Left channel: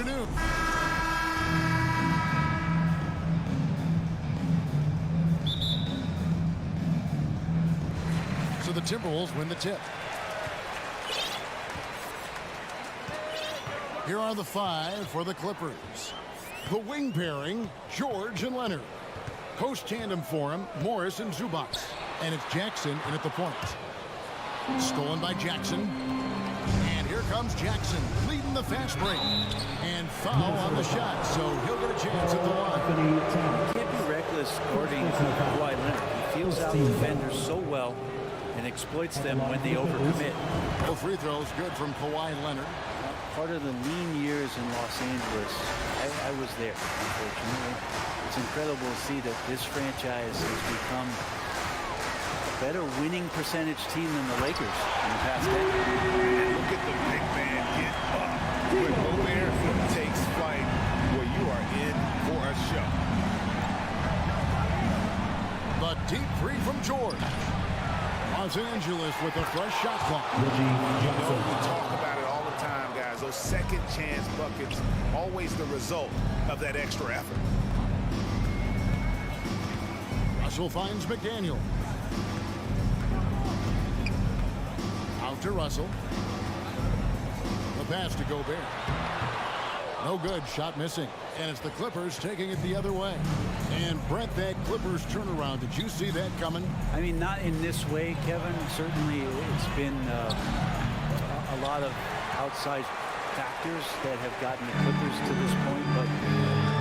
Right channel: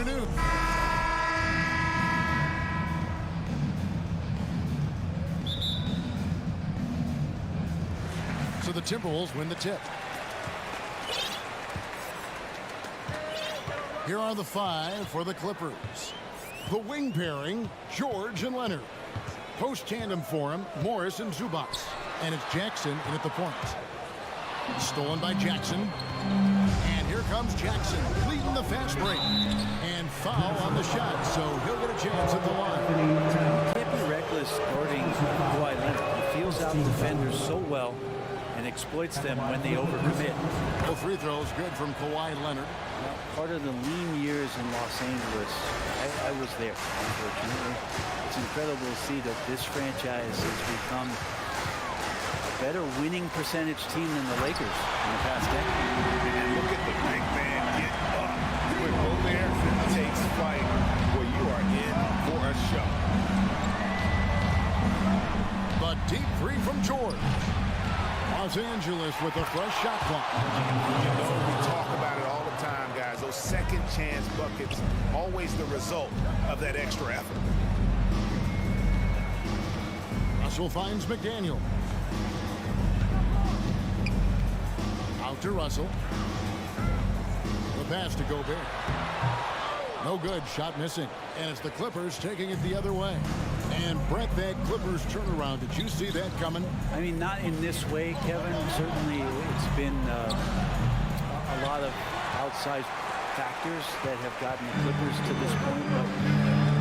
afternoon. So the Timberwolves win the tip. Here are the five for the Clippers. The wing pairing, George and Leonard. Post tandem for him, Morris and Zubac. And it's Jackson in at the point. Stolen by Jackson. And here comes Jackson, leading the fast break. And foul on the shot, so he'll get a chance at the line. Can't be reckless guarding Kawhi Leonard. He feels out defenders so well and exploits them when they overcommit. Both free throws good from Kawhi Leonard. Now, part of the lean years in Los Angeles, I was there, unfortunately. It's incredible to see that this franchise has become a better winning percentage team than the Lakers in the past decade. And look at the big man get up. When Gobert takes flight, well, you are in for a show. The deep three from George. Los Angeles with a fresh shot clock. You know, we talk about it all the time, guys. Those second chance buckets, always the result of that extra effort. Russell finds McDaniel. Out to Russell. The pass to Gobert. No good, shot missing. And it's the Clippers taking it the other way. And Brett, that Clippers turnaround, did you see that coming? I mean, not in this way, Kevin. Certainly it's been a lot of outside factors that have gotten the Clippers to this point, but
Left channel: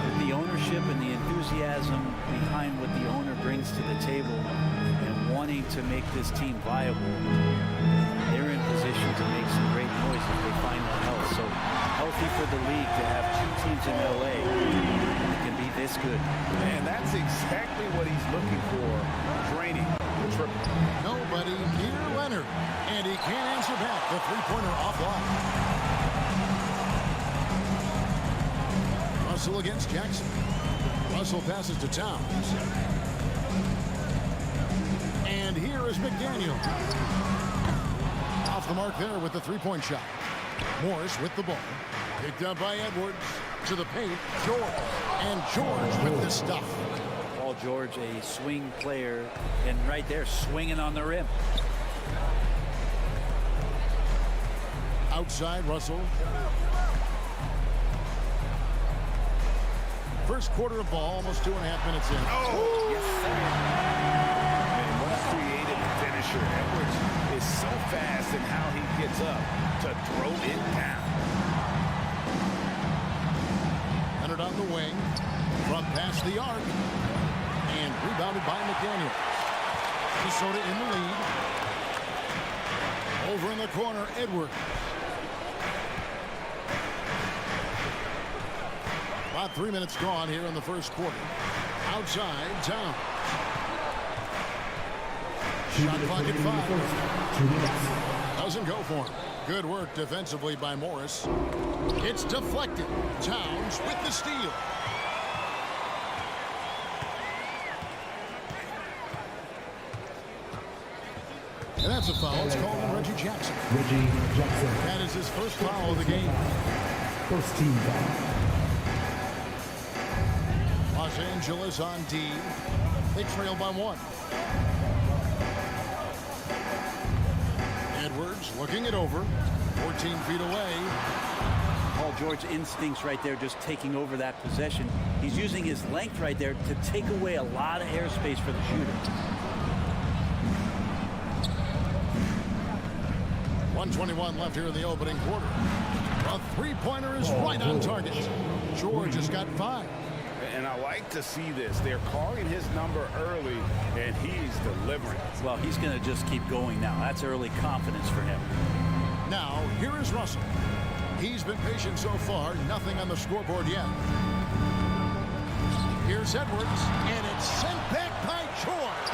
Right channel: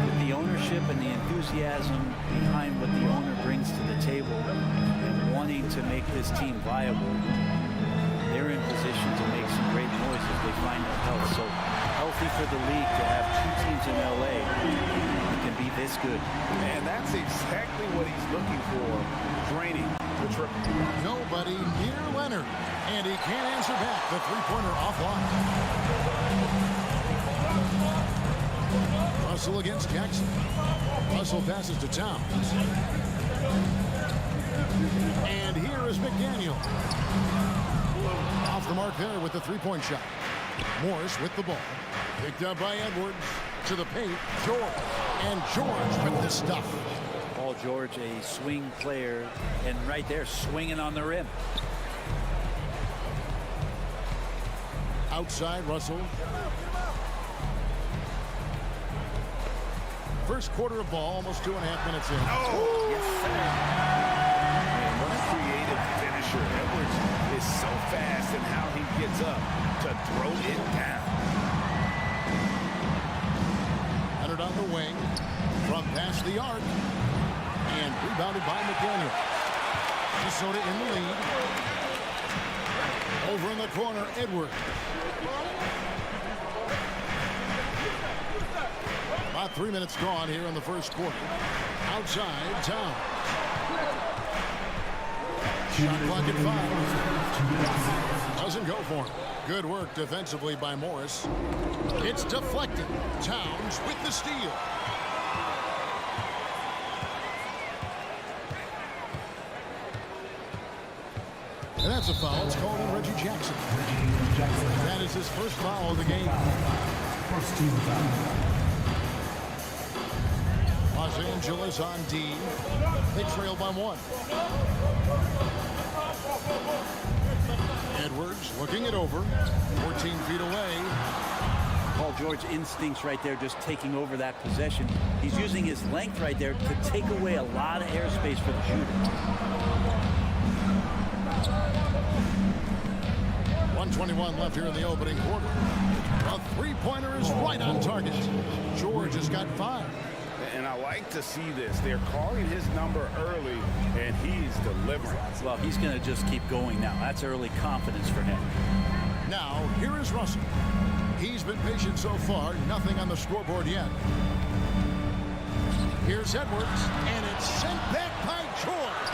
with the ownership and the enthusiasm behind what the owner brings to the table and wanting to make this team viable, they're in position to make some great noise if they find that health. So healthy for the league to have two teams in LA that can be this good. And that's exactly what he's looking for, draining the triple. Nobody near Leonard. And he can't answer back. The three-pointer offline. Russell against Jackson. Russell passes to Towns. And here is McDaniel. Off the mark there with the three-point shot. Morris with the ball. Picked up by Edwards. To the paint, George. And George with the stuff. Paul George, a swing player, and right there, swinging on the rim. Outside, Russell. First quarter of ball, almost 2.5 minutes in. Oh! Yes, sir. Man, what a creative finisher. Edwards is so fast in how he gets up to throw it down. Leonard on the wing. From past the arc. And rebounded by McDaniel. Minnesota in the lead. Over in the corner, Edwards. About 3 minutes gone here in the first quarter. Outside, Towns. Shot clock at 5. Doesn't go for him. Good work defensively by Morris. It's deflected. Towns with the steal. And that's a foul. It's called on Reggie Jackson. That is his first foul of the game. First team foul. Los Angeles on D. They trail by 1. Edwards looking it over. 14 feet away. Paul George instincts right there, just taking over that possession. He's using his length right there to take away a lot of airspace for the shooter. 1:21 left here in the opening quarter. A three-pointer is right on target. George has got 5. And I like to see this. They're calling his number early, and he's delivering. Well, he's going to just keep going now. That's early confidence for him. Now, here is Russell. He's been patient so far. Nothing on the scoreboard yet. Here's Edwards, and it's sent back by George.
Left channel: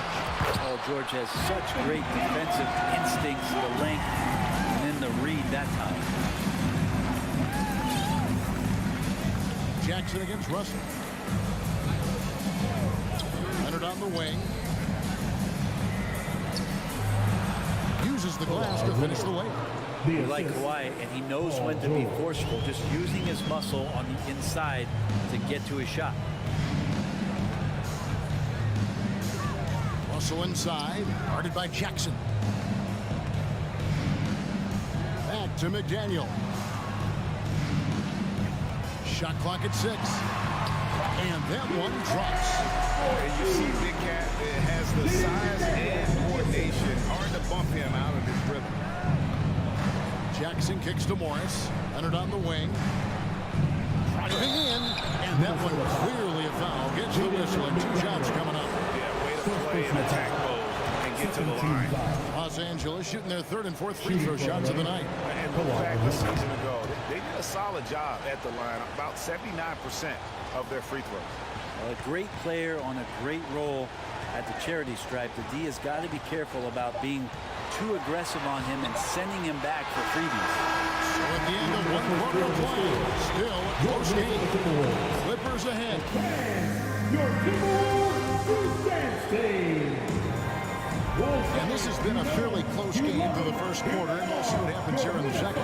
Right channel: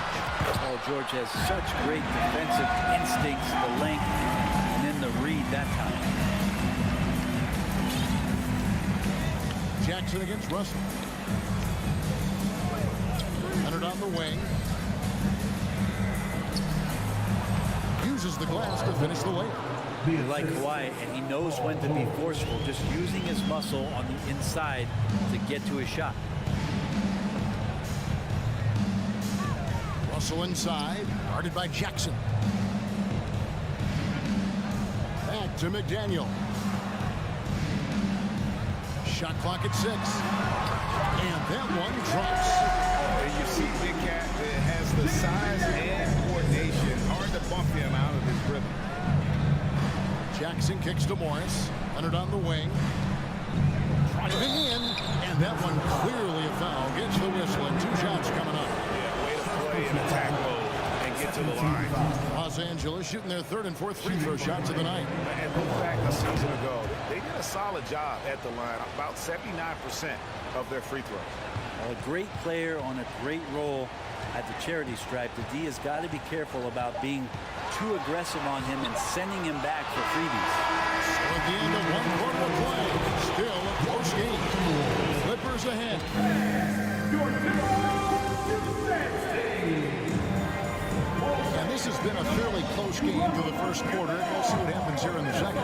Paul George has such great defensive instincts, the length, and then the read that time. Jackson against Russell. Leonard on the wing. Uses the glass to finish the layup. You like Kawhi, and he knows when to be forceful, just using his muscle on the inside to get to his shot. Russell inside, guarded by Jackson. Back to McDaniel. Shot clock at 6. And that one drops. And you see Big Cat that has the size and coordination. Hard to bump him out of his rhythm. Jackson kicks to Morris. Leonard on the wing. Driving in. And that one clearly a foul. Gets the whistle and 2 shots coming up. Yeah, way to play in attack mode and get to the line. Los Angeles shooting their 3rd and 4th free throw shots of the night. And look back a season ago. They did a solid job at the line. About 79% of their free throws. A great player on a great role at the charity stripe. The D has got to be careful about being too aggressive on him and sending him back for freebies. So at the end of 1 quarter of play, still a close game. Clippers ahead. Your And this has been a fairly close game through the first quarter, and we'll see what happens here in the second.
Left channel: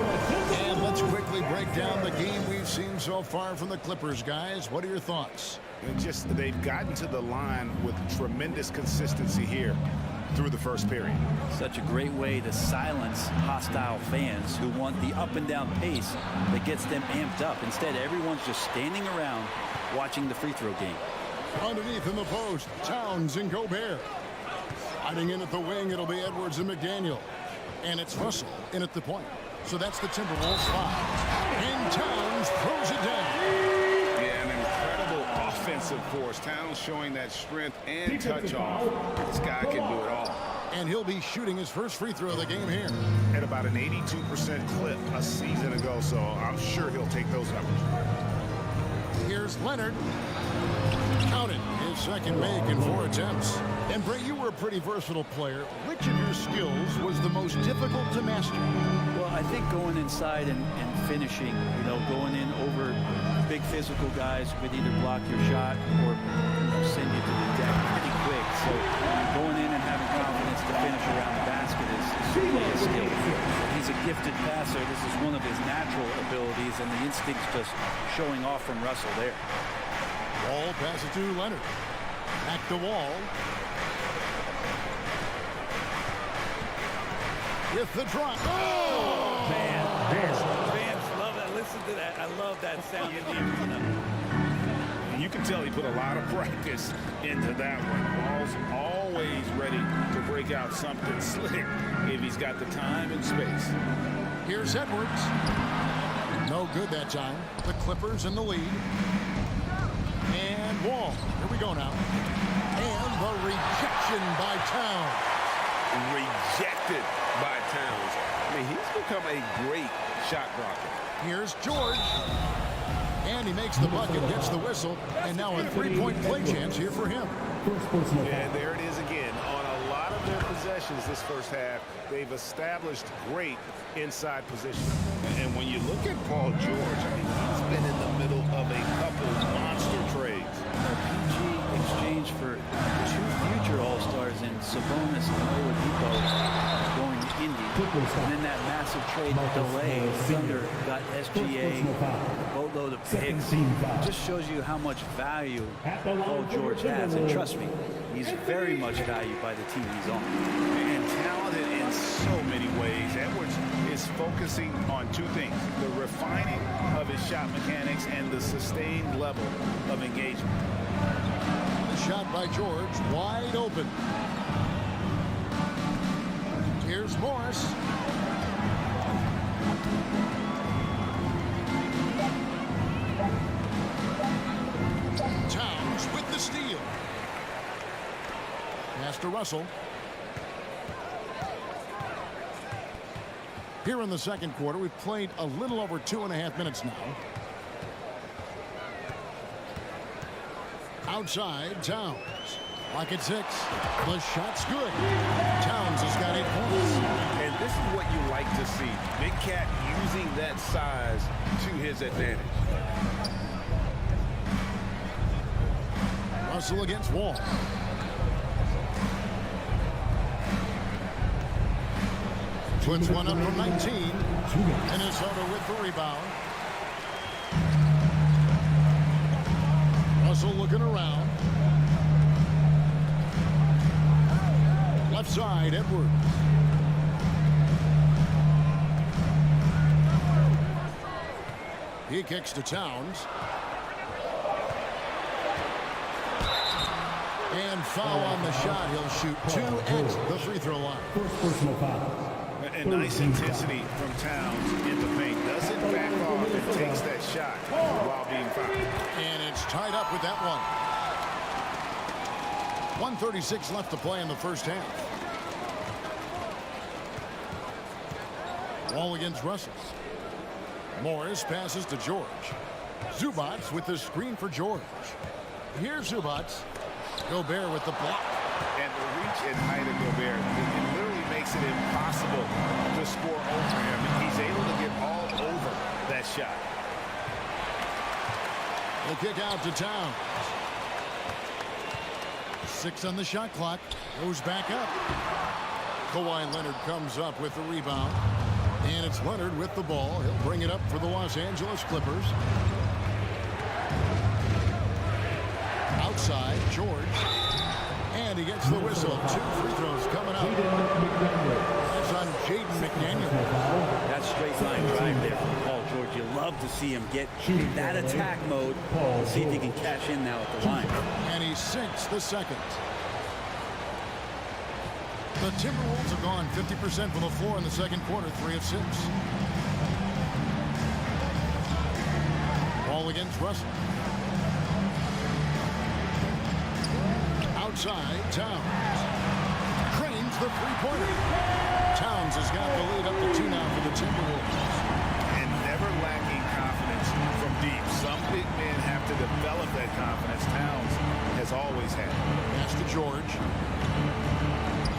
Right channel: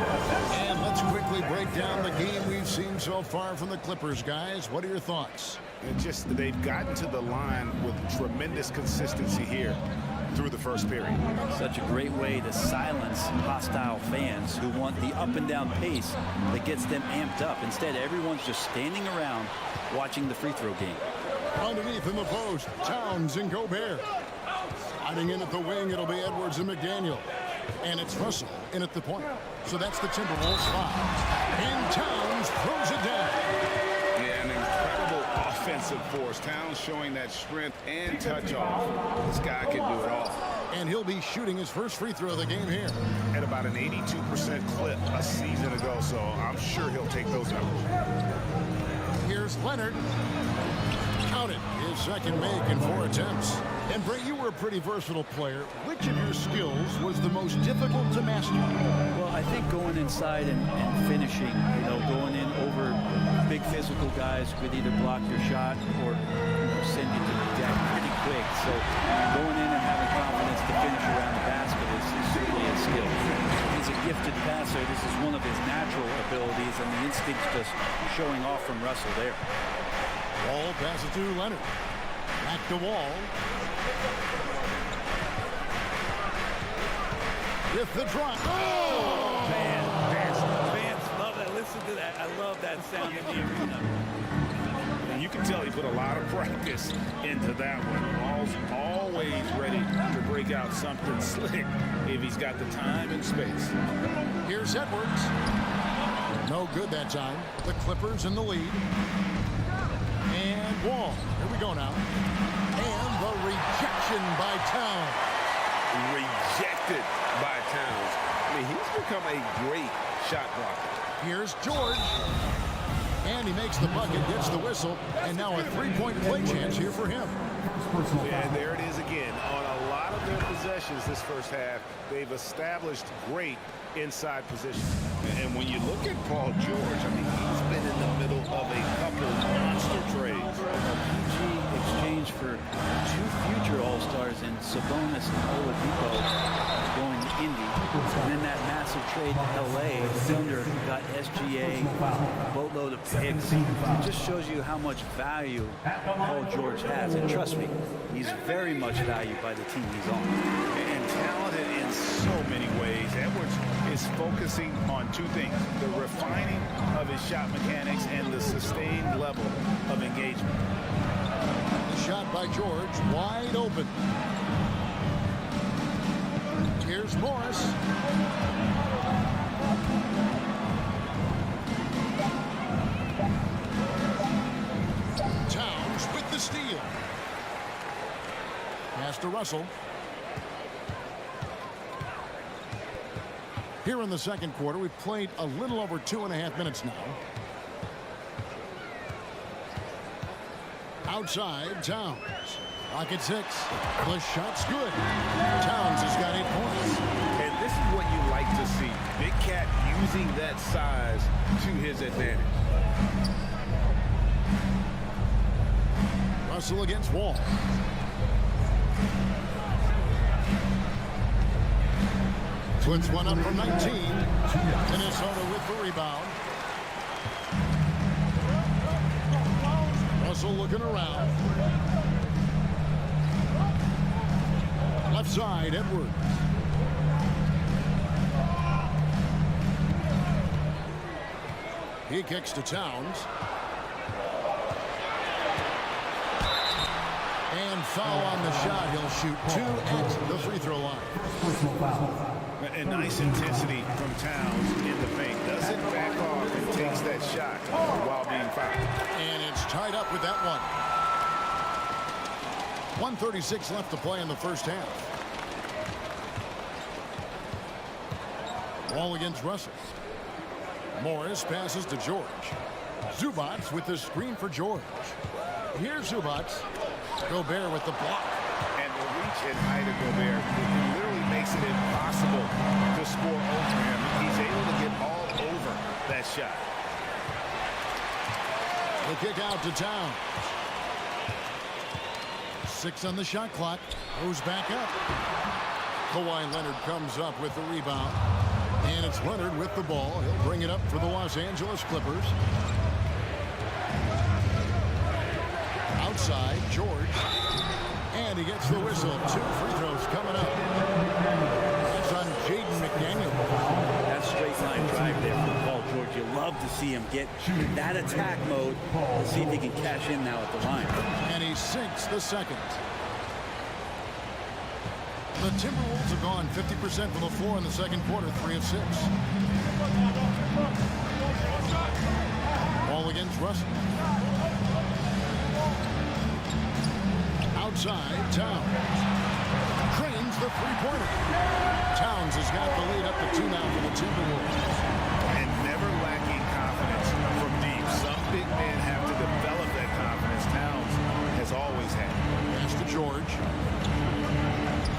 And let's quickly break down the game we've seen so far from the Clippers, guys. What are your thoughts? They've gotten to the line with tremendous consistency here through the first period. Such a great way to silence hostile fans who want the up and down pace that gets them amped up. Instead, everyone's just standing around watching the free throw game. Underneath in the post, Towns and Gobert. Hiding in at the wing, it'll be Edwards and McDaniel. And it's Russell in at the point. So that's the Timberwolves 5. And Towns throws it down. Yeah, an incredible offensive force. Towns showing that strength and touch off. This guy can do it all. And he'll be shooting his first free throw of the game here. At about an 82% clip a season ago, so I'm sure he'll take those numbers. Here's Leonard. Counted his second make in 4 attempts. And Brett, you were a pretty versatile player. Which of your skills was the most difficult to master? Well, I think going inside and finishing, going in over big physical guys who could either block your shot or send you to the deck pretty quick. So going in and having confidence to finish around the basket is certainly a skill. He's a gifted passer. This is one of his natural abilities, and the instinct's just showing off from Russell there. Wall passes to Leonard. Back to Wall. With the drop. Oh! Fans love that. Listen to that. I love that sound in the arena. You can tell he put a lot of practice into that one. Wall's always ready to break out something slick if he's got the time and space. Here's Edwards. No good that time. The Clippers in the lead. And Wall. Here we go now. And the rejection by Towns. Rejected by Towns. I mean, he's become a great shot blocker. Here's George. And he makes the bucket, gets the whistle, and now a 3-point play chance here for him. And there it is again. On a lot of their possessions this first half, they've established great inside position. And when you look at Paul George, I mean, he's been in the middle of a couple monster trades. A PG exchange for 2 future All-Stars in Sabonis and Oladipo going to Indy. And then that massive trade to LA, the Thunder got SGA, a boatload of picks. It just shows you how much value Paul George has. And trust me, he's very much valued by the team he's on. And talented in so many ways. Edwards is focusing on 2 things: the refining of his shot mechanics and the sustained level of engagement. The shot by George, wide open. Here's Morris. Towns with the steal. Pass to Russell. Here in the second quarter, we've played a little over 2.5 minutes now. Outside, Towns. Lock at 6. The shot's good. Towns has got 8 points. And this is what you like to see. Big Cat using that size to his advantage. Russell against Wall. Puts one up from 19. Minnesota with the rebound. Russell looking around. Left side, Edwards. He kicks to Towns. And foul on the shot. He'll shoot 2 at the free throw line. Personal foul. And nice intensity from Towns in the paint. Doesn't back off and takes that shot while being fouled. And it's tied up with that one. 1:36 left to play in the first half. Ball against Russell. Morris passes to George. Zubats with the screen for George. Here's Zubats. Gobert with the block. And the reach and height of Gobert, it literally makes it impossible to score over him. He's able to get all over that shot. The kick out to Towns. 6 on the shot clock. Goes back up. Kawhi Leonard comes up with the rebound. And it's Leonard with the ball. He'll bring it up for the Los Angeles Clippers. Outside, George. And he gets the whistle. 2 free throws coming up. That's on Jaden McDaniel. That straight line drive there from Paul George. You love to see him get in that attack mode. We'll see if he can cash in now at the line. And he sinks the second. The Timberwolves have gone 50% from the floor in the second quarter, 3 of 6. Ball against Russell. Outside, Towns. Cranes the three-pointer. Towns has got the lead up to 2 now for the Timberwolves. And never lacking confidence from deep. Some big men have to develop that confidence. Towns has always had it. Pass to George.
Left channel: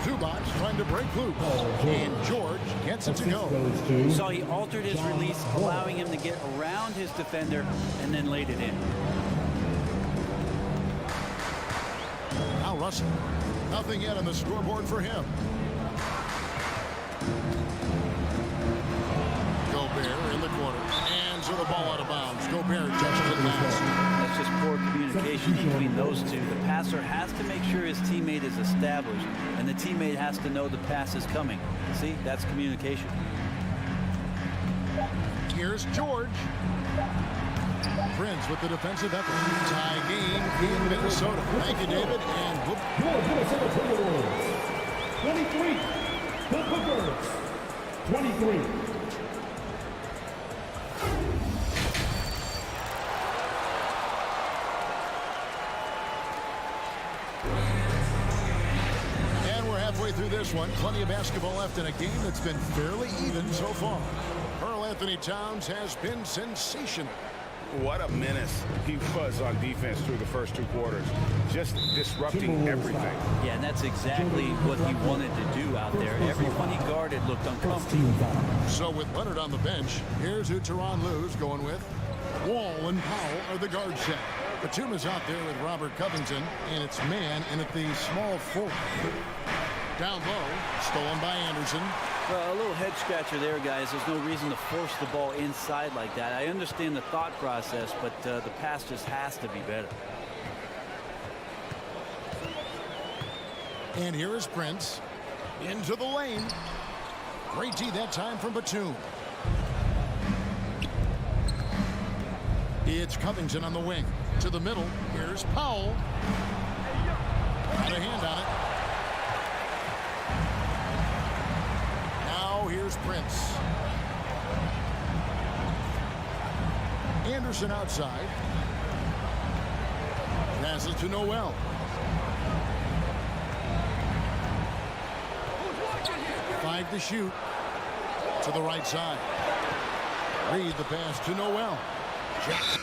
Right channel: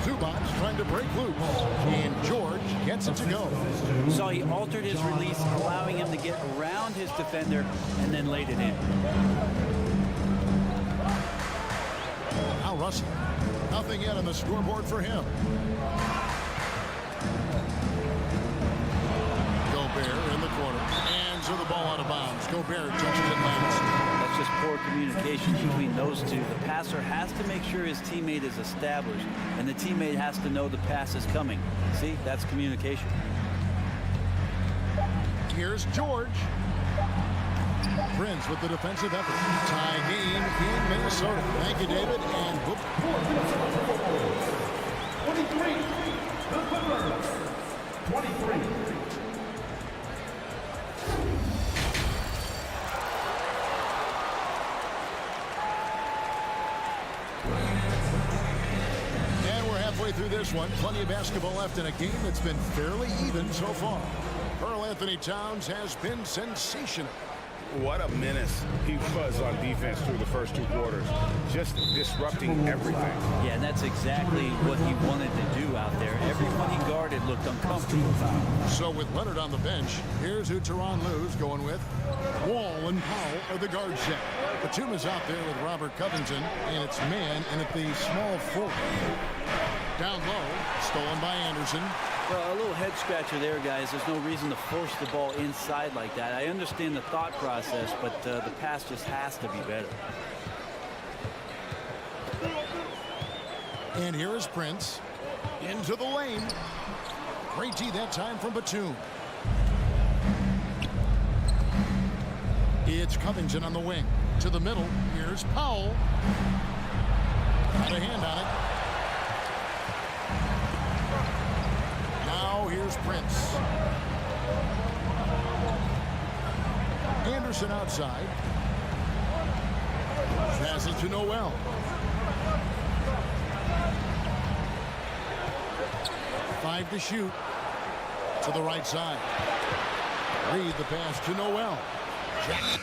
Zubats trying to break loose. And George gets it to go. So he altered his release, allowing him to get around his defender and then laid it in. Now Russell. Nothing yet on the scoreboard for him. Gobert in the corner. And so the ball out of bounds. Gobert touches it last. That's just poor communication between those two. The passer has to make sure his teammate is established, and the teammate has to know the pass is coming. See, that's communication. Here's George. Prince with the defensive effort. Tie game in Minnesota. Thank you, David. And whoop. Your Minnesota Timberwolves. 23. The Clippers. 23. And we're halfway through this one. Plenty of basketball left in a game that's been fairly even so far. Karl Anthony Towns has been sensational. What a menace he was on defense through the first 2 quarters. Just disrupting everything. Yeah, and that's exactly what he wanted to do out there. Everyone he guarded looked uncomfortable. So with Leonard on the bench, here's who Tyronn Lue's going with. Wall and Powell are the guard set. Batum is out there with Robert Covington, and it's man and at the small forward. Down low, stolen by Anderson. Well, a little head scratcher there, guys. There's no reason to force the ball inside like that. I understand the thought process, but the pass just has to be better. And here is Prince. Into the lane. Great D that time from Batum. It's Covington on the wing. To the middle. Here's Powell. Got a hand on it. Now here's Prince. Anderson outside. Passes to Noel. Five to shoot. To the right side. Reed the pass to Noel. Jackson.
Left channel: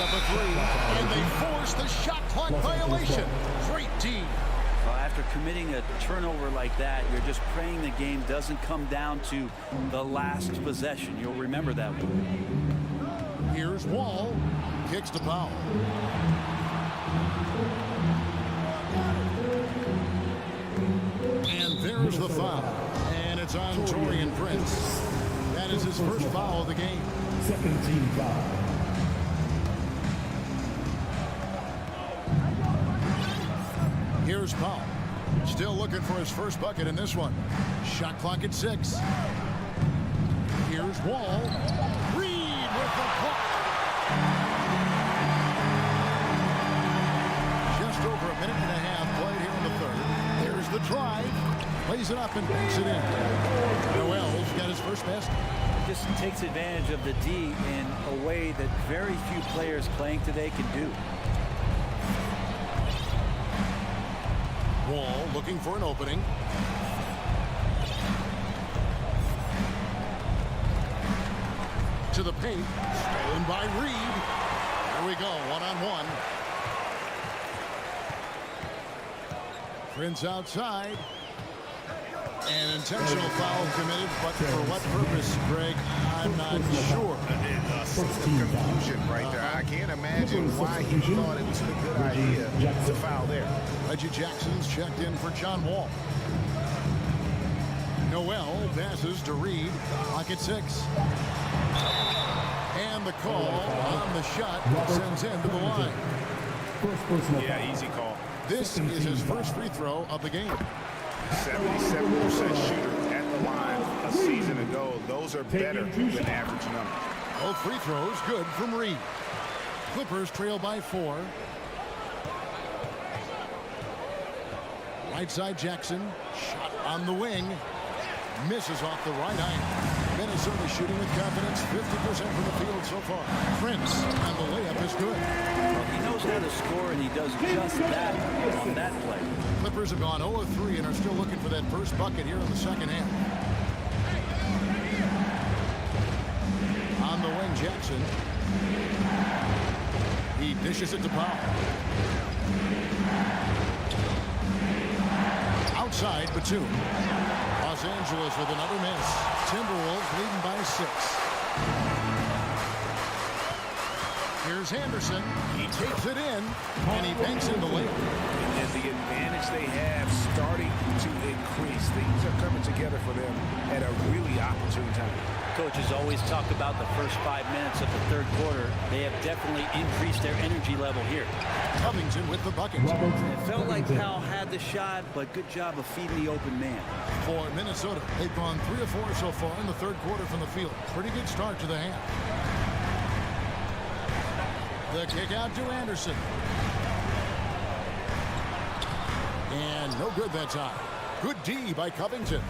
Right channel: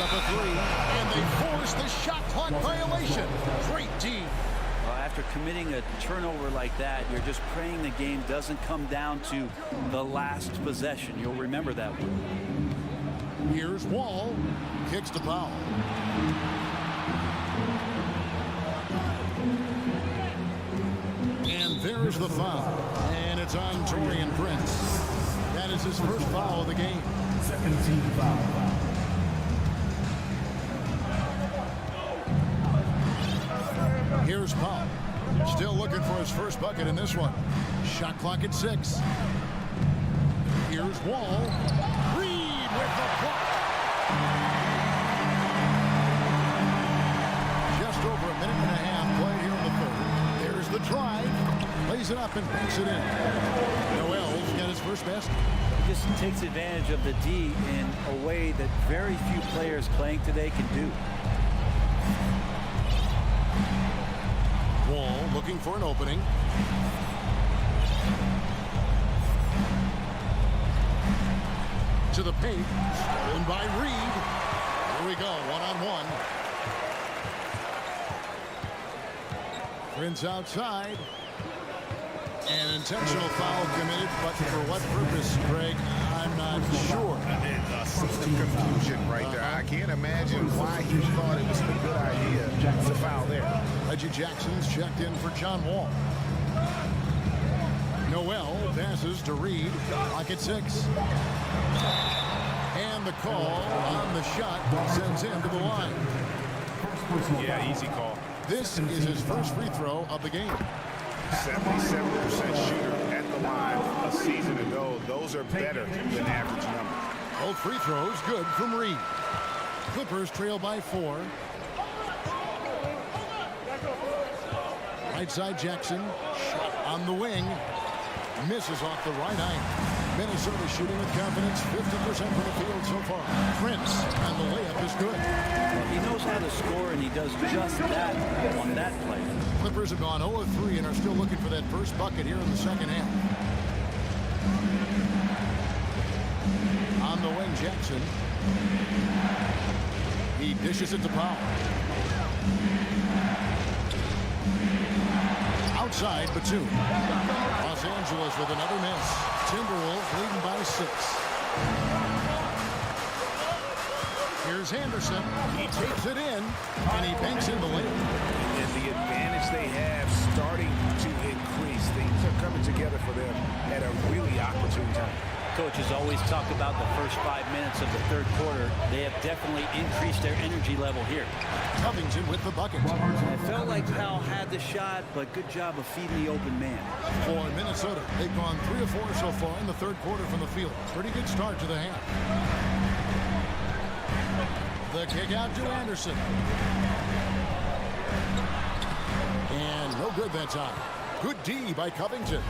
Up a 3. And they force the shot clock violation. Great D. After committing a turnover like that, you're just praying the game doesn't come down to the last possession. You'll remember that one. Here's Wall. Kicks to Powell. And There's the foul. And it's on Taurean Prince. That is his first foul of the game. Second team foul. Here's Paul. Still looking for his first bucket in this one. Shot clock at 6. Here's Wall. Reed with the block. Just over a minute and a half played here in the third. There's the drive. Lays it up and banks it in. Noel's got his first basket. He just takes advantage of the D in a way that very few players playing today can do. Wall looking for an opening. To the paint. Stolen by Reed. Here we go, one-on-one. Prince outside. An intentional foul committed, but for what purpose, Greg? I'm not sure. A scene of confusion right there. I can't imagine why he thought it was a good idea to foul there. Reggie Jackson's checked in for John Wall. Noel passes to Reed. Clock at 6. And the call on the shot sends him to the line. Yeah, easy call. This is his first free throw of the game. 77% shooter at the line a season ago. Those are better than average numbers. Both free throws good from Reed. Clippers trail by 4. Right side Jackson. Shot on the wing. Misses off the right iron. Minnesota shooting with confidence, 50% from the field so far. Prince, and the layup is good. Well, he knows how to score, and he does just that on that play. Clippers have gone 0 of 3 and are still looking for that first bucket here in the second half. On the wing, Jackson. He dishes it to Powell. Outside, Batum. Los Angeles with another miss. Timberwolves leading by 6. Here's Henderson. He takes it in, and he banks in the layup. And the advantage they have starting to increase. Things are coming together for them at a really opportune time. Coaches always talk about the first 5 minutes of the third quarter. They have definitely increased their energy level here. Covington with the bucket. It felt like Powell had the shot, but good job of feeding the open man. For Minnesota, they've gone 3 of 4 so far in the third quarter from the field. Pretty good start to the half. The kick out to Anderson. And no good that time. Good D by Covington.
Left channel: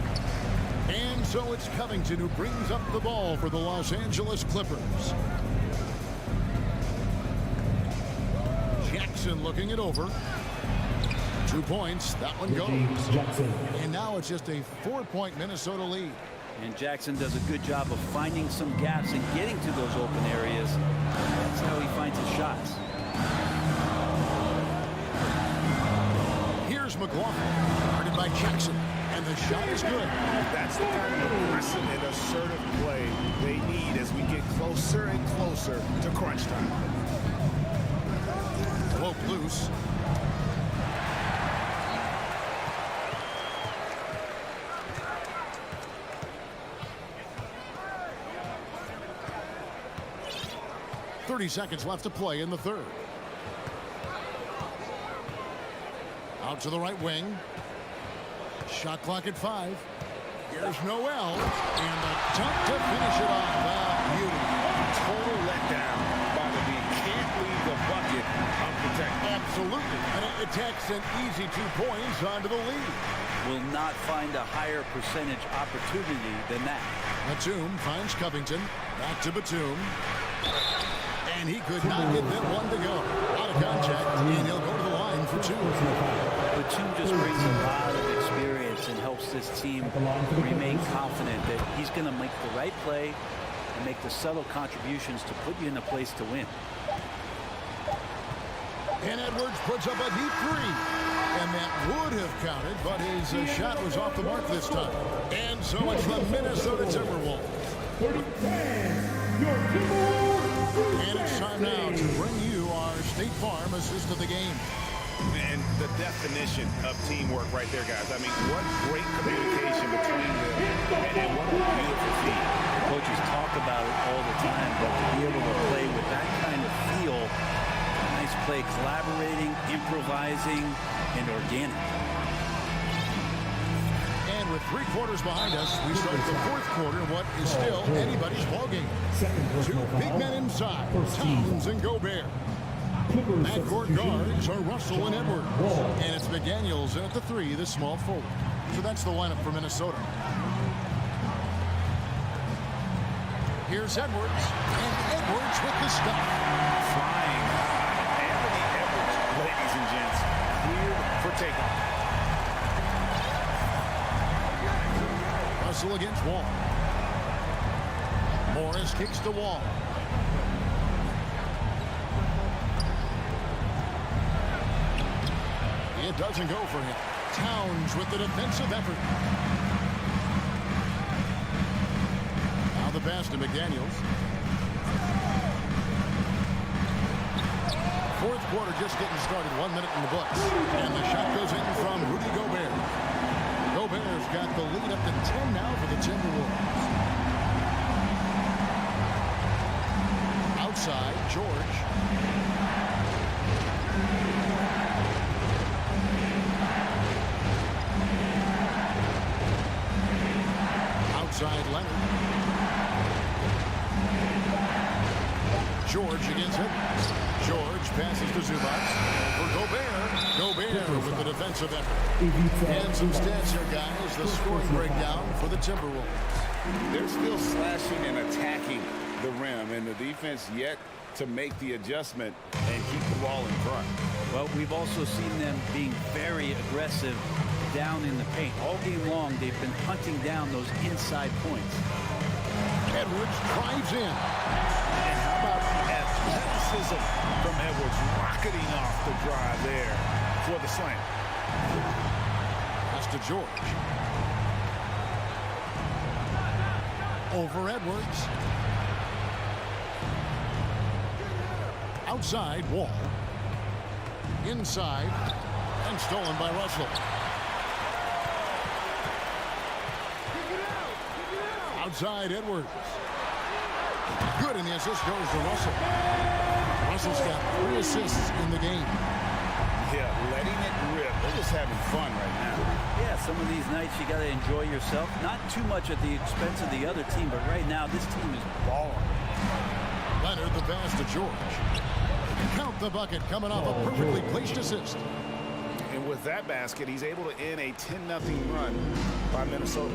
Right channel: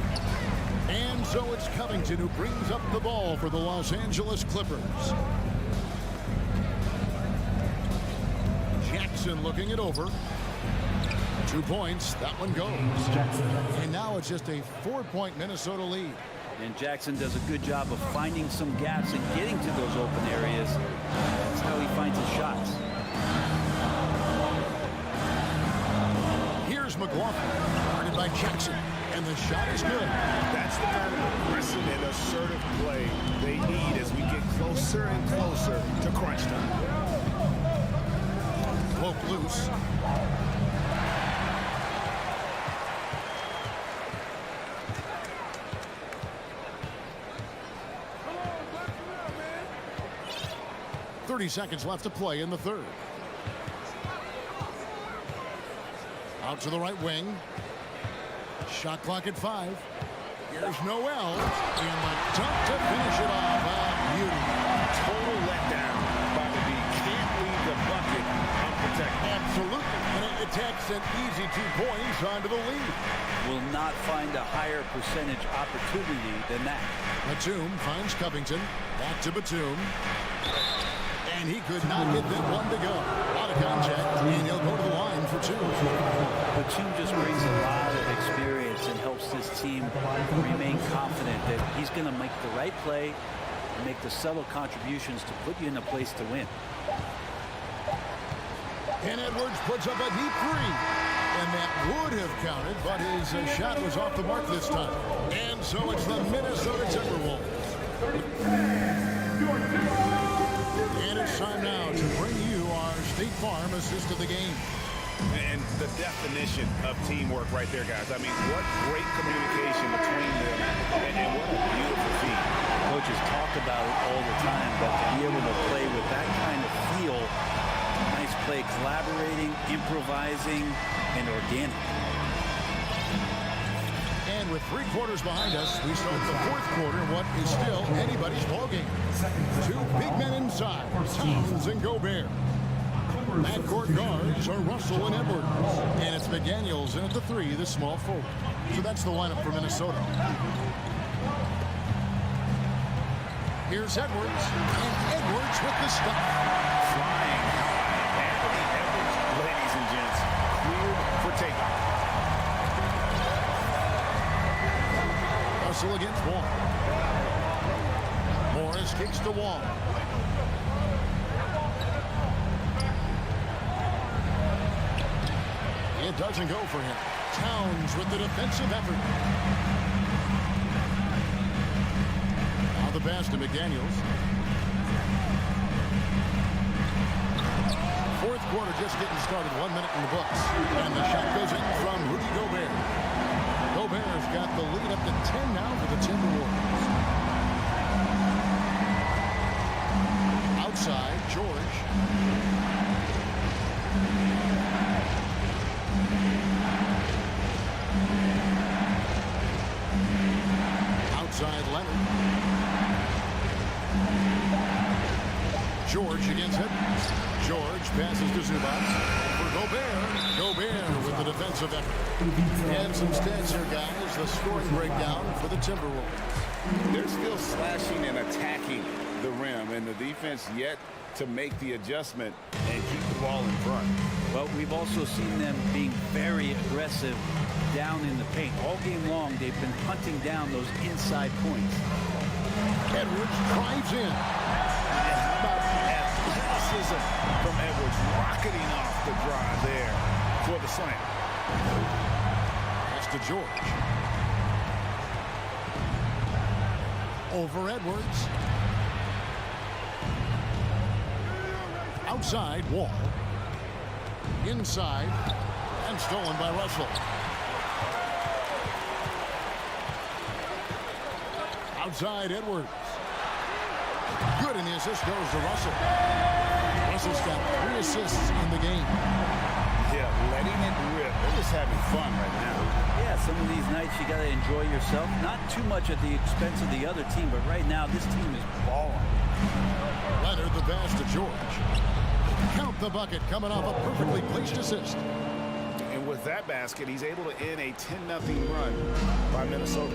And so it's Covington who brings up the ball for the Los Angeles Clippers. Jackson looking it over. 2 points. That one goes. And now it's just a 4-point Minnesota lead. And Jackson does a good job of finding some gaps and getting to those open areas. That's how he finds his shots. Here's McLaughlin. Guarded by Jackson. And the shot is good. That's the kind of aggressive and assertive play they need as we get closer and closer to crunch time. Woke loose. .30 seconds left to play in the third. Out to the right wing. Shot clock at 5. Here's Noel. And the dunk to finish it off. Beauty. Total letdown by the D. Can't leave the bucket unprotected. Absolutely. And it takes an easy 2 points onto the lead. Will not find a higher percentage opportunity than that. Batum finds Covington. Back to Batum. And he could not get that one to go. A lot of contact, and he'll go to the line for 2. Batum just brings a lot of experience and helps this team remain confident that he's going to make the right play and make the subtle contributions to put you in a place to win. And Edwards puts up a deep 3. And that would have counted, but his shot was off the mark this time. And so it's the Minnesota Timberwolves. And it's time now to bring you our State Farm assist of the game. And the definition of teamwork right there, guys. I mean, what great communication between them, and what a beautiful feat. Coaches talk about it all the time, but to be able to play with that kind of feel, nice play, collaborating, improvising, and organic. And with 3 quarters behind us, we start the 4th quarter in what is still anybody's ballgame. 2 big men inside, Towns and Gobert. Backcourt guards are Russell and Edwards. And it's McDaniels in at the 3, the small forward. So that's the lineup for Minnesota. Here's Edwards, and Edwards with the stuff. Flying high. Anthony Edwards, ladies and gents, cleared for takeoff. Russell against Wall. Morris kicks to Wall. It doesn't go for him. Towns with the defensive effort. Now the pass to McDaniels. 4th quarter just getting started. 1 minute in the books. And the shot goes in from Rudy Gobert. Gobert's got the lead up to 10 now for the Timberwolves. Outside, George. Outside, Leonard. George against Edwards. George passes to Zubac. For Gobert. Gobert with the defensive effort. And some stats here, guys. The scoring breakdown for the Timberwolves. They're still slashing and attacking the rim, and the defense yet to make the adjustment and keep the ball in front. Well, we've also seen them being very aggressive down in the paint. All game long, they've been hunting down those inside points. Edwards drives in. And how about the athleticism from Edwards rocketing off the drive there for the slam. Pass to George. Over Edwards. Outside, Wall. Inside, and stolen by Russell. Outside, Edwards. Good, and the assist goes to Russell. Russell's got 3 assists in the game. Yeah, letting it rip. They're just having fun right now. Yeah, some of these nights you got to enjoy yourself. Not too much at the expense of the other team, but right now this team is balling. Leonard the pass to George. Count the bucket coming off a perfectly placed assist. And with that basket, he's able to end a 10-0 run by Minnesota.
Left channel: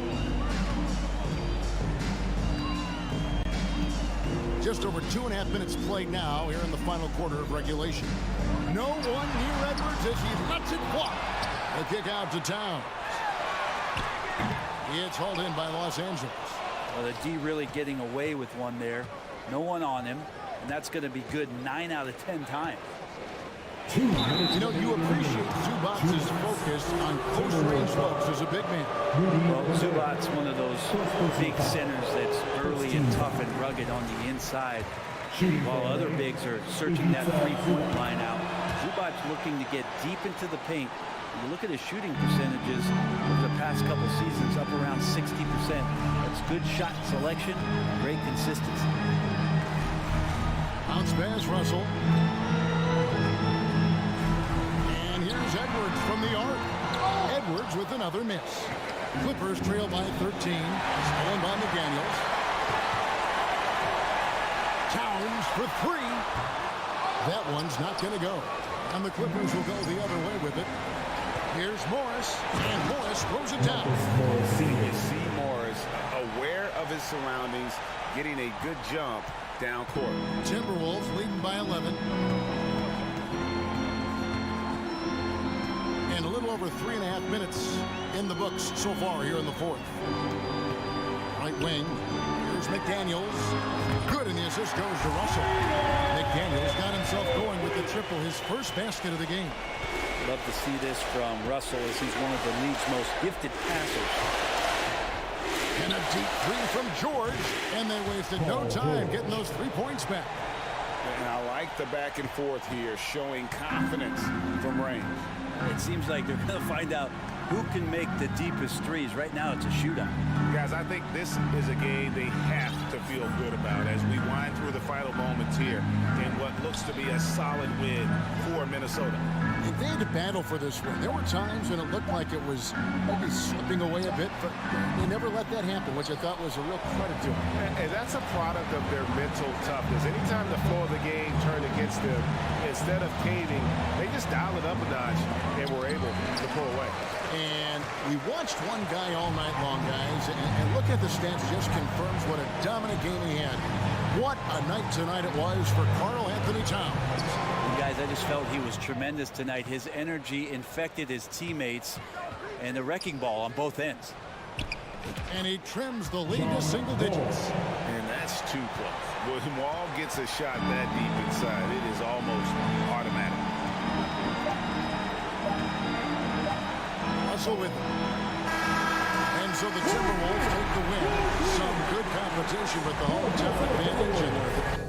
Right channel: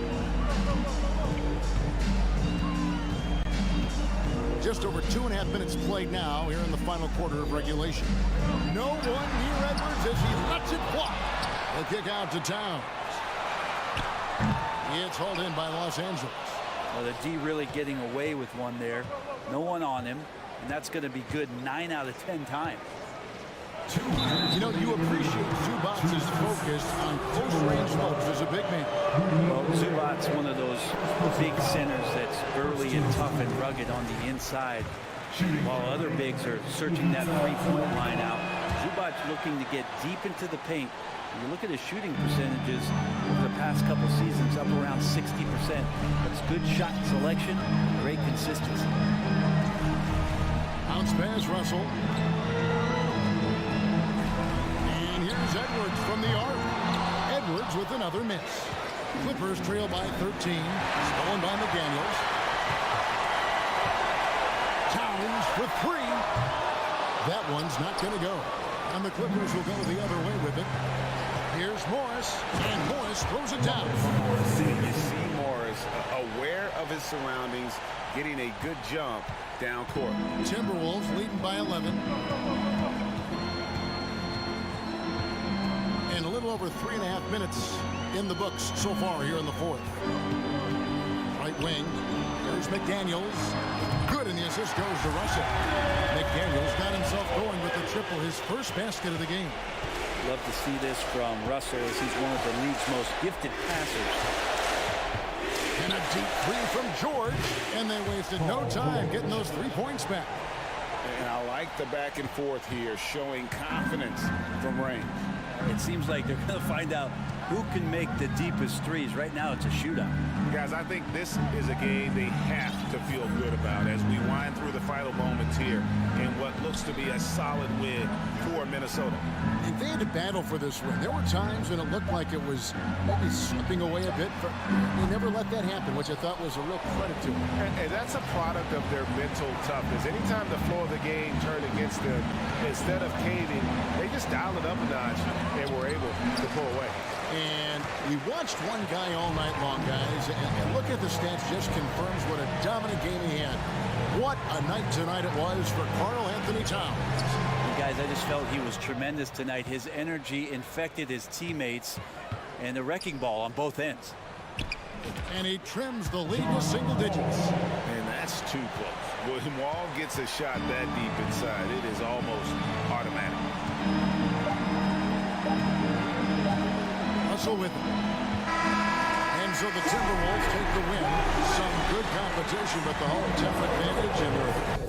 Just over 2.5 minutes played now here in the final quarter of regulation. No one near Edwards as he lets it fly. The kick out to Towns. It's hauled in by Los Angeles. Well, the D really getting away with one there. No one on him, and that's going to be good 9 out of 10 times. You know, you appreciate Zubac's focus on close-range looks as a big man. Well, Zubac's one of those big centers that's early and tough and rugged on the inside, while other bigs are searching that three-point line out. Zubac's looking to get deep into the paint. When you look at his shooting percentages over the past couple seasons, up around 60%. That's good shot selection, great consistency. Bounce pass, Russell. Here's Edwards from the arc. Edwards with another miss. Clippers trail by 13. Stolen by McDaniels. Towns for 3. That one's not going to go. And the Clippers will go the other way with it. Here's Morris. And Morris throws it down. You see Morris aware of his surroundings, getting a good jump down court. Timberwolves leading by 11. And a little over 3.5 minutes in the books so far here in the 4th. Right wing. Here's McDaniels. Good, and the assist goes to Russell. McDaniels got himself going with the triple, his first basket of the game. Love to see this from Russell as he's one of the league's most gifted passers. And a deep 3 from George. And they wasted no time getting those 3 points back. And I like the back and forth here, showing confidence from range. It seems like they're going to find out who can make the deepest threes. Right now, it's a shootout. Guys, I think this is a game they have to feel good about as we wind through the final moments here in what looks to be a solid win for Minnesota. And they had to battle for this win. There were times when it looked like it was maybe slipping away a bit, but they never let that happen, which I thought was a real credit to them. And that's a product of their mental toughness. Anytime the flow of the game turned against them, instead of caving, they just dialed it up a notch and were able to pull away. And we watched one guy all night long, guys, and look at the stats, just confirms what a dominant game he had. What a night tonight it was for Karl Anthony Towns. And guys, I just felt he was tremendous tonight. His energy infected his teammates, and the wrecking ball on both ends. And he trims the lead to single digits. And that's too close. When Wall gets a shot that deep inside, it is almost automatic. Russell with it. And so the Timberwolves take the win. Some good competition, but the hometown advantage, and they're...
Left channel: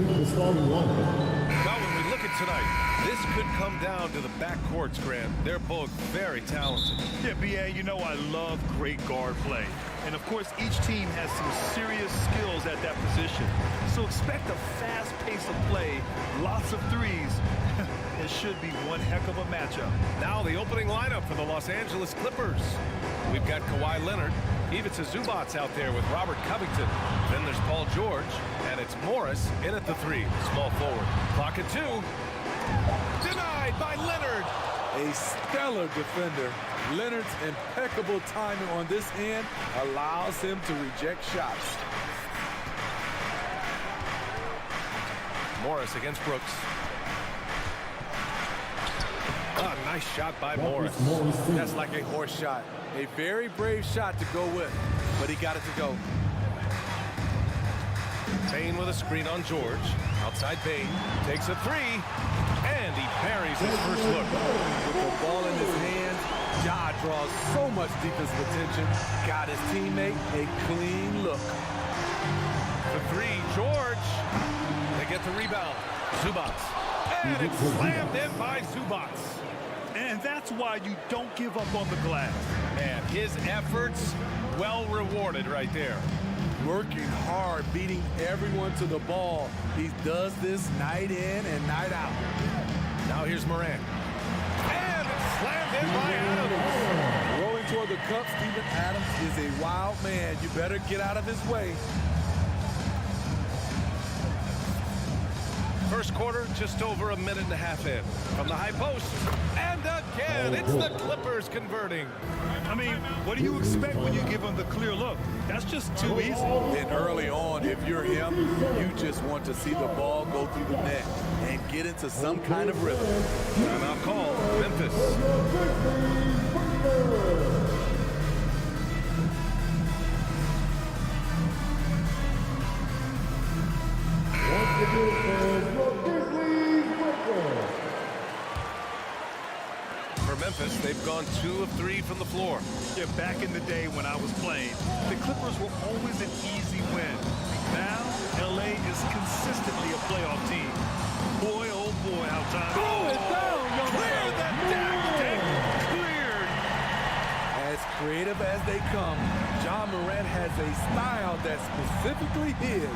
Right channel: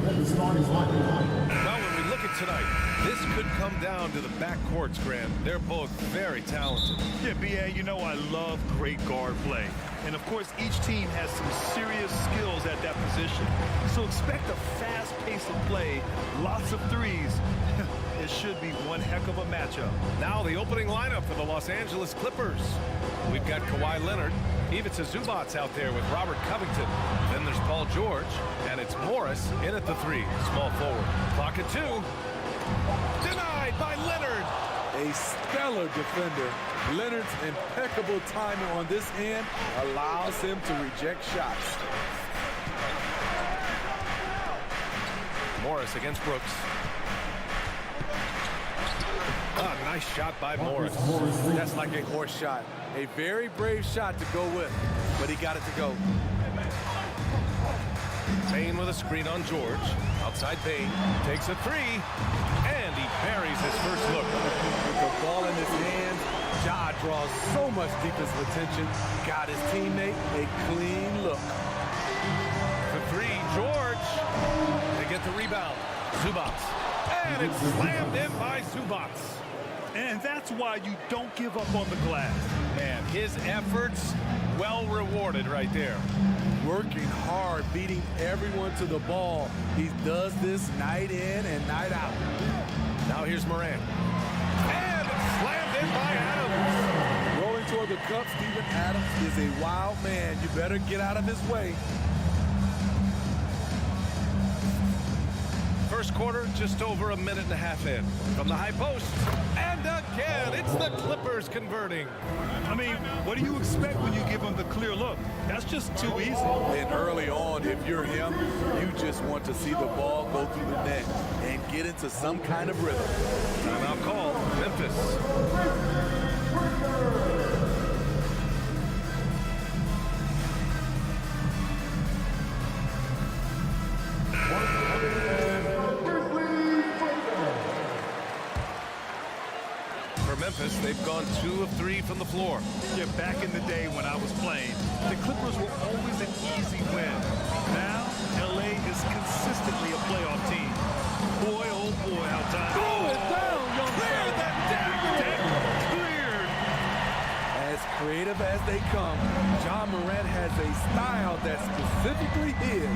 the starting lineup. Well, when we look at tonight, this could come down to the backcourts, Grant. They're both very talented. Yeah, B.A., you know I love great guard play. And, of course, each team has some serious skills at that position. So expect a fast pace of play, lots of threes. It should be one heck of a matchup. Now the opening lineup for the Los Angeles Clippers. We've got Kawhi Leonard. Ivica Zubac's out there with Robert Covington. Then there's Paul George, and it's Morris in at the 3, small forward. Clock at 2. Denied by Leonard. A stellar defender. Leonard's impeccable timing on this end allows him to reject shots. Morris against Brooks. Ah, nice shot by Morris. That's like a horse shot. A very brave shot to go with, but he got it to go. Payne with a screen on George. Outside Payne. Takes a 3. And he buries his first look. With the ball in his hands, Ja draws so much defensive attention. Got his teammate a clean look. The 3, George. They get the rebound. Zubac. And it's slammed in by Zubac. And that's why you don't give up on the glass. Man, his efforts well rewarded right there. Working hard, beating everyone to the ball. He does this night in and night out. Now here's Morant. And it's slammed in by Adams. Rolling toward the cup, Steven Adams is a wild man. You better get out of his way. First quarter, just over a minute and a half in. From the high post. And again, it's the Clippers converting. I mean, what do you expect when you give them the clear look? That's just too easy. And early on, if you're him, you just want to see the ball go through the net and get into some kind of rhythm. Timeout call, Memphis. For Memphis, they've gone 2 of 3 from the floor. Yeah, back in the day when I was playing, the Clippers were always an easy win. Now, L.A. is consistently a playoff team. Boy, oh boy, how time. Throw it down, young Clear fella. the deck. Cleared. As creative as they come, Ja Morant has a style that's specifically his.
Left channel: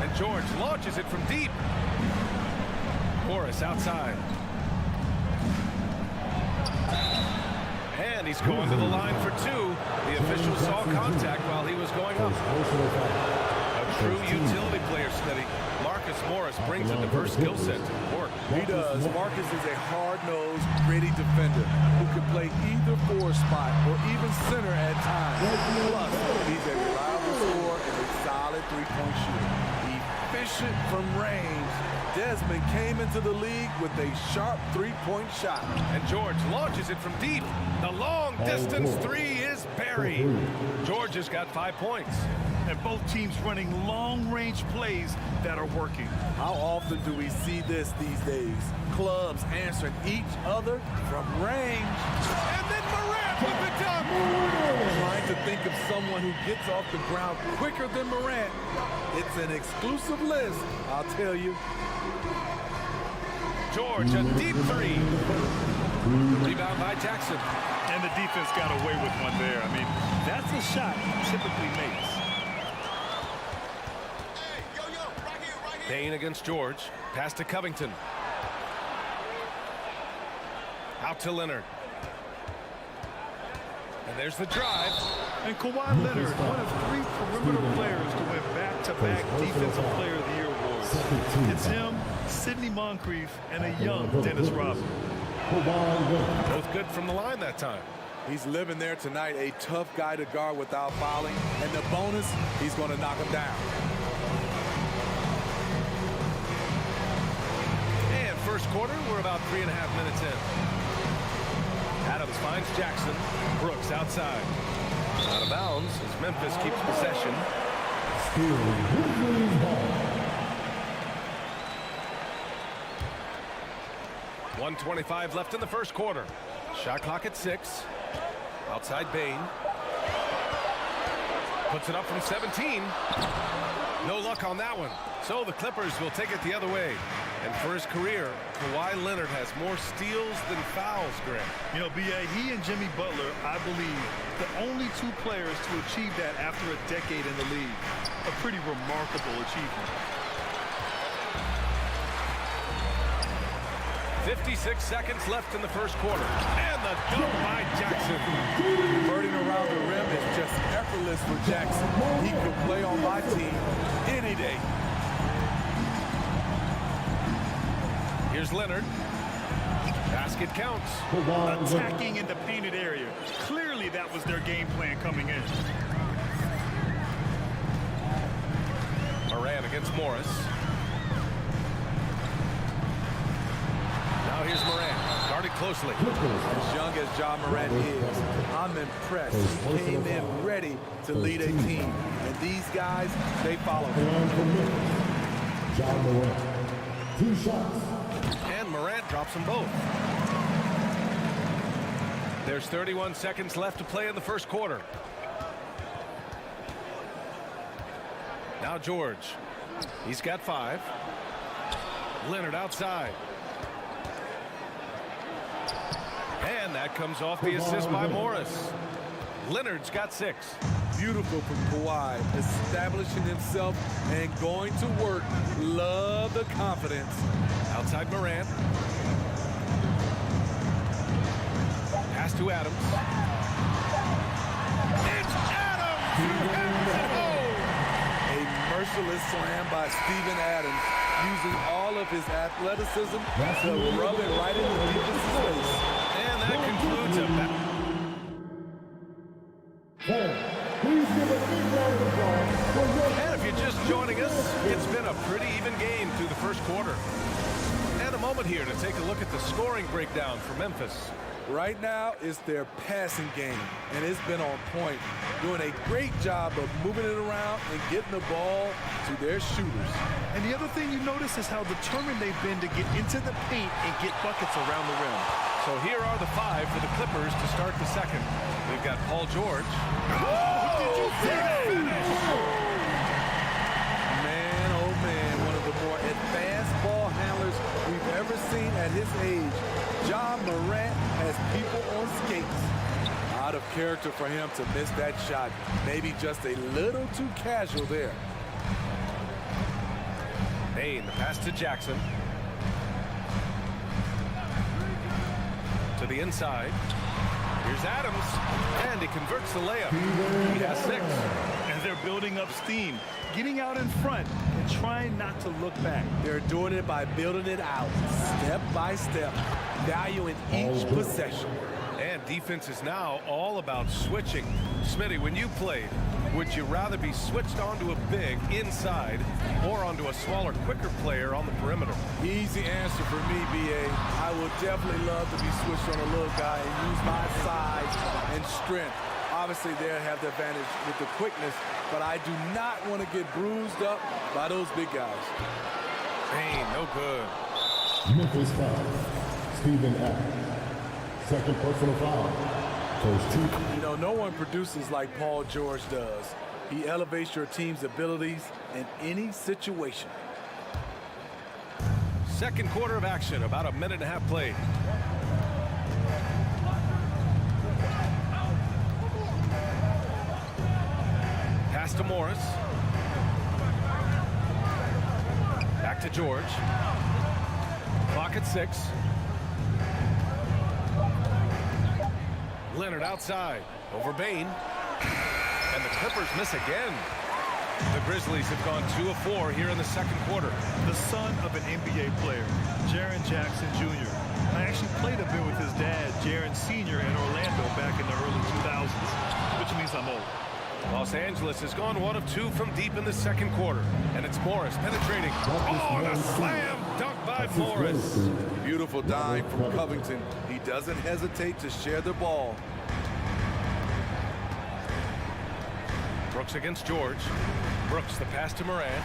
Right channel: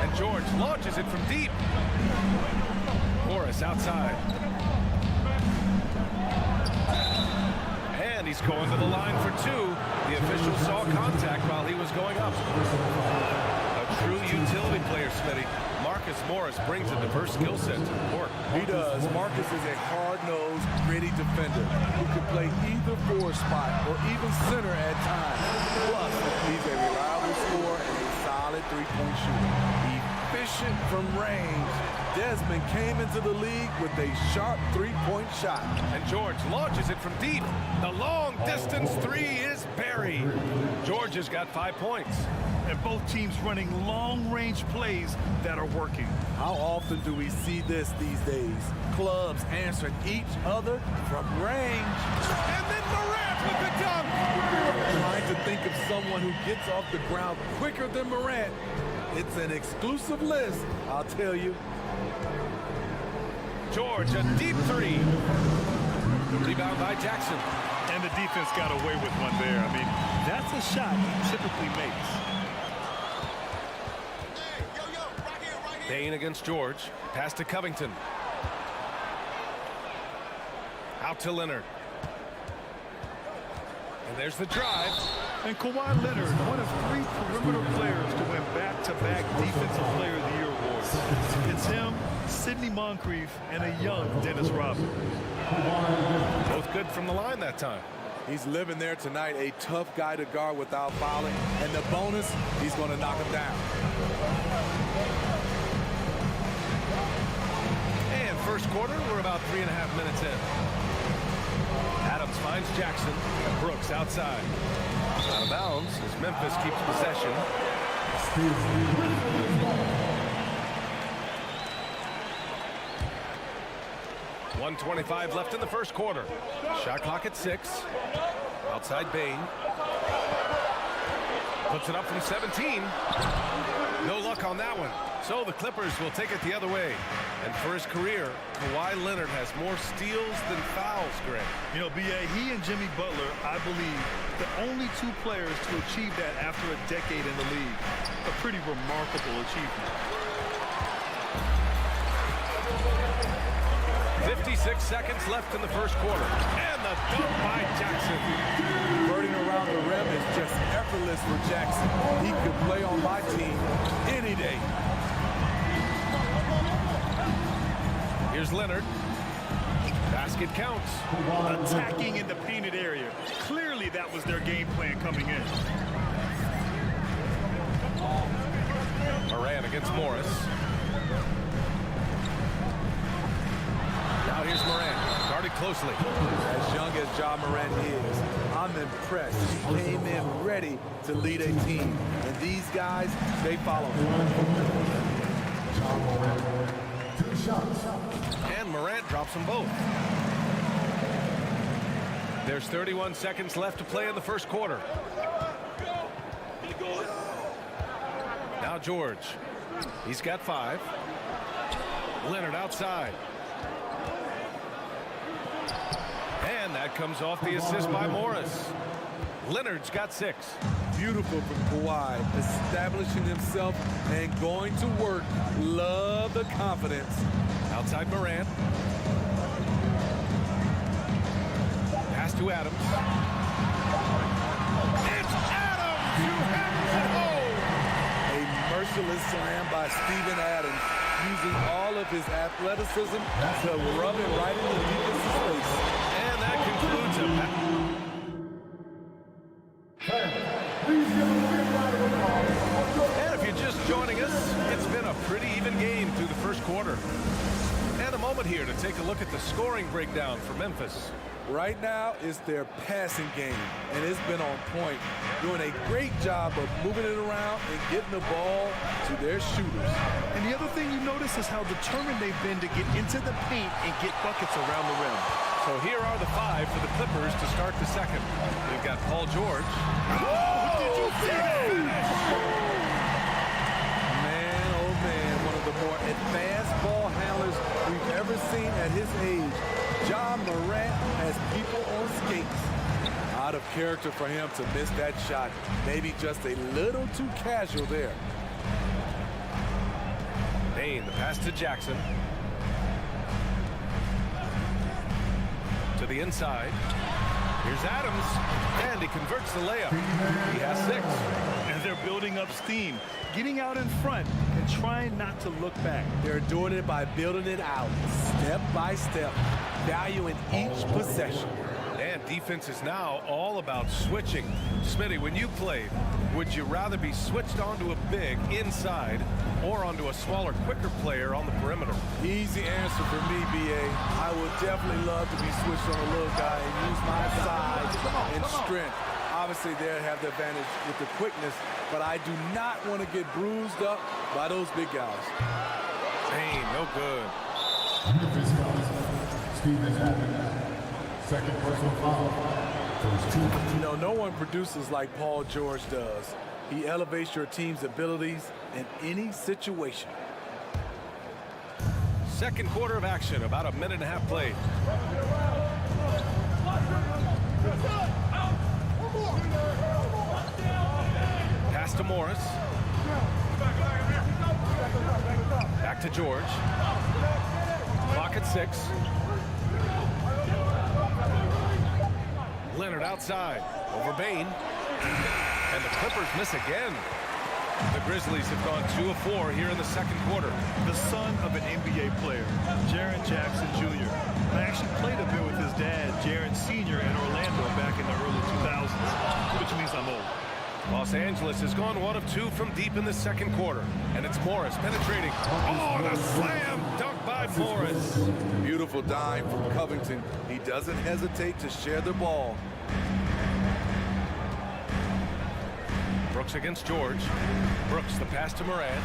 And George launches it from deep. Morris outside. And he's going to the line for 2. The official saw contact while he was going up. A true utility player, Smitty. Marcus Morris brings a diverse skill set to the court. He does. Marcus is a hard-nosed, gritty defender who can play either forward spot or even center at times. Plus, he's a reliable scorer and a solid three-point shooter. Efficient from range. Desmond came into the league with a sharp three-point shot. And George launches it from deep. The long-distance 3 is buried. George has got 5 points. And both teams running long-range plays that are working. How often do we see this these days? Clubs answering each other from range. And then Morant with the dunk. I'm trying to think of someone who gets off the ground quicker than Morant. It's an exclusive list, I'll tell you. George, a deep 3. Rebound by Jackson. And the defense got away with one there. I mean, that's a shot he typically makes. Payne against George. Pass to Covington. Out to Leonard. And there's the drive. And Kawhi Leonard, one of 3 perimeter players to win back-to-back Defensive Player of the Year awards. It's him, Sidney Moncrief, and a young Dennis Rodman. Both good from the line that time. He's living there tonight, a tough guy to guard without fouling. And the bonus, he's going to knock him down. And first quarter, we're about 3.5 minutes in. Adams finds Jackson. Brooks outside. Out of bounds as Memphis keeps possession. 1:25 left in the first quarter. Shot clock at 6. Outside Payne. Puts it up from 17. No luck on that one. So the Clippers will take it the other way. And for his career, Kawhi Leonard has more steals than fouls, Grant. You know, B.A., he and Jimmy Butler, I believe, the only two players to achieve that after a decade in the league. A pretty remarkable achievement. 56 seconds left in the first quarter. And the dunk by Jackson. Birding around the rim is just effortless for Jackson. He could play on my team any day. Here's Leonard. Basket counts. Attacking in the painted area. Clearly that was their game plan coming in. Moran against Morris. Now here's Moran, guarded closely. As young as Ja Morant is, I'm impressed. He came in ready to lead a team. And these guys, they follow him. Ja Morant. 2 shots. And Morant drops them both. There's 31 seconds left to play in the first quarter. Now George. He's got 5. Leonard outside. And that comes off the assist by Morris. Leonard's got 6. Beautiful from Kawhi, establishing himself and going to work. Love the confidence. Outside Morant. Pass to Adams. It's Adams who hammers it home. A merciless slam by Steven Adams, using all of his athleticism to rub it right in the defense's face. And that concludes a Please give a big round of applause for your... And if you're just joining us, it's been a pretty even game through the first quarter. And a moment here to take a look at the scoring breakdown for Memphis. Right now, it's their passing game, and it's been on point, doing a great job of moving it around and getting the ball to their shooters. And the other thing you notice is how determined they've been to get into the paint and get buckets around the rim. So here are the 5 for the Clippers to start the second. We've got Paul George. Oh, did you see that? Man, oh man, one of the more advanced ball handlers we've ever seen at his age. Ja Morant has people on skates. Out of character for him to miss that shot. Maybe just a little too casual there. Bain, the pass to Jackson. To the inside. Here's Adams, and he converts the layup. He has 6. And they're building up steam, getting out in front and trying not to look back. They're doing it by building it out, step by step, valuing each possession. And defense is now all about switching. Smitty, when you played, would you rather be switched onto a big inside or onto a smaller, quicker player on the perimeter? Easy answer for me, B.A. I would definitely love to be switched on a little guy and use my size and strength. Obviously, they'll have the advantage with the quickness, but I do not want to get bruised up by those big guys. Bain, no good. Memphis foul. Steven Adams. Second personal foul. First 2. You know, no one produces like Paul George does. He elevates your team's abilities in any situation. Second quarter of action, about a minute and a half played. Pass to Morris. Back to George. Clock at 6. Leonard outside. Over Bain. And the Clippers miss again. The Grizzlies have gone 2 of 4 here in the second quarter. The son of an NBA player, Jaren Jackson Jr. I actually played a bit with his dad, Jaren Sr. in Orlando back in the early 2000s, which means I'm old. Los Angeles has gone 1 of 2 from deep in the second quarter. And it's Morris penetrating. Oh, and a slam dunk by Morris. Beautiful dime from Covington. He doesn't hesitate to share the ball. Brooks against George. Brooks, the pass to Moran.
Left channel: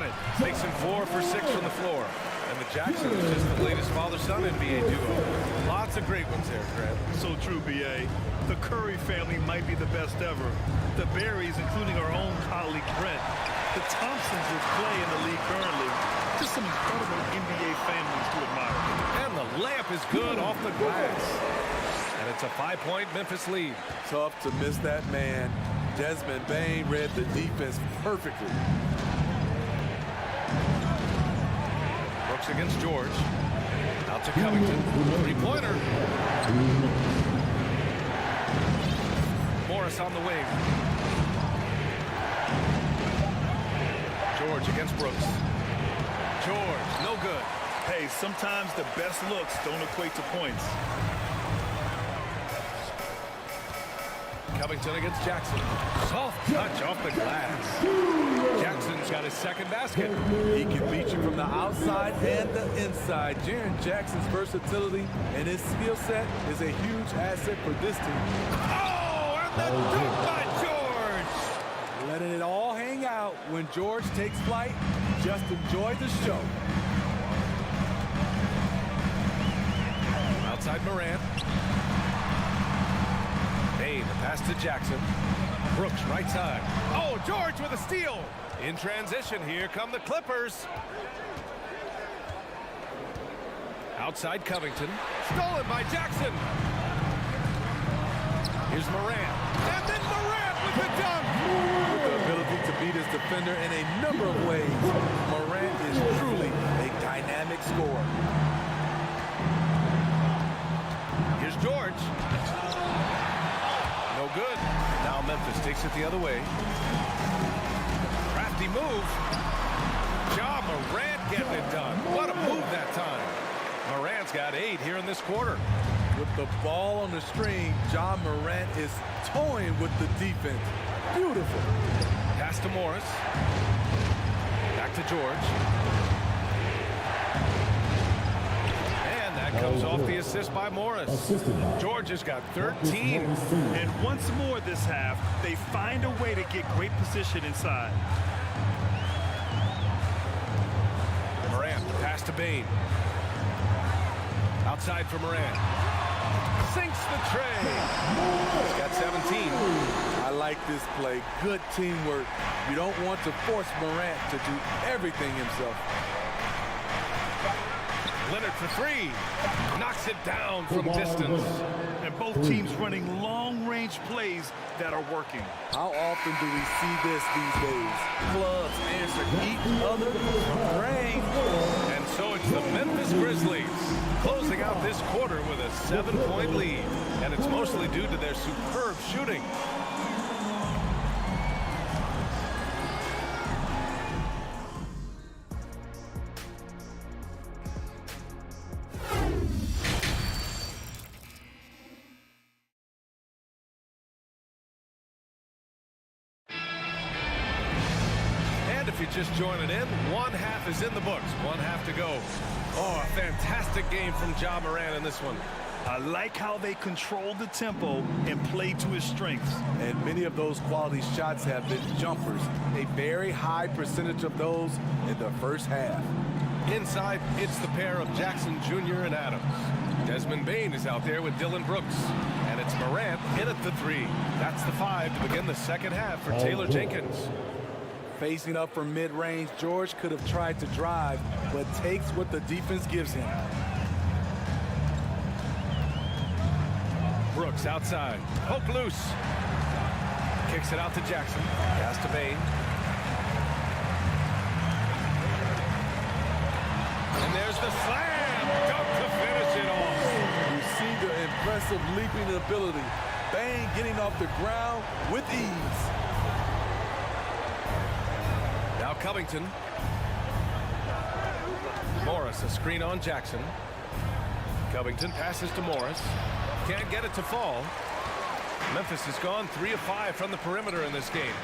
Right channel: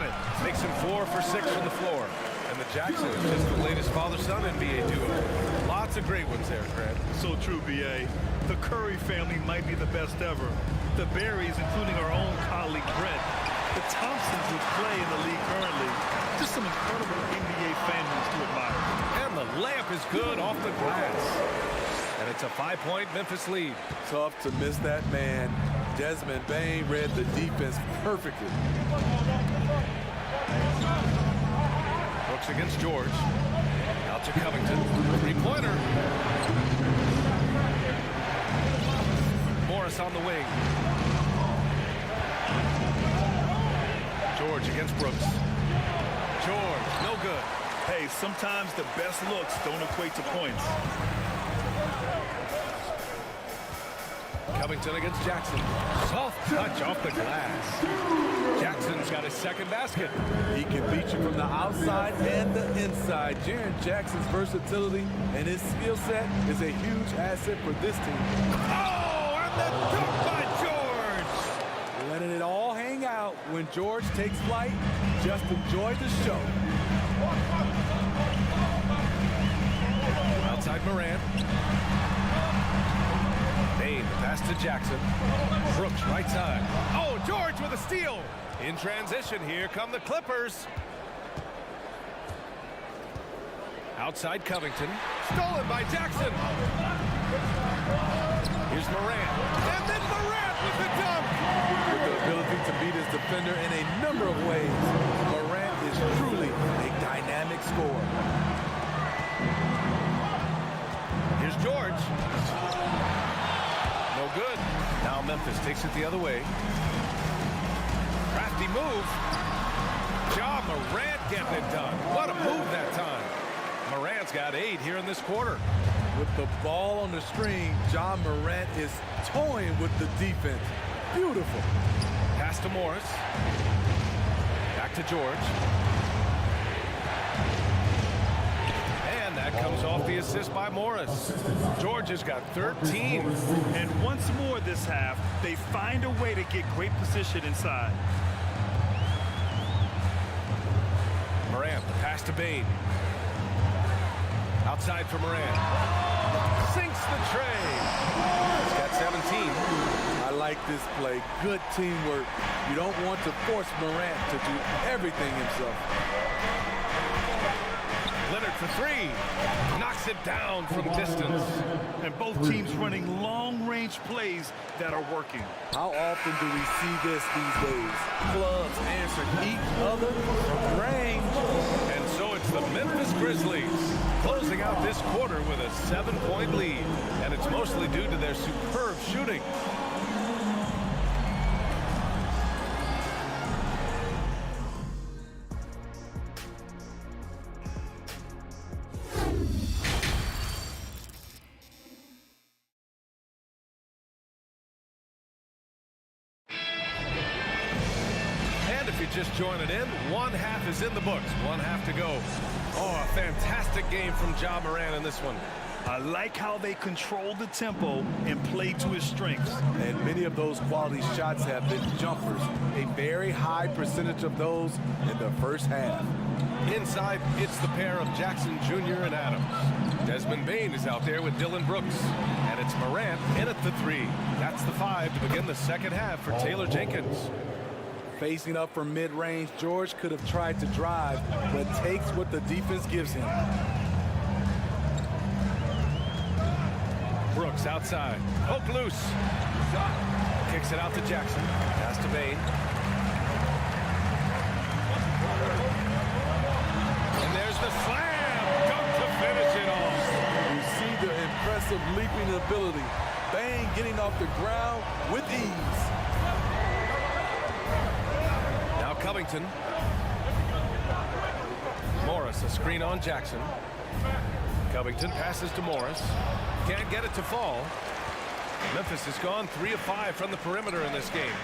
Got it. Makes him 4 for 6 from the floor. And the Jackson is just the latest father-son NBA duo. Lots of great ones there, Fred. So true, B.A. The Curry family might be the best ever. The Berries, including our own colleague Brent. The Thompsons, which play in the league currently. Just some incredible NBA families to admire. And the layup is good off the glass. And it's a 5-point Memphis lead. Tough to miss that man. Desmond Bane read the defense perfectly. Brooks against George. Out to Covington. Three-pointer. Morris on the wing. George against Brooks. George, no good. Hey, sometimes the best looks don't equate to points. Covington against Jackson. Soft touch off the glass. Jackson's got his second basket. He can beat you from the outside and the inside. Jaren Jackson's versatility and his skill set is a huge asset for this team. Oh, and the dunk by George. Letting it all hang out when George takes flight. Just enjoy the show. Outside Morant. Bane, the pass to Jackson. Brooks, right side. Oh, George with a steal. In transition, here come the Clippers. Outside Covington. Stolen by Jackson. Here's Morant. And then Morant with the dunk. With the ability to beat his defender in a number of ways, Morant is truly a dynamic scorer. Here's George. No good. Now Memphis takes it the other way. Crafty move. Ja Morant getting it done. What a move that time. Morant's got 8 here in this quarter. With the ball on the string, Ja Morant is toying with the defense. Beautiful. Pass to Morris. Back to George. And that comes off the assist by Morris. George has got 13. And once more this half, they find a way to get great position inside. Morant, the pass to Bane. Outside for Morant. Sinks the tray. He's got 17. I like this play. Good teamwork. You don't want to force Morant to do everything himself. Leonard for 3. Knocks it down from distance. And both teams running long-range plays that are working. How often do we see this these days? Clubs answer each other from range. And so it's the Memphis Grizzlies closing out this quarter with a 7-point lead. And it's mostly due to their superb shooting. And if you're just joining in, one half is in the books. One half to go. Oh, a fantastic game from Ja Morant in this one. I like how they control the tempo and play to his strengths. And many of those quality shots have been jumpers. A very high percentage of those in the first half. Inside, it's the pair of Jackson Jr. and Adams. Desmond Bane is out there with Dylan Brooks. And it's Morant in at the 3. That's the 5 to begin the second half for Taylor Jenkins. Facing up from mid-range, George could have tried to drive, but takes what the defense gives him. Brooks outside. Poke loose. Kicks it out to Jackson. Pass to Bane. And there's the slam. Dunk to finish it off. You see the impressive leaping ability. Bane getting off the ground with ease. Now Covington. Morris, a screen on Jackson. Covington passes to Morris. Can't get it to fall. Memphis has gone 3 of 5 from the perimeter in this game.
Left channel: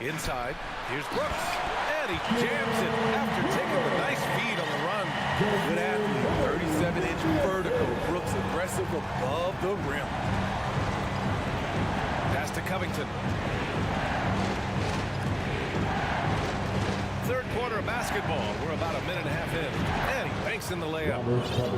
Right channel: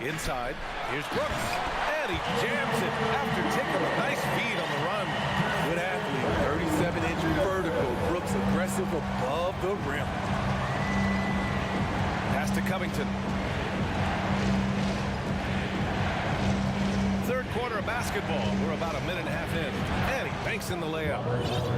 Inside, here's Brooks. And he jams it after taking a nice feed on the run. Good athlete, 37-inch vertical. Brooks aggressive above the rim. Pass to Covington. quarter of basketball. We're about a minute and a half in. And he banks in the layup.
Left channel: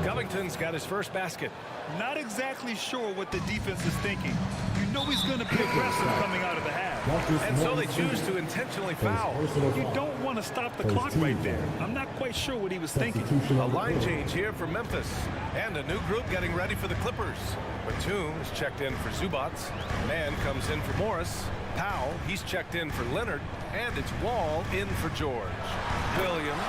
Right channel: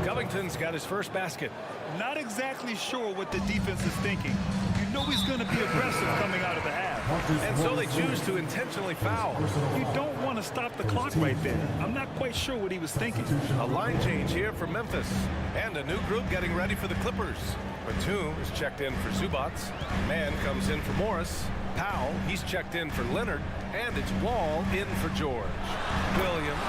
Covington's got his first basket. Not exactly sure what the defense is thinking. You know he's going to be aggressive coming out of the half. And so they choose to intentionally foul. You don't want to stop the clock right there. I'm not quite sure what he was thinking. A line change here for Memphis. And a new group getting ready for the Clippers. Batum is checked in for Zubats. Man comes in for Morris. Powell, he's checked in for Leonard. And it's Wall in for George. Williams.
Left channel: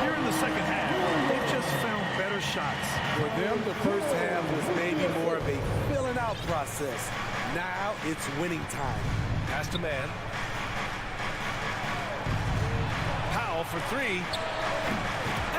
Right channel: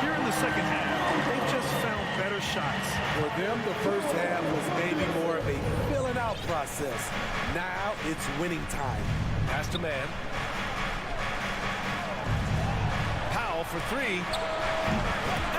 Here in the second half, they've just found better shots. For them, the first half was maybe more of a filling out process. Now it's winning time. Pass to Man. Powell for three.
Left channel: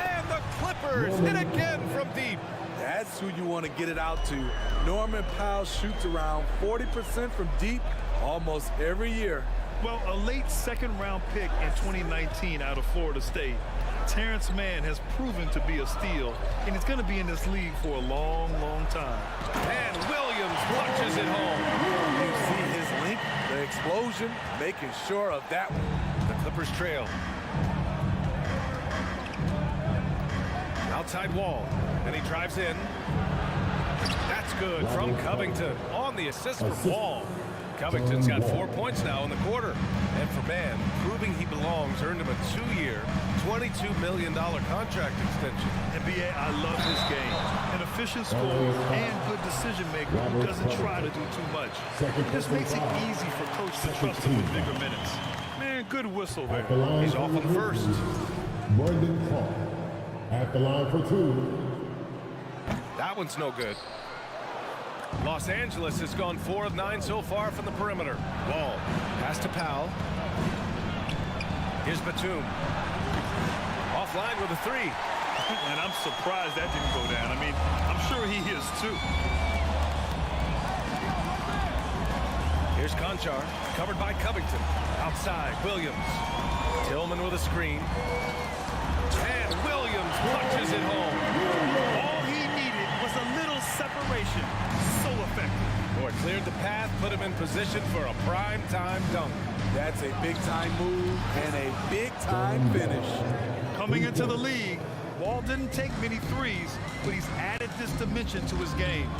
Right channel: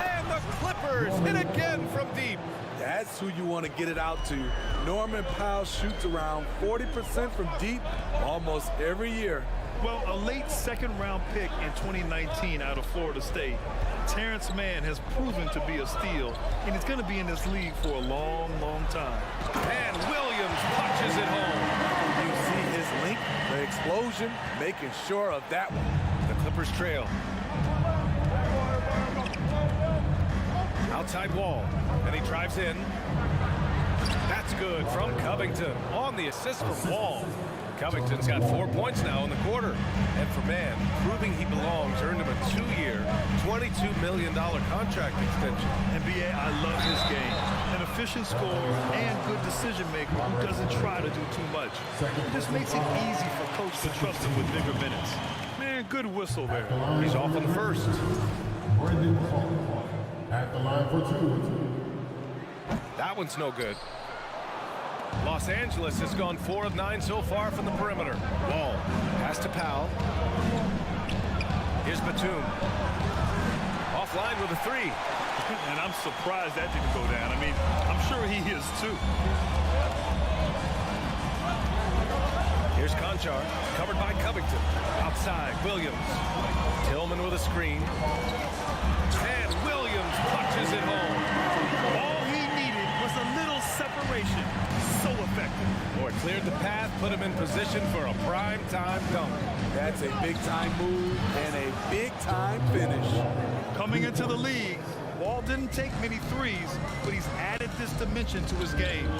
And the Clippers hit again from deep. That's who you want to get it out to. Norman Powell shoots around 40% from deep almost every year. Well, a late second-round pick in 2019 out of Florida State. Terrence Mann has proven to be a steal, and he's going to be in this league for a long, long time. And Williams punches it home. You see his link, the explosion, making sure of that one. The Clippers trail. Outside Wall, and he drives in. That's good from Covington on the assist from Wall. Covington's got 4 points now in the quarter. And for Man, proving he belongs, earned him a 2-year, $22 million contract extension. And B.A., I love his game. An efficient scorer and good decision maker who doesn't try to do too much. This makes it easy for coach to trust him with bigger minutes. Man, good whistle there. He's off on the first. Brandon Clark at the line for two. That one's no good. Los Angeles has gone 4 of 9 so far from the perimeter. Wall, pass to Powell. Here's Batum. Offline with a 3. And I'm surprised that didn't go down. I mean, I'm sure he is too. Here's Conchar, covered by Covington. Outside, Williams. Tillman with a screen. And Williams punches it home. All he needed was a little separation. So effective. Or cleared the path, put him in position for a prime-time dunk. That's a big-time move and a big-time finish. Coming into the league, Wall didn't take many threes, but he's added this dimension to his game.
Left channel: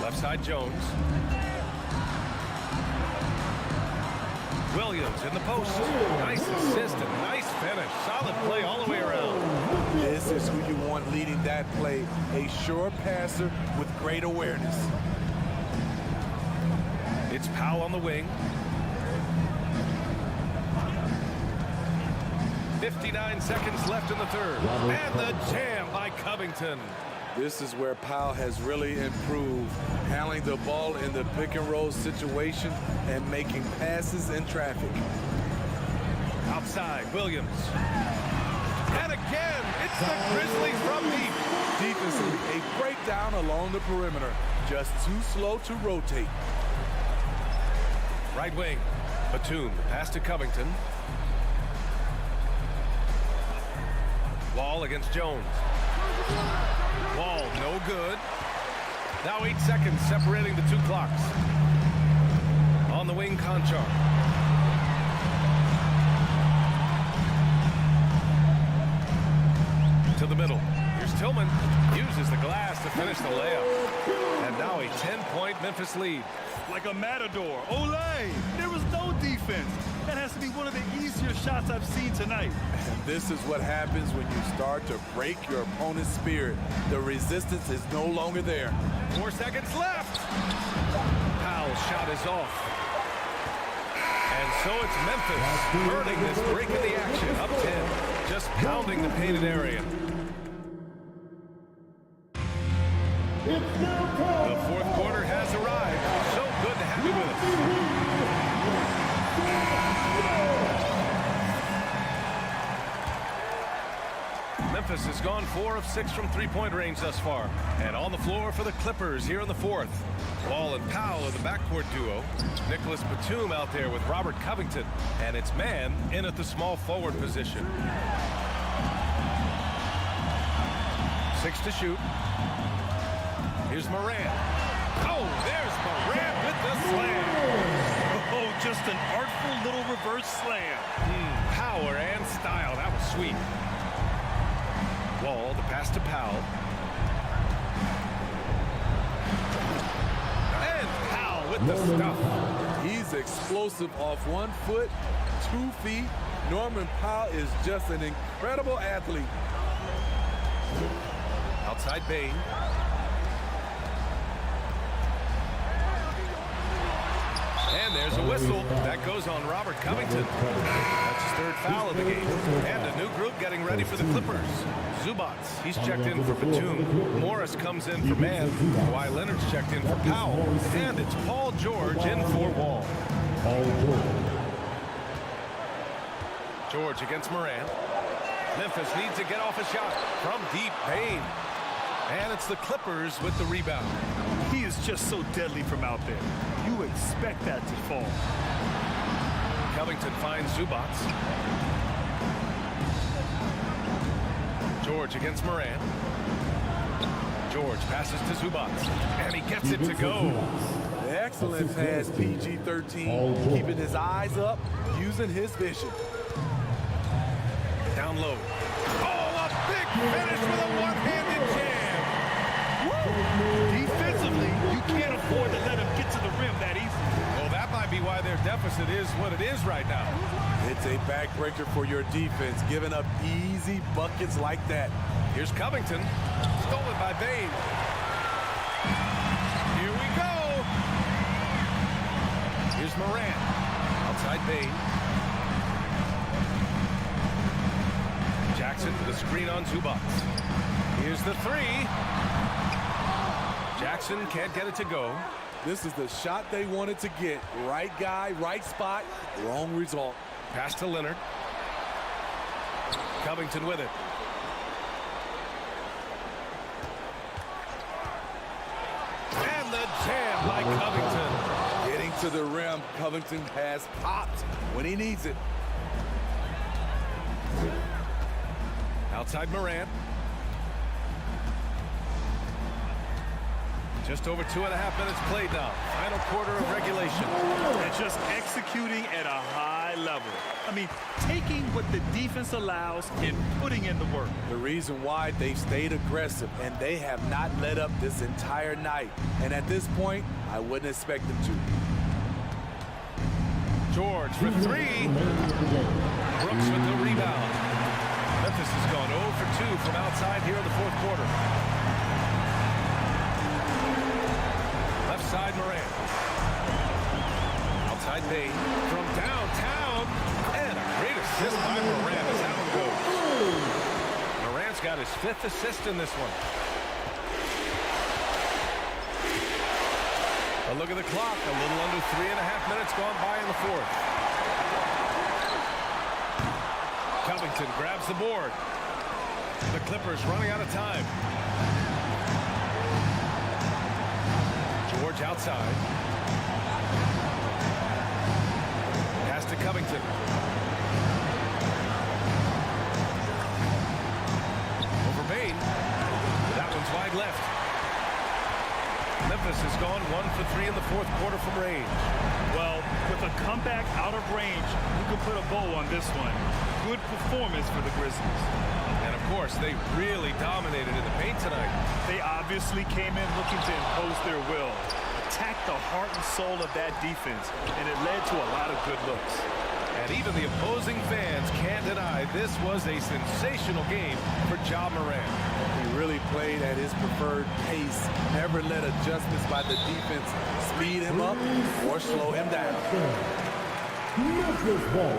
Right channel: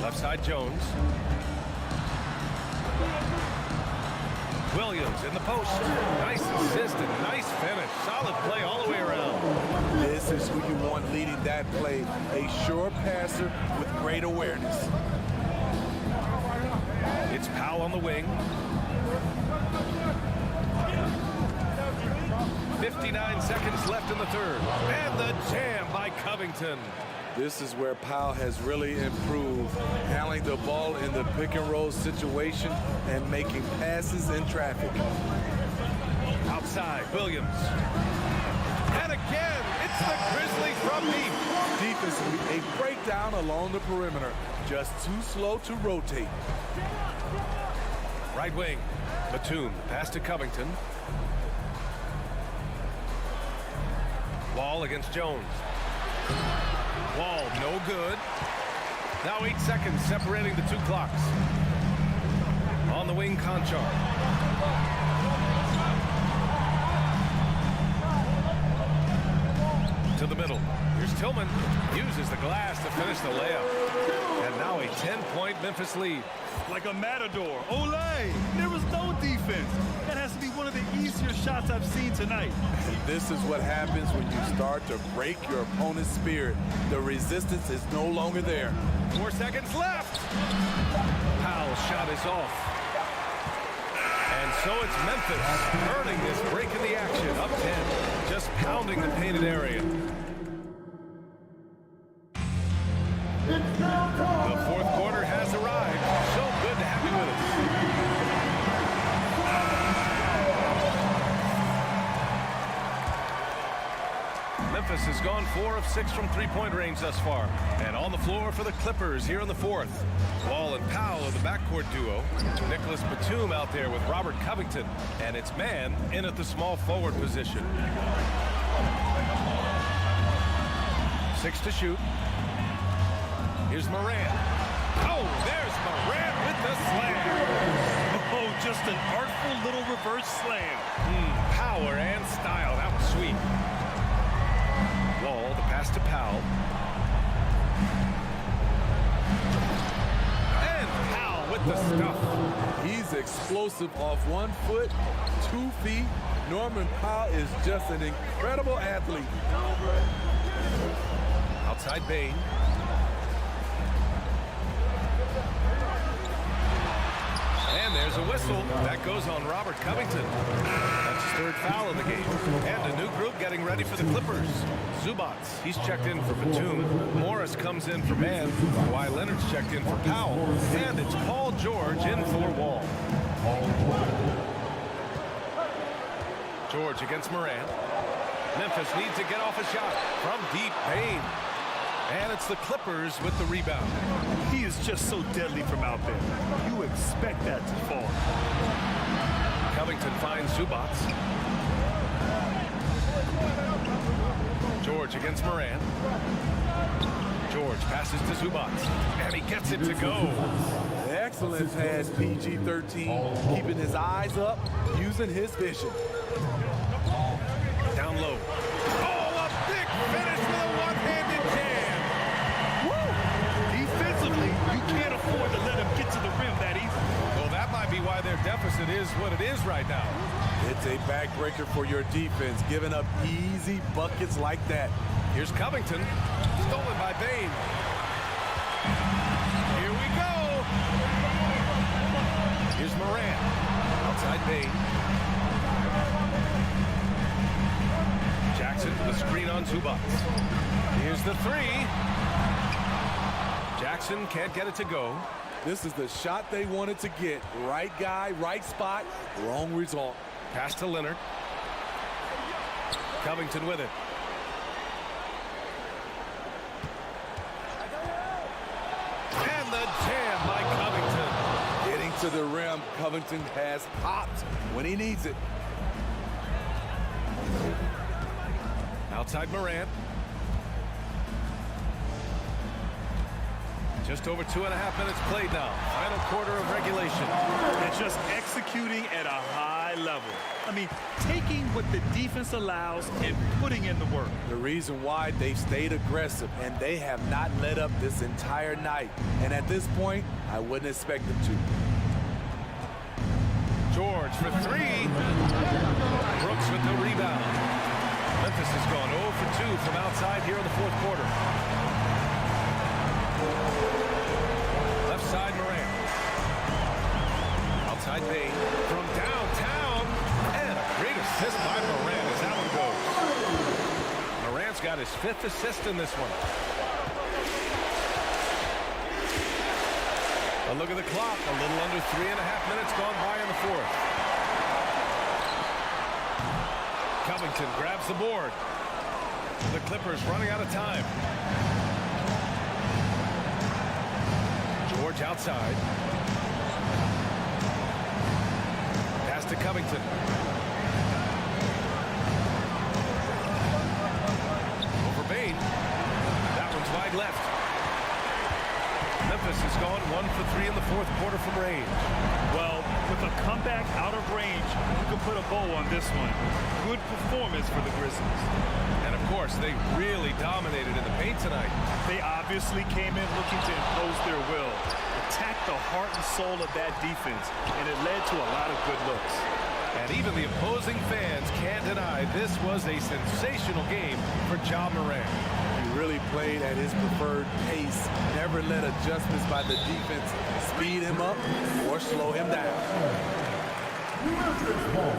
Left side, Jones. Williams in the post. Nice assist and nice finish. Solid play all the way around. This is who you want leading that play. A sure passer with great awareness. It's Powell on the wing. 59 seconds left in the third. And the jam by Covington. This is where Powell has really improved, handling the ball in the pick-and-roll situation and making passes in traffic. Outside, Williams. And again, it's the Grizzlies from deep. Defensively, a breakdown along the perimeter. Just too slow to rotate. Right wing, Batum, the pass to Covington. Wall against Jones. Wall, no good. Now 8 seconds separating the two clocks. On the wing, Conchar. To the middle. Here's Tillman. Uses the glass to finish the layup. And now a 10-point Memphis lead. Like a matador. Olay! There was no defense. That has to be one of the easier shots I've seen tonight. And this is what happens when you start to break your opponent's spirit. The resistance is no longer there. 4 seconds left. Powell's shot is off. And so it's Memphis earning this break in the action. Up 10. Just pounding the painted area. The fourth quarter has arrived. So good to have you with us. Memphis has gone 4 of 6 from three-point range thus far. And on the floor for the Clippers here in the fourth. Wall and Powell are the backcourt duo. Nicholas Batum out there with Robert Covington. And it's Man in at the small forward position. 6 to shoot. Here's Moran. Oh, there's Morant with the slam. Oh, just an artful little reverse slam. Power and style. That was sweet. Wall, the pass to Powell. And Powell with the stuff. He's explosive off 1 foot, 2 feet. Norman Powell is just an incredible athlete. Outside Bain. And there's a whistle. That goes on Robert Covington. That's his 3rd foul of the game. And a new group getting ready for the Clippers. Zubats, he's checked in for Batum. Morris comes in for Mann. Kawhi Leonard's checked in for Powell. And it's Paul George in for Wall. George against Morant. Memphis needs to get off a shot from deep. Bain. And it's the Clippers with the rebound. He is just so deadly from out there. You expect that to fall. Covington finds Zubats. George against Morant. George passes to Zubats. And he gets it to go. Excellent pass, PG-13. Keeping his eyes up, using his vision. Down low. Oh, a big finish with a one-handed jam. Woo! Defensively, you can't afford to let him get to the rim that easily. Well, that might be why their deficit is what it is right now. It's a backbreaker for your defense, giving up easy buckets like that. Here's Covington. Stolen by Bain. Here we go. Here's Morant. Outside Bain. Jackson with a screen on Zubats. Here's the 3. Jackson can't get it to go. This is the shot they wanted to get. Right guy, right spot, wrong result. Pass to Leonard. Covington with it. And the jam by Covington. Getting to the rim, Covington has popped when he needs it. Outside Morant. Just over 2.5 minutes played now. Final quarter of regulation. And just executing at a high level. I mean, taking what the defense allows and putting in the work. The reason why they've stayed aggressive and they have not let up this entire night. And at this point, I wouldn't expect them to. George for 3. Brooks with the rebound. Memphis has gone 0 for 2 from outside here in the 4th quarter. Left side Morant. Outside Bain from downtown. And a great assist by Morant as that one goes. Morant's got his 5th assist in this one. A look at the clock. A little under 3.5 minutes gone by in the 4th. Covington grabs the board. The Clippers running out of time. George outside. Pass to Covington. Over Bain. That one's wide left. Memphis has gone 1 for 3 in the 4th quarter from range. Well, with a comeback out of range, we can put a bow on this one. Good performance for the Grizzlies. And of course, they really dominated in the paint tonight. They obviously came in looking to impose their will, attack the heart and soul of that defense, and it led to a lot of good looks. And even the opposing fans can't deny this was a sensational game for Ja Morant. He really played at his preferred pace, never let adjustments by the defense speed him up or slow him down. Memphis ball.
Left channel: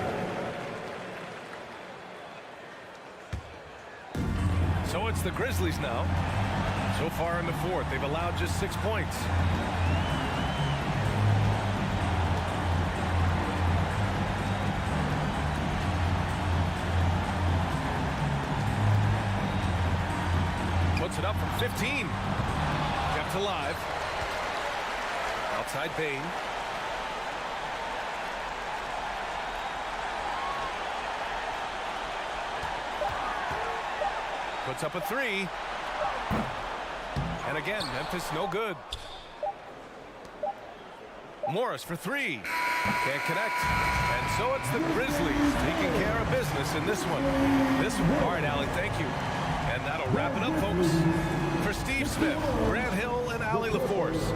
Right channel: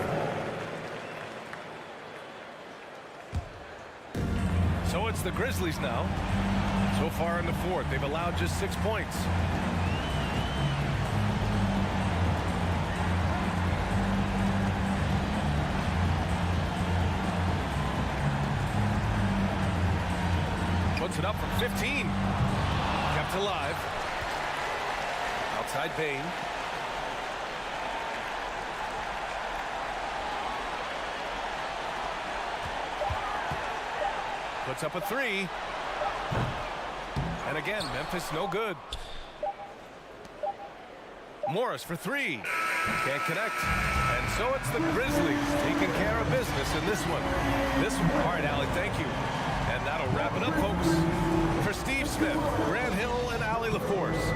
So it's the Grizzlies now. So far in the 4th, they've allowed just 6 points. Puts it up from 15. Kept alive. Outside Bain. Puts up a 3. And again, Memphis no good. Morris for three. Can't connect. And so it's the Grizzlies taking care of business in this one. All right, Allie, thank you. And that'll wrap it up, folks. For Steve Smith, Grant Hill, and Allie LaForce.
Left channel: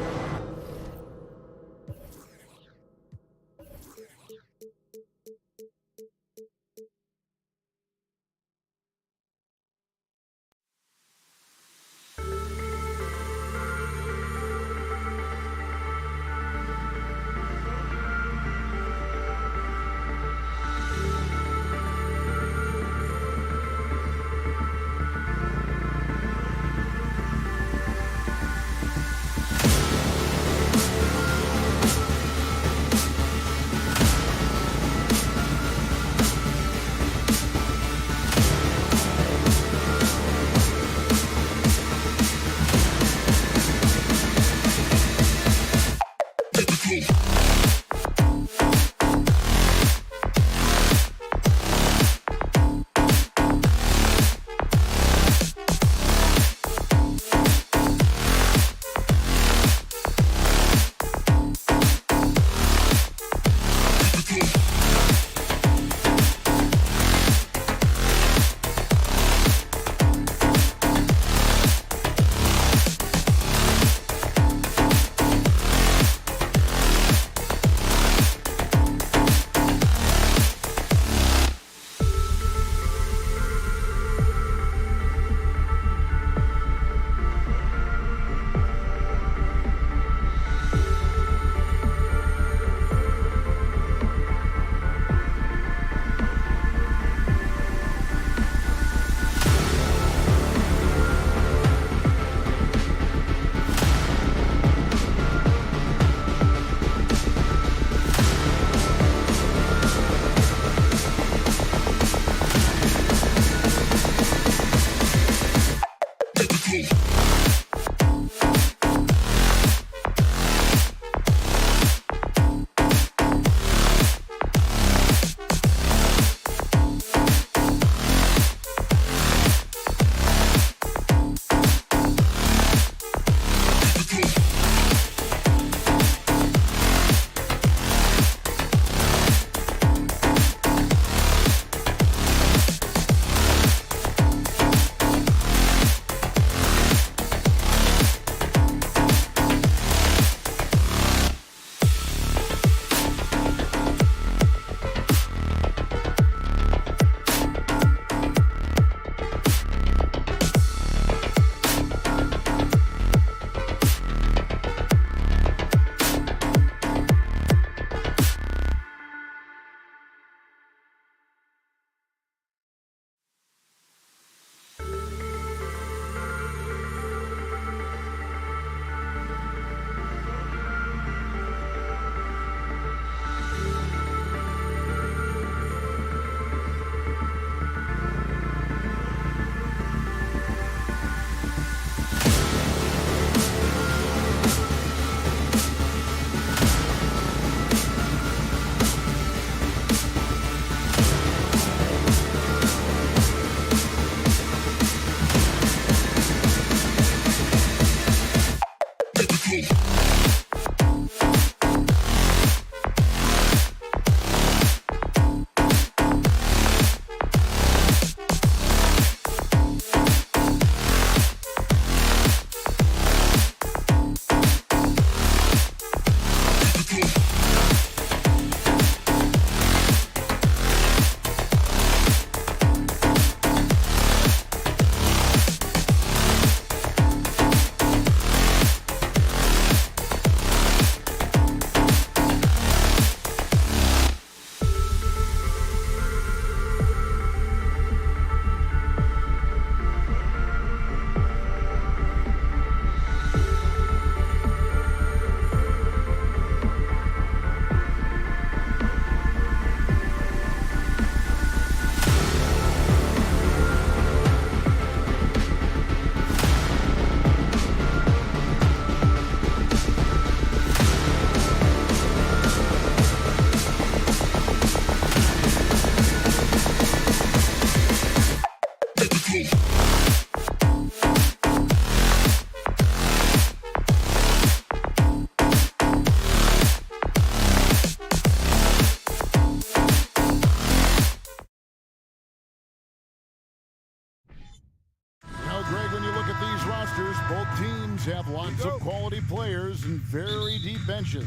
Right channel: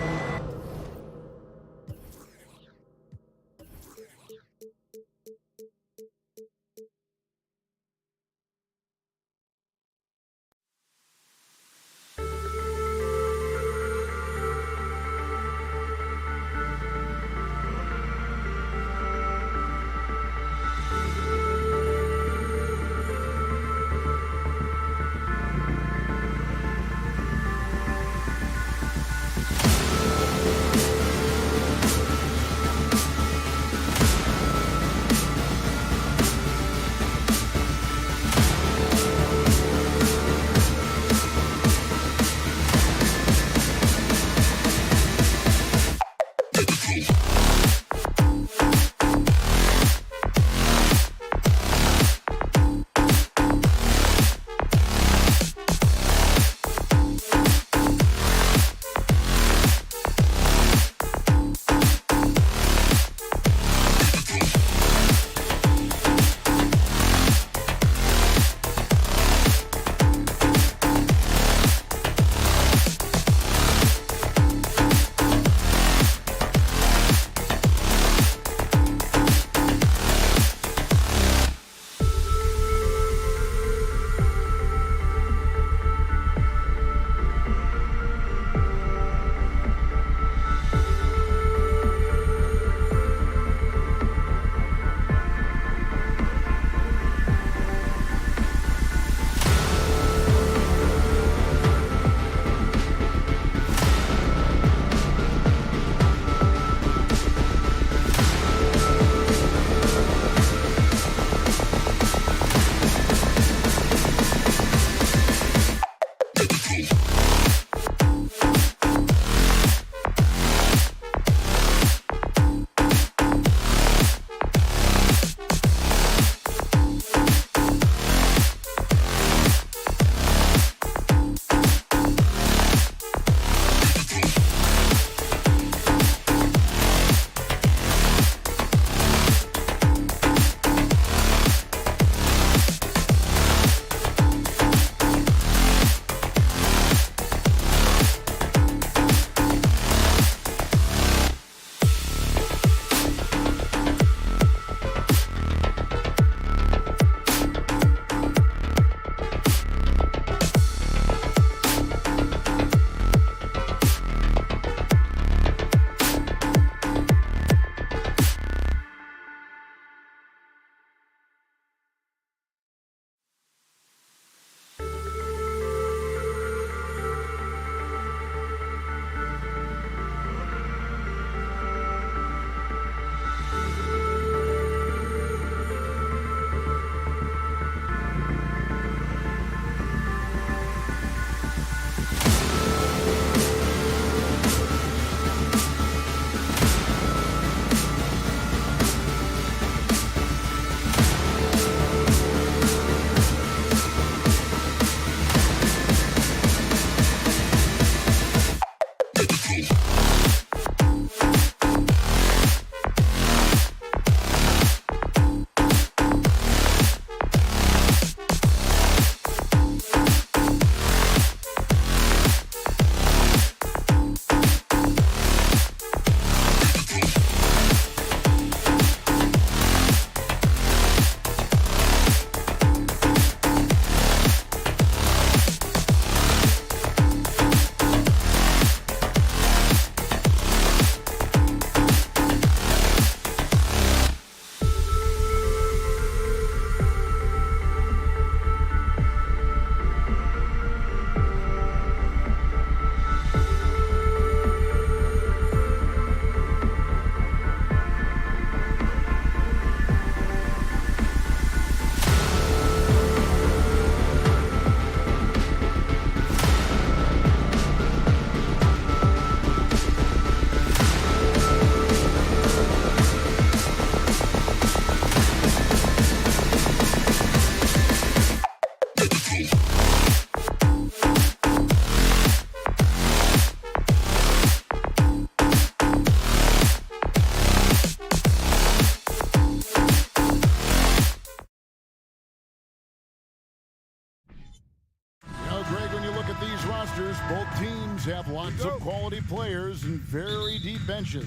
Both teams have lots of quality players and very deep benches.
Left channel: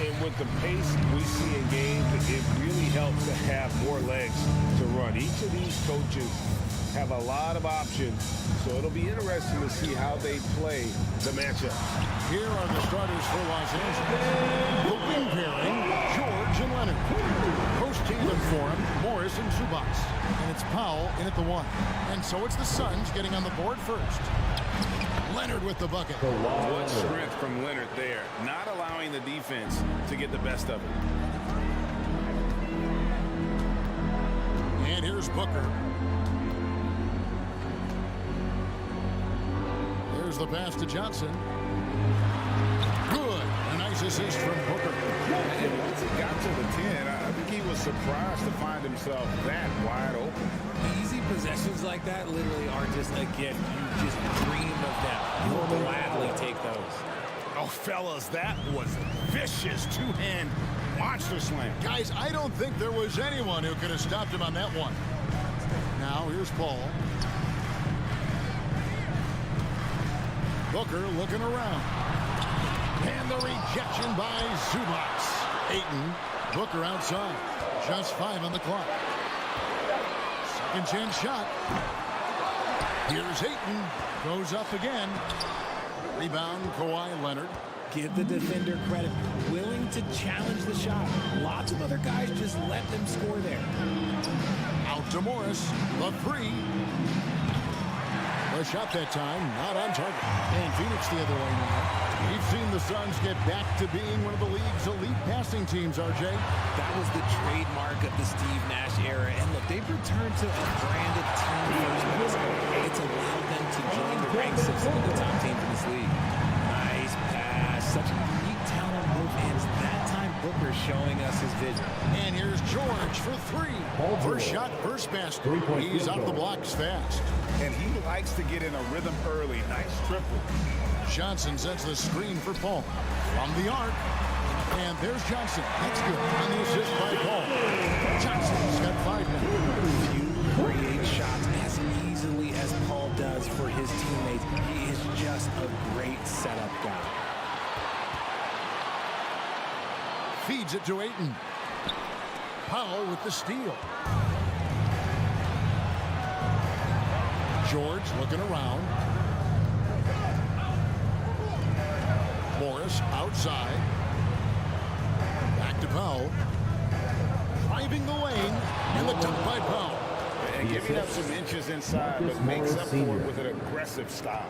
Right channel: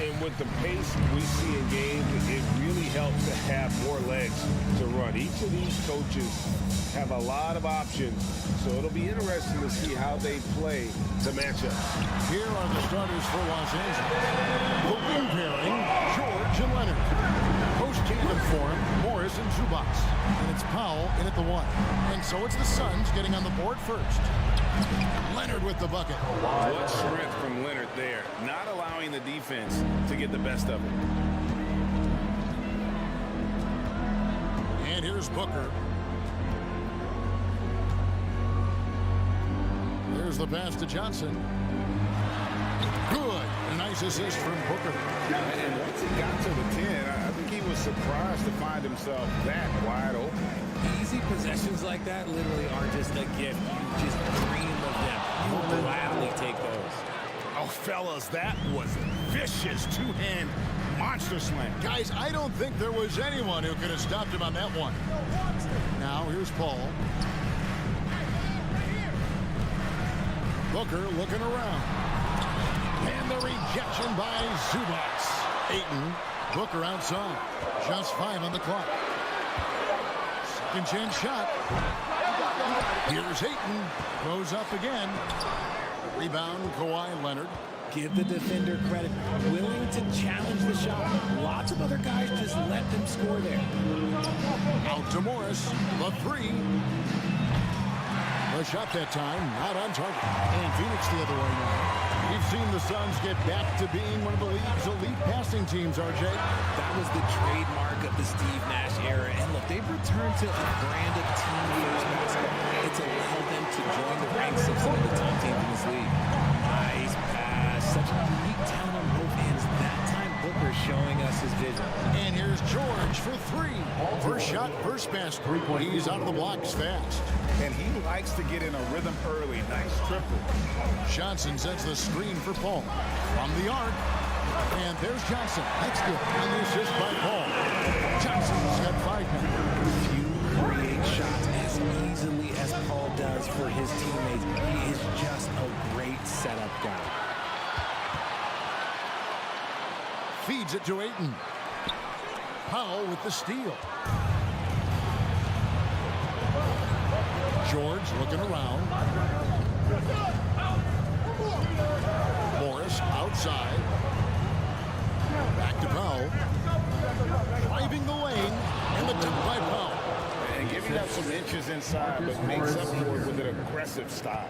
And with the pace we see in games, it really helps to have more legs to run. Each of these coaches have a lot of options, so it'll be interesting to see how they play the matchup. Here are the starters for Los Angeles. The wing pairing, George and Leonard. Post tandem for him, Morris and Zubats. And it's Powell in at the 1. And so it's the Suns getting on the board first. Leonard with the bucket. What strength from Leonard there, not allowing the defense to get the best of him. And here's Booker. There's the pass to Johnson. Good. A nice assist from Booker. And once he got to the 10, I think he was surprised to find himself that wide open. Easy possessions like that literally are just a gift. You just dream of them. You'll gladly take those. Oh, fellas, that was a vicious two-hand monster slam. Guys, I don't think there was anyone who could have stopped him on that one. Now, here's Paul. Booker looking around. And the rejection by Zubats. Ayton, Booker outside. Just 5 on the clock. Second chance shot. Here's Ayton. Goes up again. Rebound, Kawhi Leonard. Give the defender credit. Willing to challenge the shot. Lots of other guys just let them score there. Out to Morris. The 3. The shot that time, not on target. And Phoenix the other way now. We've seen the Suns get back to being one of the league's elite passing teams, RJ. That was the trademark of the Steve Nash era. And look, they've returned to a brand of team-first basketball. It's allowed them to join the ranks of some of the top teams in this league. Nice pass. Such a unique talent on both ends. That time, Booker showing us his vision. And here's George for 3. First shot, first basket. He's out of the blocks fast. And he likes to get in a rhythm early. Nice triple. Johnson sets the screen for Paul. From the arc. And there's Johnson. That's good. On the assist by Paul. Johnson's got 5 now. Few create shots as easily as Paul does for his teammates. He is just a great setup guy. Feeds it to Ayton. Powell with the steal. George looking around. Morris outside. Back to Powell. Driving the lane. And the dunk by Powell. And giving up some inches inside, but makes up for it with an aggressive style.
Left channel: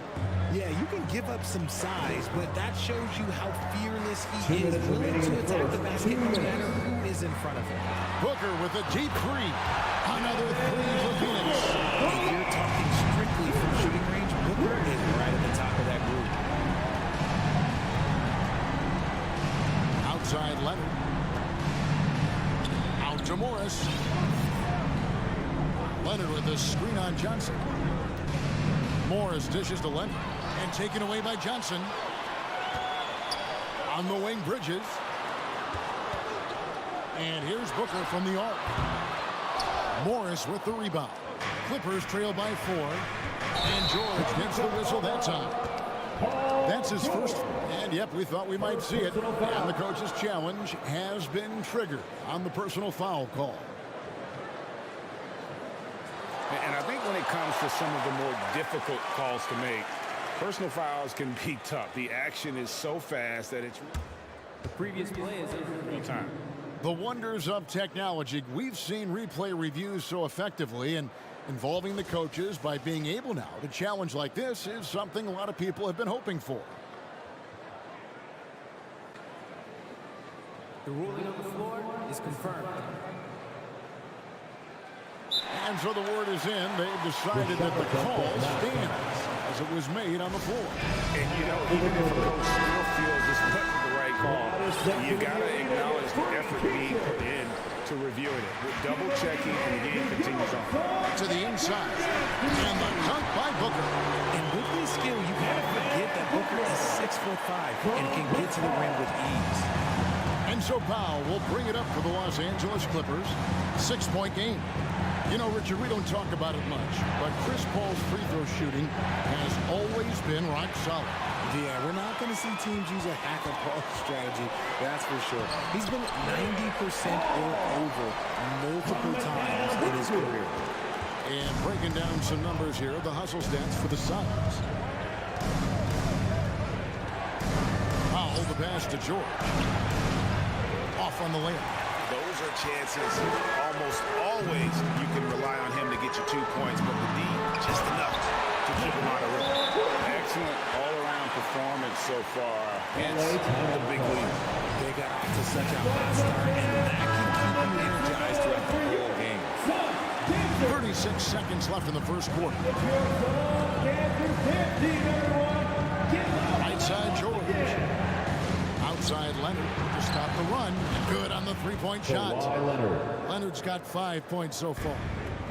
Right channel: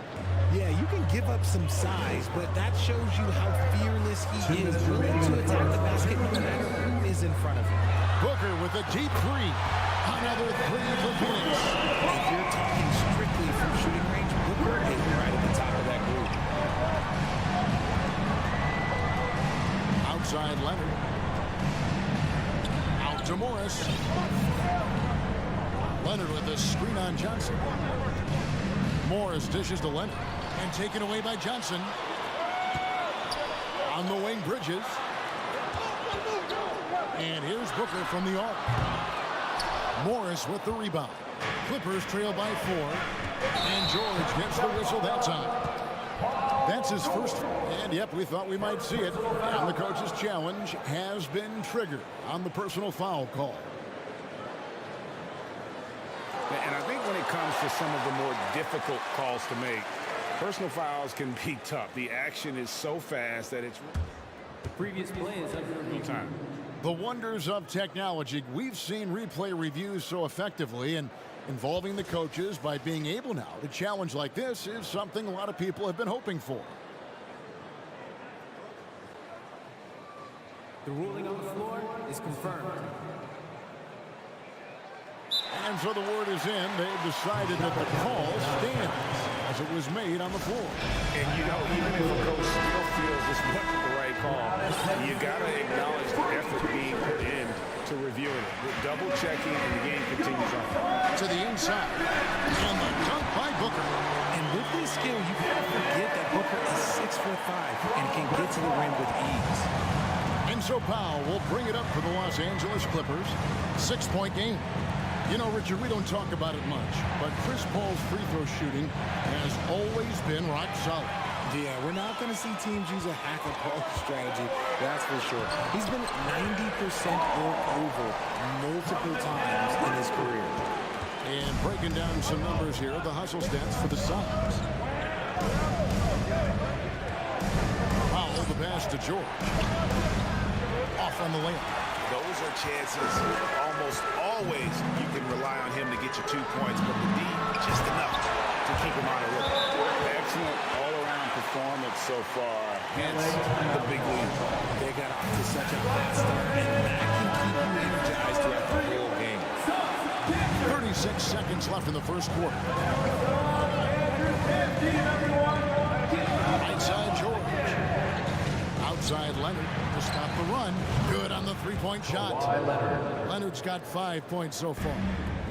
Yeah, you can give up some size, but that shows you how fearless he is, willing to attack the basket no matter who is in front of him. Booker with a deep 3. Another 3 for Phoenix. If you're talking strictly from shooting range, Booker is right at the top of that group. Outside Leonard. Out to Morris. Leonard with a screen on Johnson. Morris dishes to Leonard. And taken away by Johnson. On the wing, Bridges. And here's Booker from the arc. Morris with the rebound. Clippers trail by 4. And George gets the whistle that time. That's his first. And yep, we thought we might see it. And the coach's challenge has been triggered on the personal foul call. And I think when it comes to some of the more difficult calls to make, personal fouls can be tough. The action is so fast that it's... The previous play is under review. Time. The wonders of technology. We've seen replay reviews so effectively, and involving the coaches by being able now to challenge like this is something a lot of people have been hoping for. The ruling on the floor is confirmed. And so the word is in. They've decided that the call stands as it was made on the floor. And, you know, even if a coach still feels this wasn't the right call, you got to acknowledge the effort being put in to reviewing it. We're double-checking, and the game continues on. To the inside. And the dunk by Booker. And with his skill, you kind of forget that Booker is 6'5" and can get to the rim with ease. And so Powell will bring it up for the Los Angeles Clippers. 6-point game. You know, Richard, we don't talk about it much, but Chris Paul's free throw shooting has always been rock solid. Yeah, we're not going to see teams use a hack-a-Paul strategy, that's for sure. He's been 90% or over multiple times in his career. And breaking down some numbers here, the hustle stats for the Suns. Powell, the pass to George. Off on the layup. Those are chances almost always you can rely on him to get you 2 points, but the D just enough to keep him out of rhythm. Excellent all-around performance so far, hence the big lead. They got off to such a hot start, and that can keep you energized throughout the whole game. 36 seconds left in the first quarter. Right side George. Outside Leonard to stop the run. Good on the three-point shot. Leonard's got 5 points so far.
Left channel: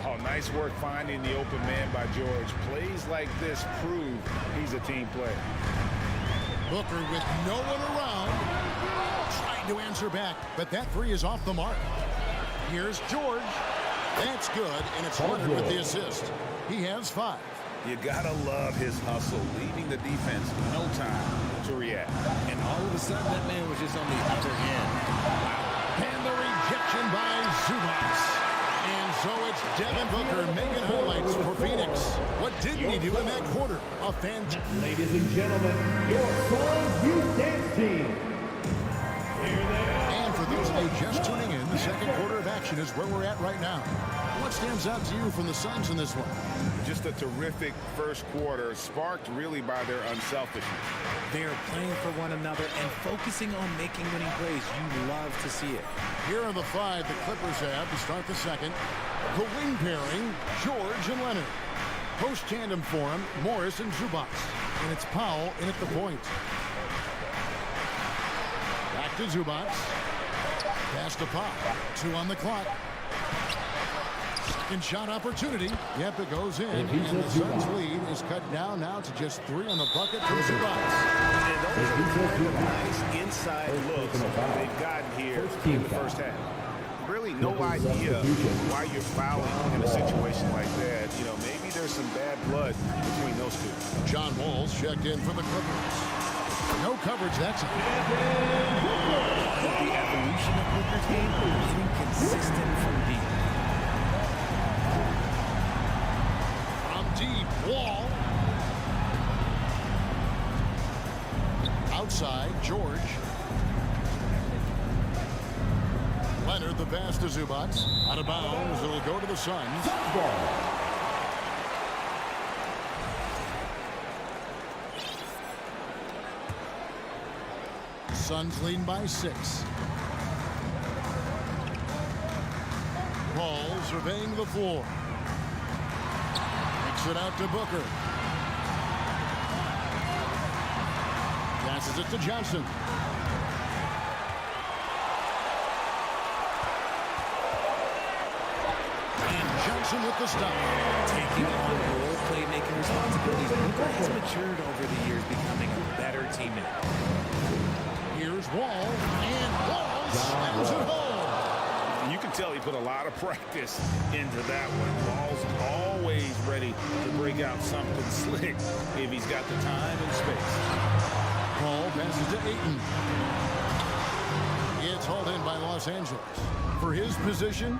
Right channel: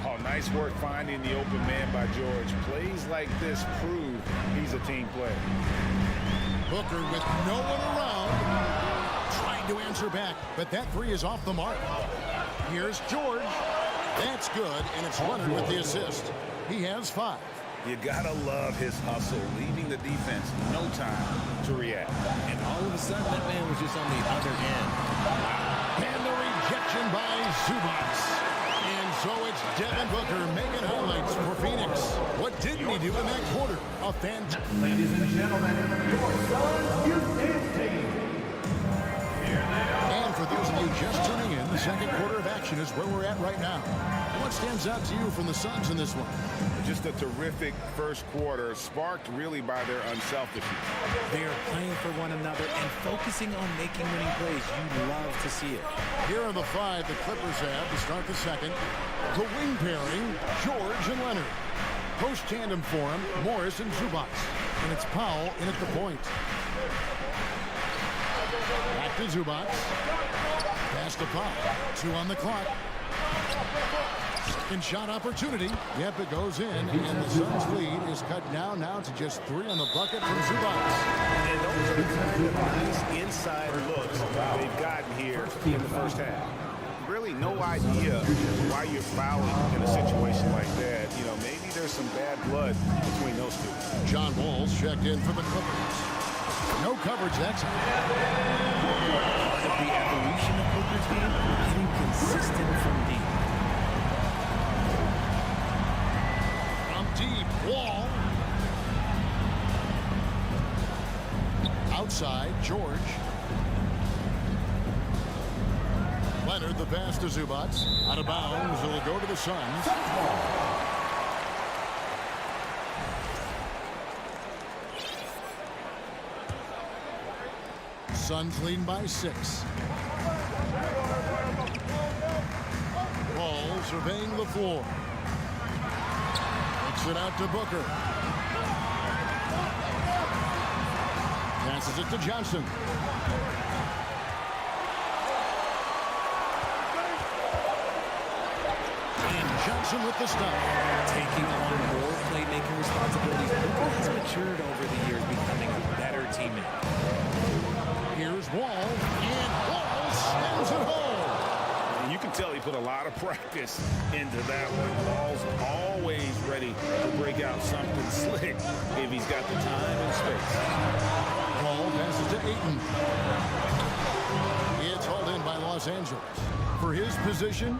Oh, nice work finding the open man by George. Plays like this prove he's a team player. Booker with no one around. Trying to answer back, but that three is off the mark. Here's George. That's good, and it's Leonard with the assist. He has 5. You gotta love his hustle, leaving the defense no time to react. And all of a sudden, that man was just on the other end. Wow. And the rejection by Zubats. And so it's Devin Booker making highlights for Phoenix. What didn't he do in that quarter? A fantastic. Ladies and gentlemen, your Suns Youth Dance Team. And for those of you just tuning in, the second quarter of action is where we're at right now. What stands out to you from the Suns in this one? Just a terrific first quarter, sparked really by their unselfishness. They are playing for one another and focusing on making winning plays. You love to see it. Here are the 5 the Clippers have to start the second. The wing pairing, George and Leonard. Post tandem for him, Morris and Zubats. And it's Powell in at the point. Back to Zubats. Pass to Powell. 2 on the clock. Second shot opportunity. Yep, it goes in, and the Suns' lead is cut down now to just 3 on the bucket from Zubats. And those are the kind of nice inside looks they've gotten here in the first half. Really no idea why you're fouling in a situation like that. You know, maybe there's some bad blood between those two. John Wall's checked in for the Clippers. No coverage that time. Part of the evolution of Booker's game, getting consistent from deep. Deep Wall. Outside, George. Leonard, the pass to Zubats. Out of bounds, it'll go to the Suns. Suns leading by 6. Paul surveying the floor. It out to Booker. Passes it to Johnson. And Johnson with the stop. Taking on more playmaking responsibilities. Booker has matured over the years, becoming a better teammate. Here's Wall, and Wall slams it home. You can tell he put a lot of practice into that one. Ball's always ready to break out something slick if he's got the time and space. Paul passes to Ayton. It's hauled in by Los Angeles. For his position,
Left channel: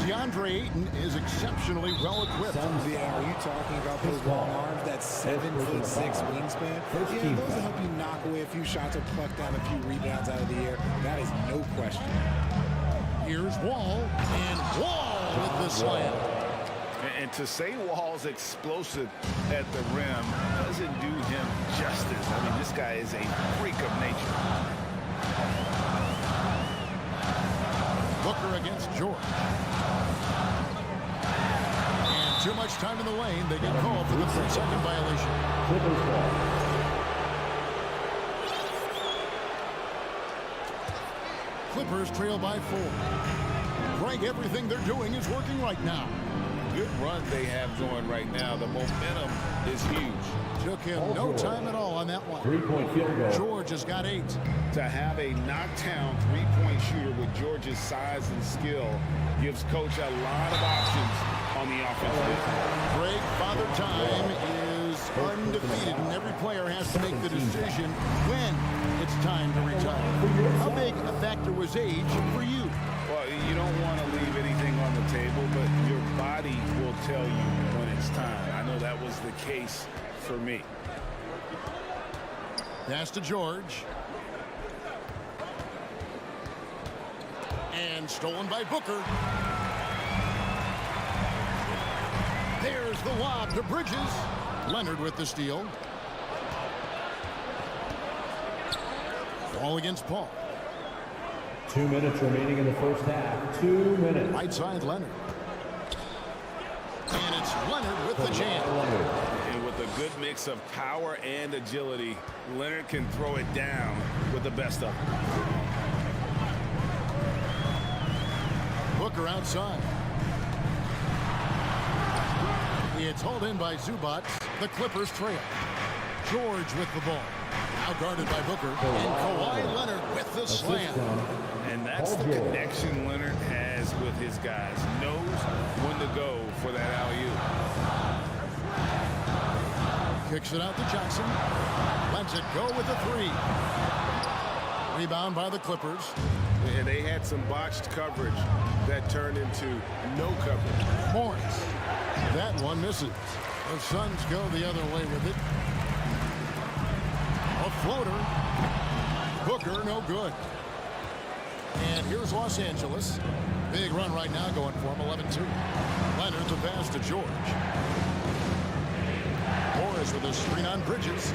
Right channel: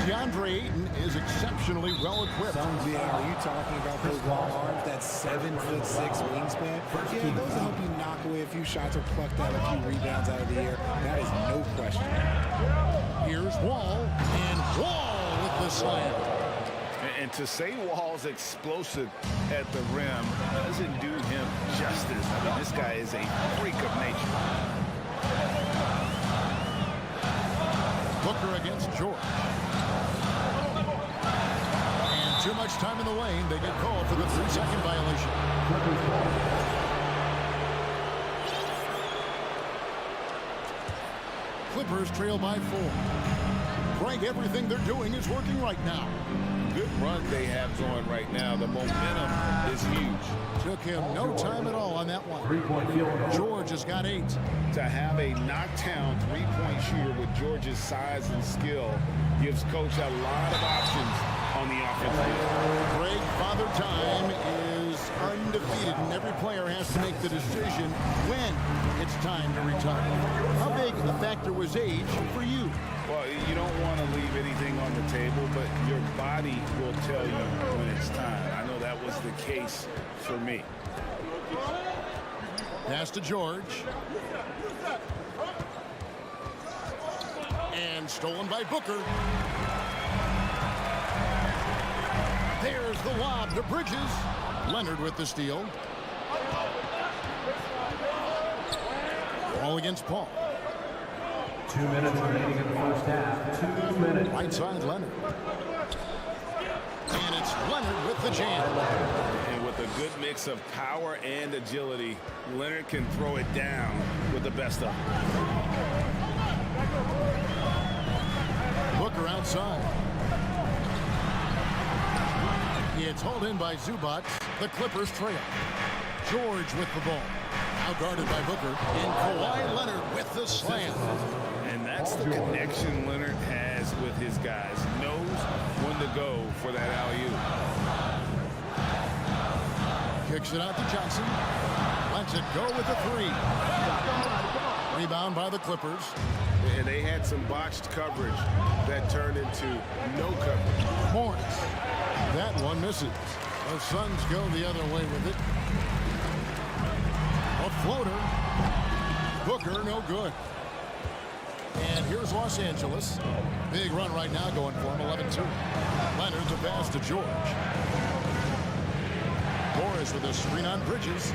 DeAndre Ayton is exceptionally well equipped. Yeah, are you talking about those long arms, that 7'6" wingspan? Yeah, those will help you knock away a few shots or pluck down a few rebounds out of the air. That is no question. Here's Wall, and Wall with the slam. And to say Wall's explosive at the rim doesn't do him justice. I mean, this guy is a freak of nature. Booker against George. And too much time in the lane. They get called for the 3-second violation. Clippers trail by 4. Greg, everything they're doing is working right now. Good run they have going right now. The momentum is huge. Took him no time at all on that one. 3-point field goal. George has got 8. To have a knockdown three-point shooter with George's size and skill gives coach a lot of options on the offensive end. Greg, Father Time is undefeated, and every player has to make the decision when it's time to retire. How big a factor was age for you? Well, you don't want to leave anything on the table, but your body will tell you when it's time. I know that was the case for me. Pass to George. And stolen by Booker. There's the lob to Bridges. Leonard with the steal. Ball against Paul. 2 minutes remaining in the first half. 2 minutes. Right side Leonard. And it's Leonard with the jam. And with a good mix of power and agility, Leonard can throw it down with the best of them. Booker outside. It's hauled in by Zubac. The Clippers trail. George with the ball. Now guarded by Booker. And Kawhi Leonard with the slam. And that's the connection Leonard has with his guys. Knows when to go for that alley-oop. Kicks it out to Johnson. Lets it go with a three. Rebound by the Clippers. And they had some botched coverage that turned into no coverage. Morris. That one misses. The Suns go the other way with it. A floater. Booker, no good. And here's Los Angeles. Big run right now going for him, 11-2. Leonard the pass to George. Morris with a screen on Bridges.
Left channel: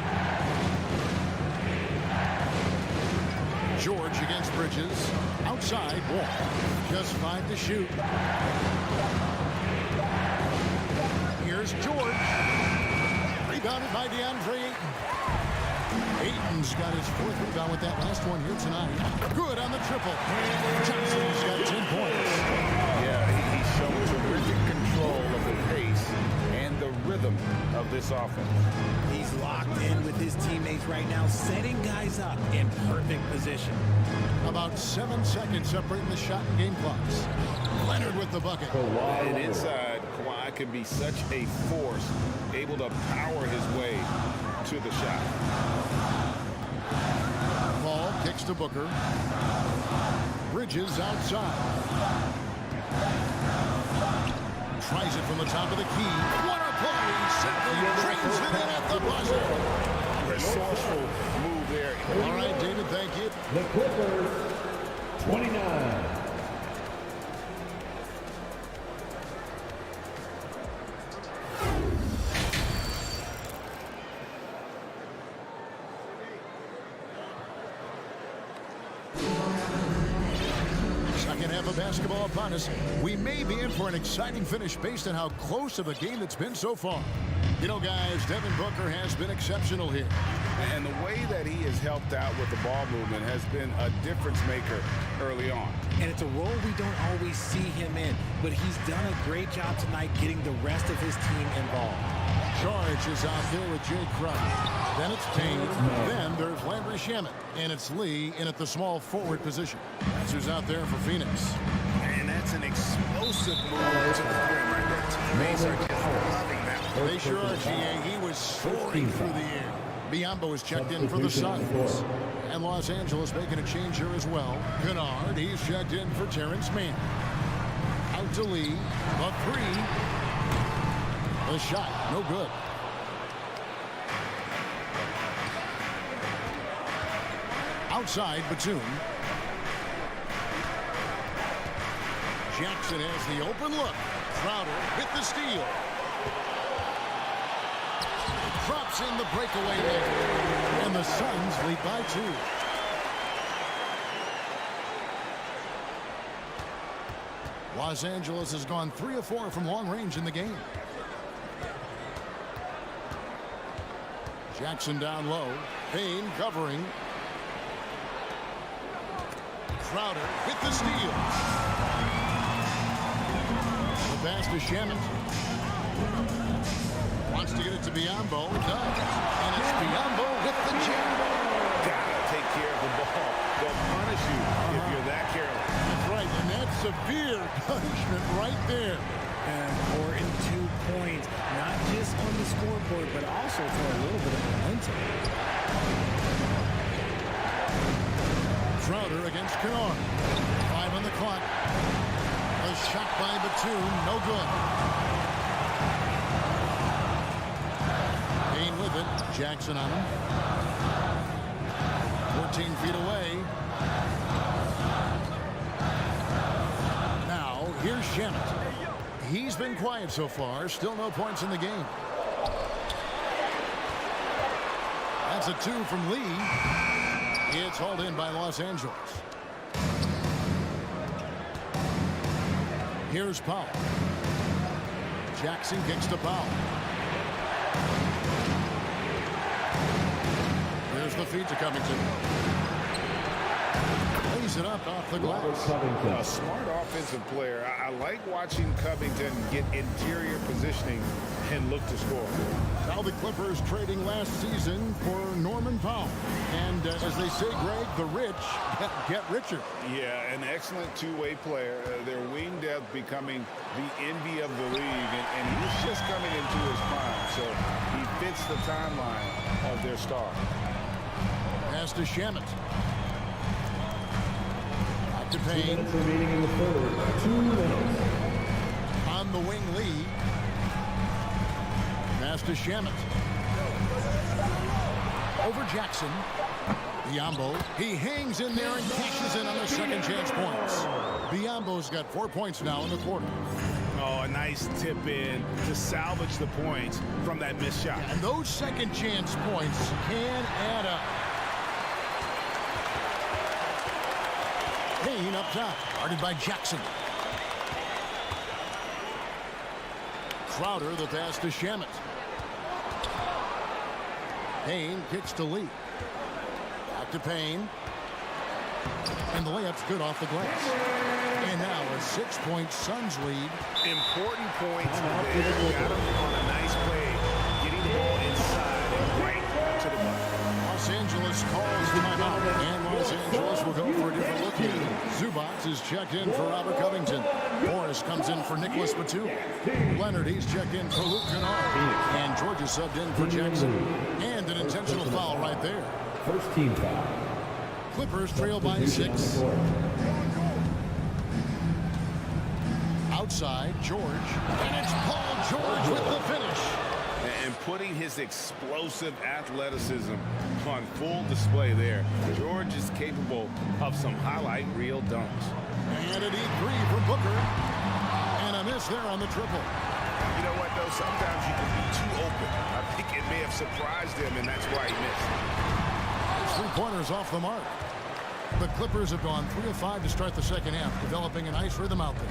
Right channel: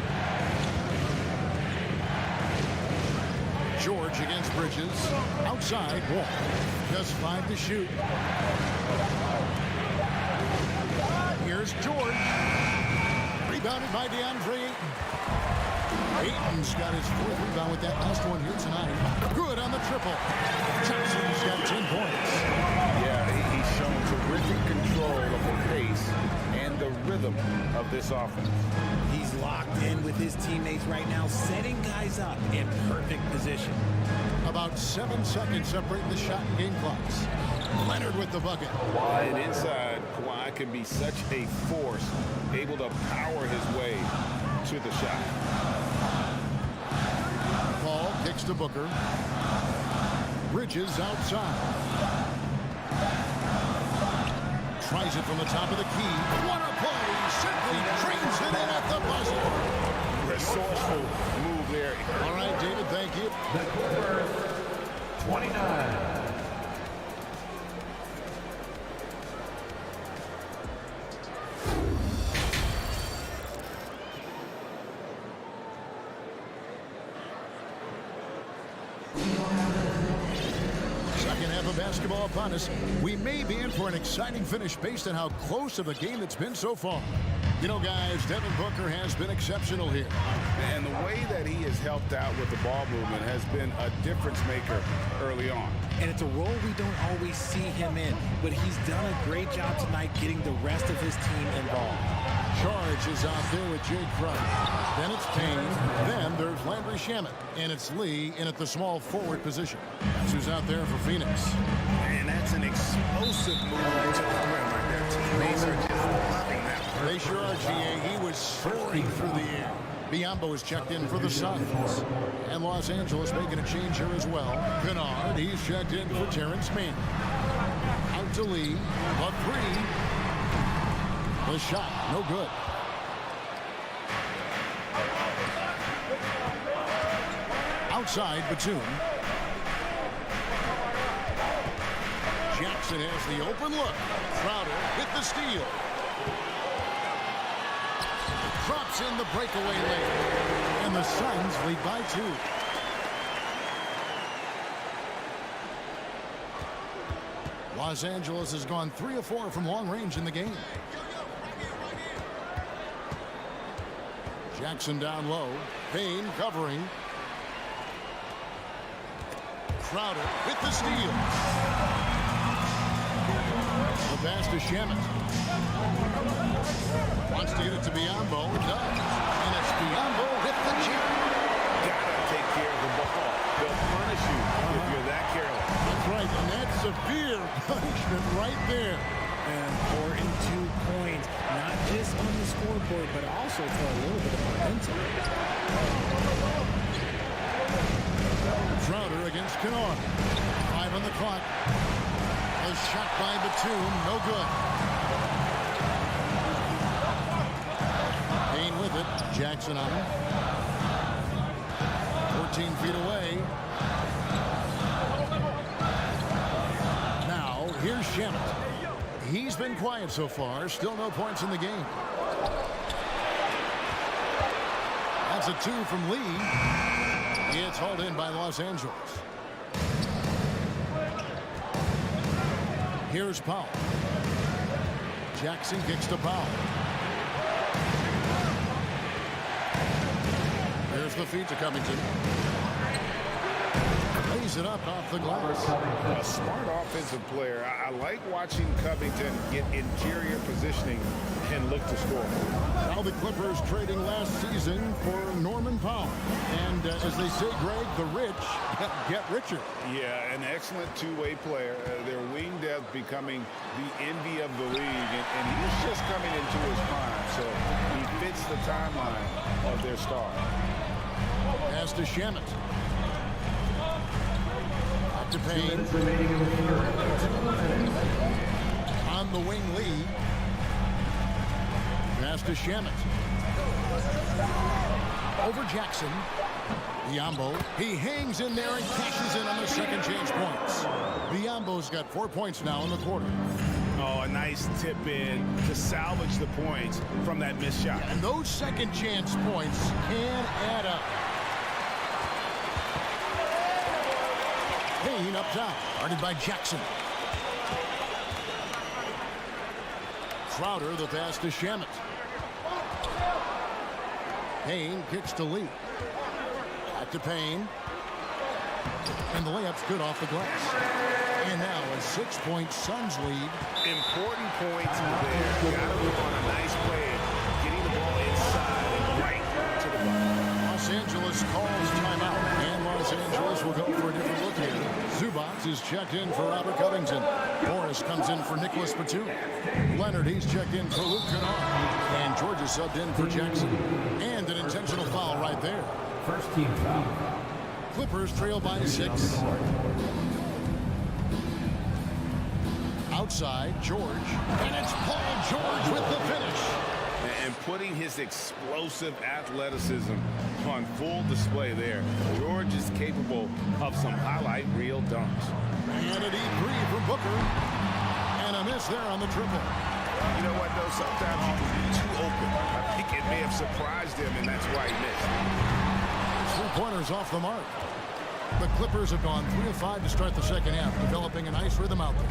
George against Bridges. Outside, Wall. Just 5 to shoot. Here's George. Rebounded by DeAndre Ayton. Ayton's got his 4th rebound with that last one here tonight. Good on the triple. Johnson's got 10 points. Yeah, he's shown terrific control of the pace and the rhythm of this offense. He's locked in with his teammates right now, setting guys up in perfect position. About 7 seconds separating the shot and game clocks. Leonard with the bucket. And inside, Kawhi can be such a force, able to power his way to the shot. Paul kicks to Booker. Bridges outside. Tries it from the top of the key. What a play! Simply trains it in at the buzzer. Resourceful move there. All right, David, thank you. The Clippers, 29. Second half of basketball upon us. We may be in for an exciting finish based on how close of a game it's been so far. You know, guys, Devin Booker has been exceptional here. And the way that he has helped out with the ball movement has been a difference maker early on. And it's a role we don't always see him in, but he's done a great job tonight getting the rest of his team involved. Charge is out there with Jay Crowder. Then it's Payne. Then there's Landry Shamet. And it's Lee in at the small forward position. That's who's out there for Phoenix. And that's an explosive move to the rim right there. Teammates are just loving that. They sure are, GA. He was soaring through the air. Biombo is checked in for the Suns. And Los Angeles making a change here as well. Kennard, he's checked in for Terrence Mann. Out to Lee. The three. The shot, no good. Outside, Batum. Jackson has the open look. Crowder with the steal. Drops in the breakaway lane. And the Suns lead by 2. Los Angeles has gone 3 of 4 from long range in the game. Jackson down low. Payne covering. Crowder with the steal. The pass to Shamet. Wants to get it to Biombo. Does. And it's Biombo with the jam. Gotta take care of the ball. They'll punish you if you're that careless. That's right, and that's severe punishment right there. An important 2 points, not just on the scoreboard, but also for a little bit of momentum. Crowder against Kennard. 5 on the clock. A shot by Batum, no good. Payne with it. Jackson on him. 14 feet away. Now, here's Shamet. He's been quiet so far. Still no points in the game. That's a 2 from Lee. It's hauled in by Los Angeles. Here's Powell. Jackson kicks to Powell. There's the feed to Covington. Lays it up off the glass. A smart offensive player. I like watching Covington get interior positioning and look to score. Now the Clippers trading last season for Norman Powell. And as they say, Greg, the rich get richer. Yeah, an excellent two-way player. Their wing depth becoming the envy of the league. And he's just coming into his prime. So he fits the timeline of their star. Pass to Shamet. Back to Payne. On the wing, Lee. Pass to Shamet. Over Jackson. Biyombo. He hangs in there and cashes in on the second chance points. Biyombo's got 4 points now in the quarter. Oh, a nice tip in to salvage the points from that missed shot. And those second chance points can add up. Payne up top, guarded by Jackson. Crowder, the pass to Shamet. Payne kicks to Lee. Back to Payne. And the layup's good off the glass. And now a 6-point Suns lead. Important points there. Got him on a nice play, getting the ball inside and right to the button. Los Angeles calls timeout, and Los Angeles will go for a different look here. Zubac is checked in for Robert Covington. Morris comes in for Nicholas Batum. Leonard, he's checked in for Luke Kennard. And George is subbed in for Jackson. And an intentional foul right there. First team foul. Clippers trail by 6. Outside, George. And it's Paul George with the finish. And putting his explosive athleticism on full display there. George is capable of some highlight reel dunks. And a deep 3 from Booker. And a miss there on the triple. You know what, though? Sometimes you can be too open. I think it may have surprised him, and that's why he missed. It's 3 pointers off the mark. The Clippers have gone 3 of 5 to start the second half, developing a nice rhythm out there.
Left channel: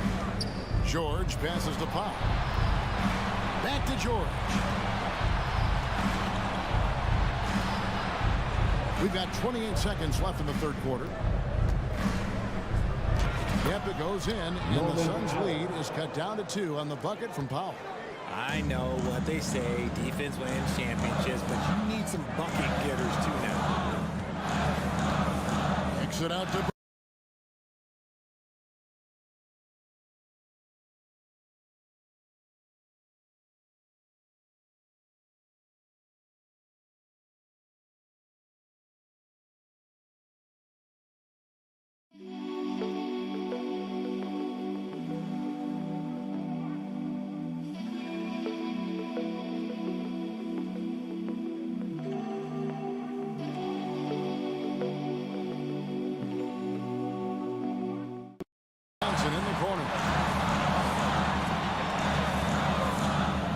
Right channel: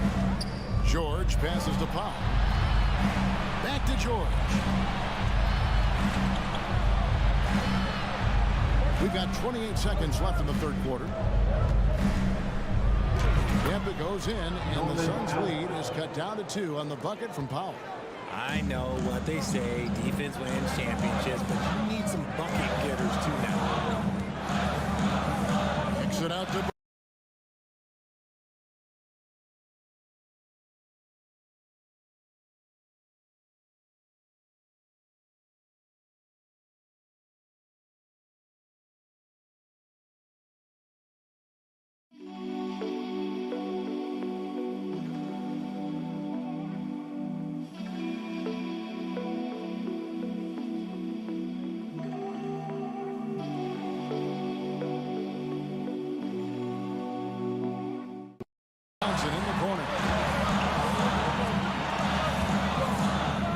George passes to Powell. Back to George. We've got 28 seconds left in the third quarter. Yep, it goes in, and the Suns' lead is cut down to 2 on the bucket from Powell. I know what they say, defense wins championships, but you need some bucket getters too now. Kicks it out to in the corner.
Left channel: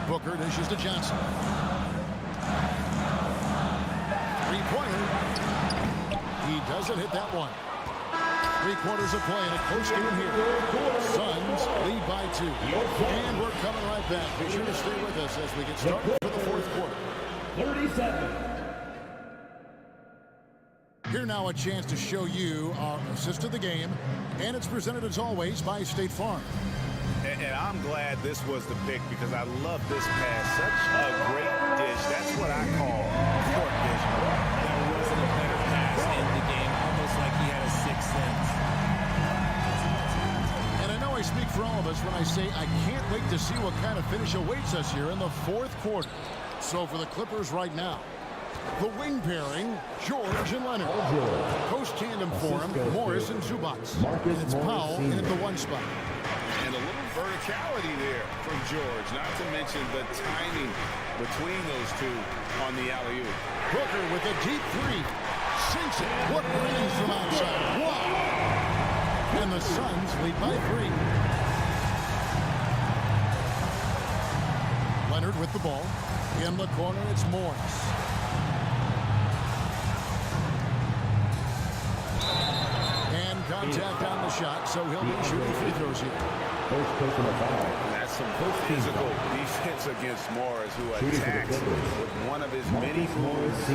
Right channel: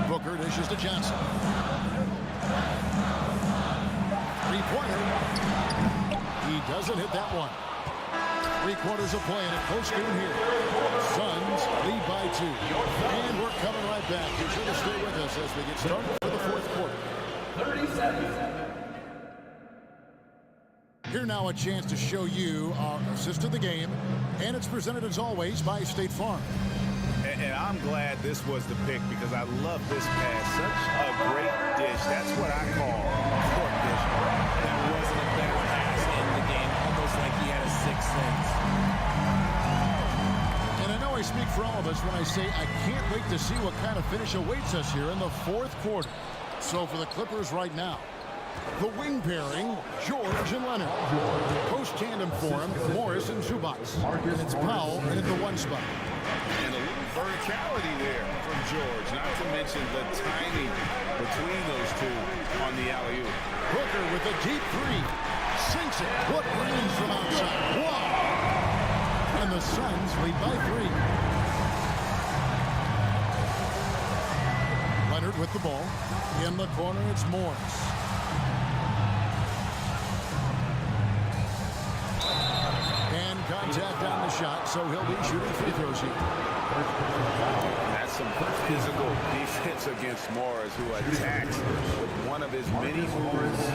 Booker dishes to Johnson. 3-pointer. He doesn't hit that one. 3 quarters of play in a close game here. Suns lead by 2. And we're coming right back. Be sure to stay with us as we get started for the fourth quarter. 30 seconds. Here now a chance to show you our assist to the game, and it's presented as always by State Farm. And I'm glad this was the pick because I love this pass. Such a great dish. That's what I call court vision. There wasn't a better pass in the game, almost like he had a sixth sense. And I know I speak for all of us when I say I can't wait to see what kind of finish awaits us here in the fourth quarter. So for the Clippers right now, the wing pairing, George and Leonard. Post tandem for him, Morris and Zubac. And it's Powell in at the one spot. And a little verticality there from George, not to mention the timing between those two on the alley-oop. Booker with a deep three. Sinks it. What range from outside. Wow. And the Suns lead by 3. Leonard with the ball. In the corner, it's Morris. And contact on the shot, so he'll be shooting free throws here. First personal foul. And that's some physical defense against Morris, who attacks with one of his many moves.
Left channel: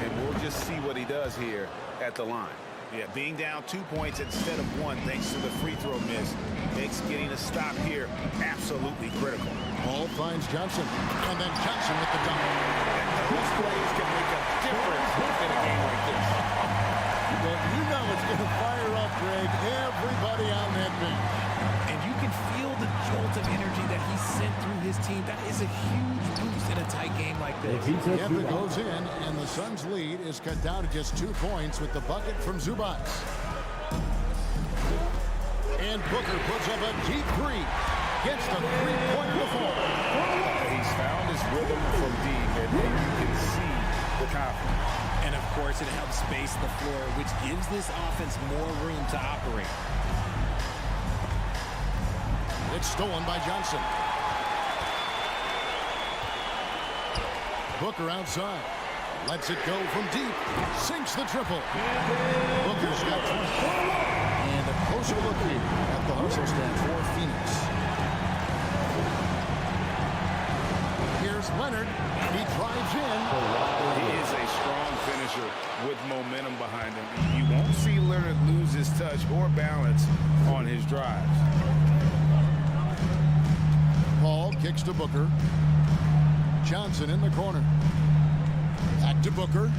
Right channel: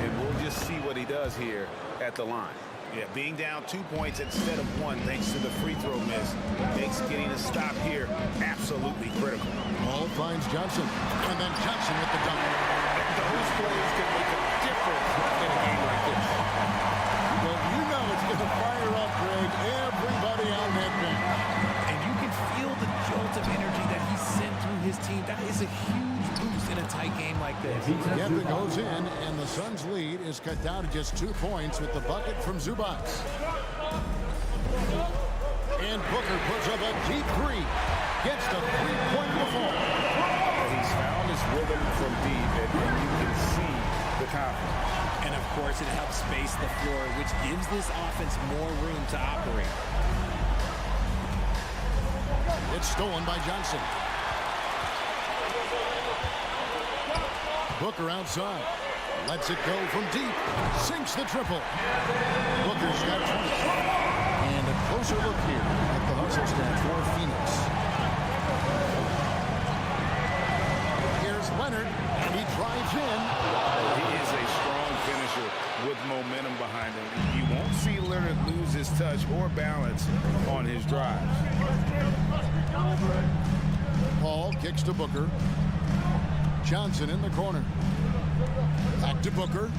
And we'll just see what he does here at the line. Yeah, being down 2 points instead of 1 thanks to the free throw miss makes getting a stop here absolutely critical. Hall finds Johnson, and then Johnson with the dunk. And those plays can make a difference in a game like this. Well, you know it's going to fire up, Greg, everybody on that bench. And you can feel the jolt of energy that he sent through his team. That is a huge boost in a tight game like this. Yep, it goes in, and the Suns' lead is cut down to just 2 points with the bucket from Zubac. And Booker puts up a deep three. Gets the three-pointer to fall. He's found his rhythm from deep, and you can see the confidence. And, of course, it helps space the floor, which gives this offense more room to operate. It's stolen by Johnson. Booker outside. Lets it go from deep. Sinks the triple. Booker's got 20. And a closer look here at the hustle stat for Phoenix. Here's Leonard, and he drives in. He is a strong finisher with momentum behind him. You won't see Leonard lose his touch or balance on his drives. Paul kicks to Booker. Johnson in the corner. Back to Booker.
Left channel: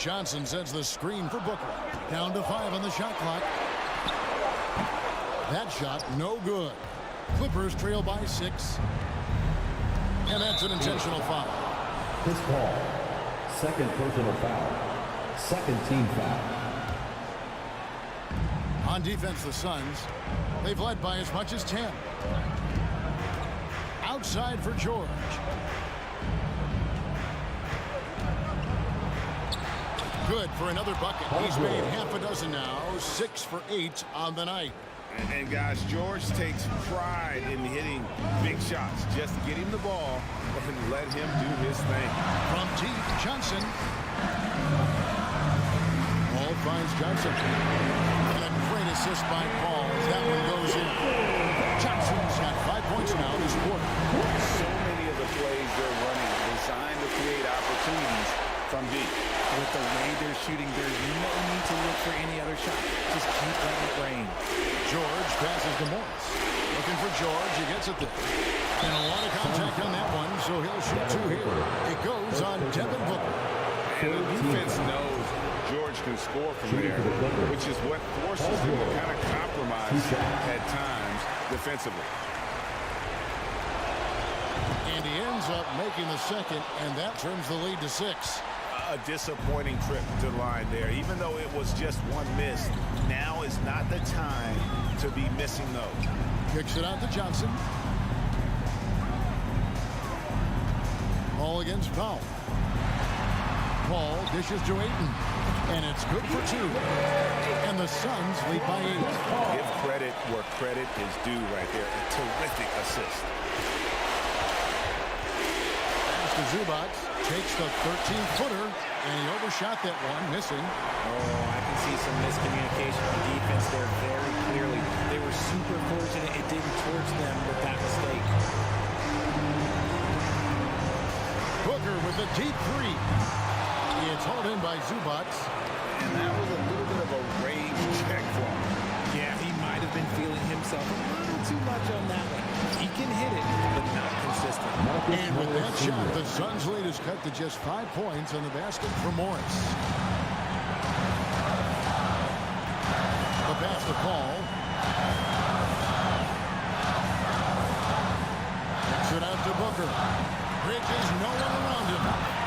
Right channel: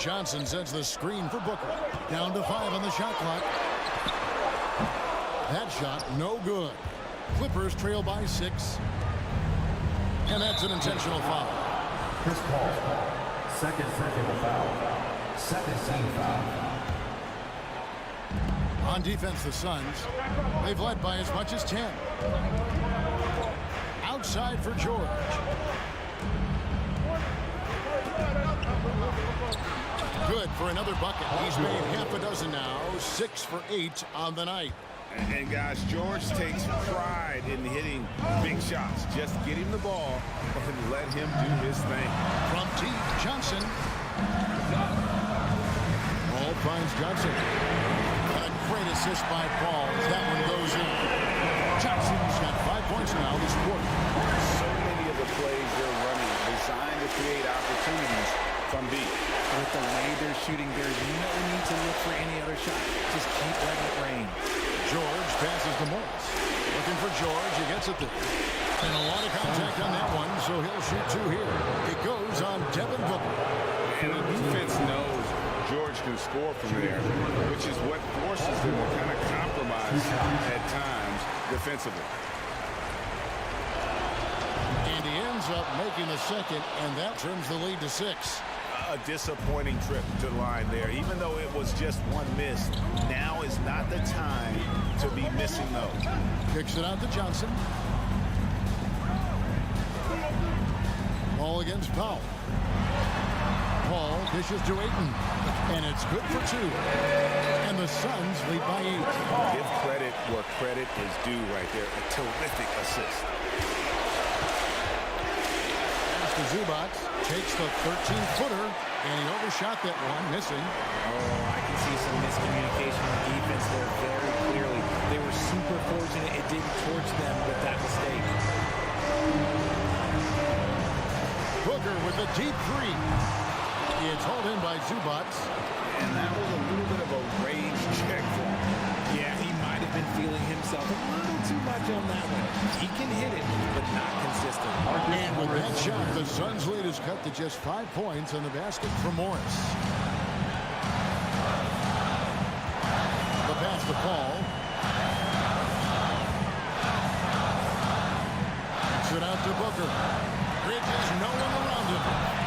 Johnson sends the screen for Booker. Down to 5 on the shot clock. That shot no good. Clippers trail by 6. And that's an intentional foul. Chris Paul, second personal foul. Second team foul. On defense, the Suns, they've led by as much as 10. Outside for George. Good for another bucket. He's made half a dozen now. 6 for 8 on the night. And guys, George takes pride in hitting big shots. Just get him the ball and let him do his thing. From deep, Johnson. Paul finds Johnson. And a great assist by Paul as that one goes in. Johnson's got 5 points now this quarter. So many of the plays they're running designed to create opportunities from deep. With the way they're shooting, there's no need to look for any other shot. Just keep letting it rain. George passes to Morris. Looking for George. He gets it there. And a lot of contact on that one, so he'll shoot 2 here. It goes on Devin Booker. And the defense knows George can score from there, which is what forces them to kind of compromise at times defensively. And he ends up making the second, and that trims the lead to 6. A disappointing trip to the line there. Even though it was just one miss, now is not the time to be missing those. Kicks it out to Johnson. Ball against Powell. Paul dishes to Ayton, and it's good for 2. And the Suns lead by 8. Give credit where credit is due right there. A terrific assist. To Zubac, takes the 13-footer, and he overshot that one, missing. Oh, I can see some miscommunication on defense there very clearly. They were super fortunate it didn't torch them with that mistake. Booker with a deep 3. It's hauled in by Zubac. And that was a little bit of a rage check for him. Yeah, he might have been feeling himself a little too much on that one. He can hit it, but not consistent. And with that shot, the Suns' lead is cut to just 5 points on the basket from Morris. the pass to Paul. Kicks it out to Booker. Bridges, no one around him.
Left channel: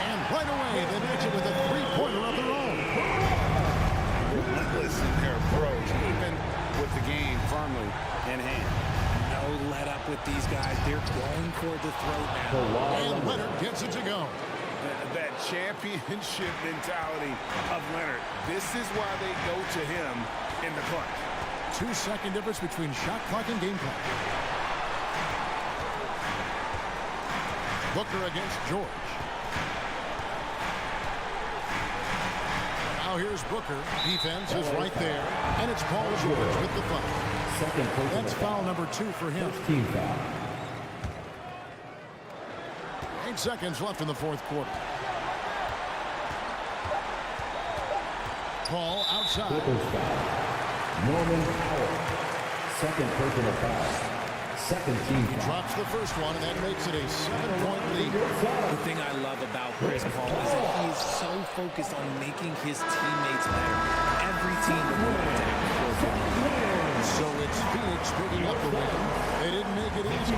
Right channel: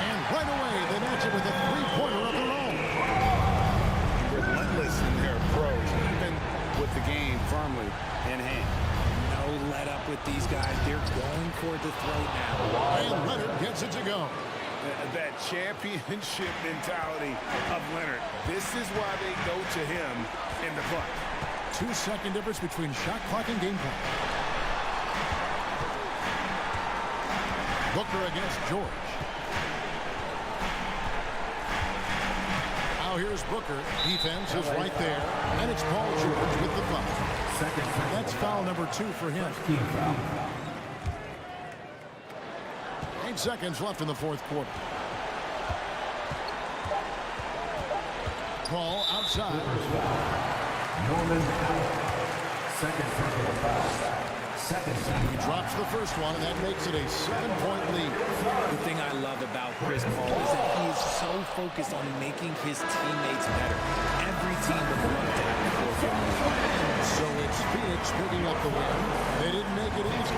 And right away, they match it with a three-pointer of their own. Relentless in their approach, even with the game firmly in hand. No let up with these guys. They're going for the throat now. And Leonard gets it to go. That championship mentality of Leonard. This is why they go to him in the clutch. 2-second difference between shot clock and game clock. Booker against George. Now here's Booker. Defense is right there. And it's Paul George with the foul. That's foul number 2 for him. Team foul. 8 seconds left in the fourth quarter. Paul outside. Clippers foul. Norman Powell. Second personal foul. Second team He drops the first one, and that makes it a 7-point lead. The thing I love about Chris Paul is that he is so focused on making his teammates better. Every team would love to have the floor generally. So it's Phoenix picking up the win. They didn't make it easy.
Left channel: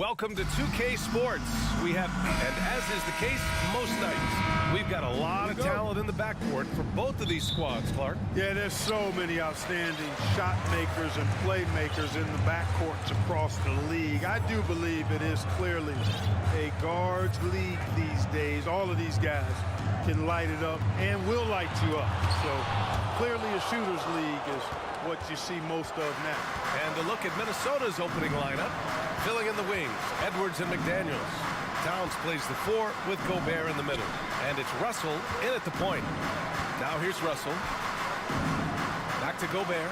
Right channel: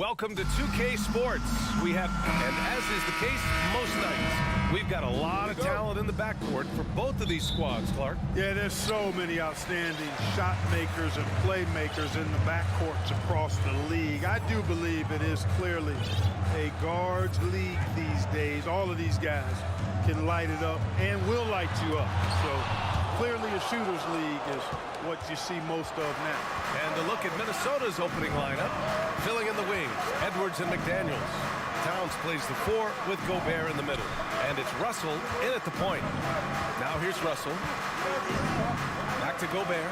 Welcome to 2K Sports. We have, and as is the case most nights, we've got a lot of talent in the backcourt for both of these squads, Clark. Yeah, there's so many outstanding shot makers and playmakers in the backcourts across the league. I do believe it is clearly a guards league these days. All of these guys can light it up and will light you up. So clearly a shooter's league is what you see most of now. And a look at Minnesota's opening lineup. Filling in the wings, Edwards and McDaniels. Towns plays the 4 with Gobert in the middle. And it's Russell in at the point. Now here's Russell. Back to Gobert.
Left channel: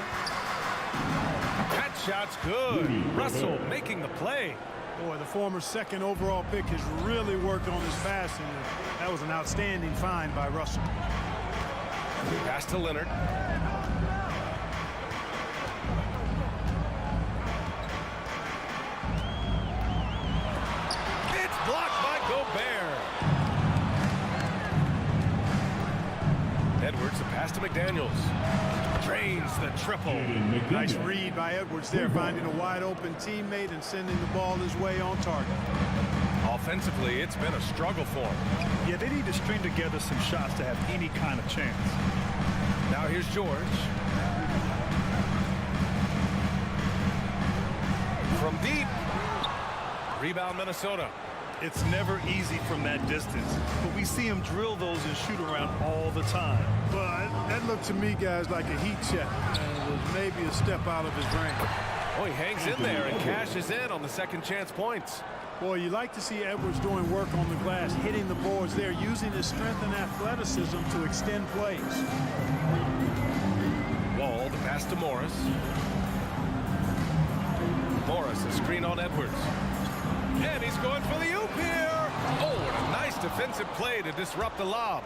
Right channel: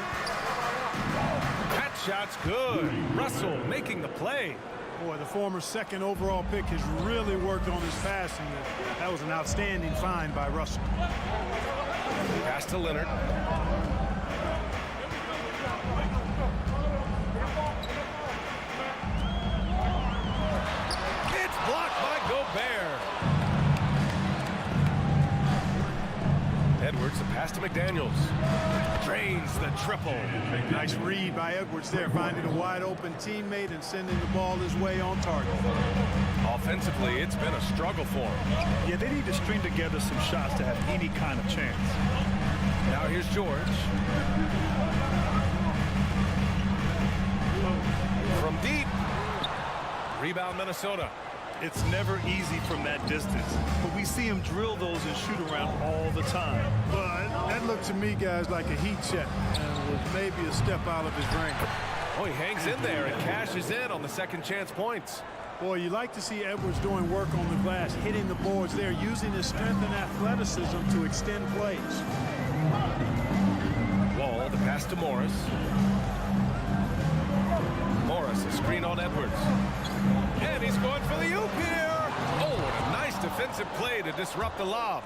That shot's good. Russell making the play. Boy, the former second overall pick has really worked on his passing. That was an outstanding find by Russell. Pass to Leonard. It's blocked by Gobert. Edwards, the pass to McDaniels. Drains the triple. Nice read by Edwards there, finding a wide open teammate and sending the ball his way on target. Offensively, it's been a struggle for him. Yeah, they need to string together some shots to have any kind of chance. Now here's George. From deep. Rebound Minnesota. It's never easy from that distance, but we see him drill those and shoot around all the time. But that looked to me, guys, like a heat check and was maybe a step out of his range. Oh, he hangs in there and cashes in on the second chance points. Boy, you like to see Edwards doing work on the glass, hitting the boards there, using his strength and athleticism to extend plays. Wall, the pass to Morris. Morris, a screen on Edwards. And he's going for the oop here. Oh, and a nice defensive play to disrupt the lob.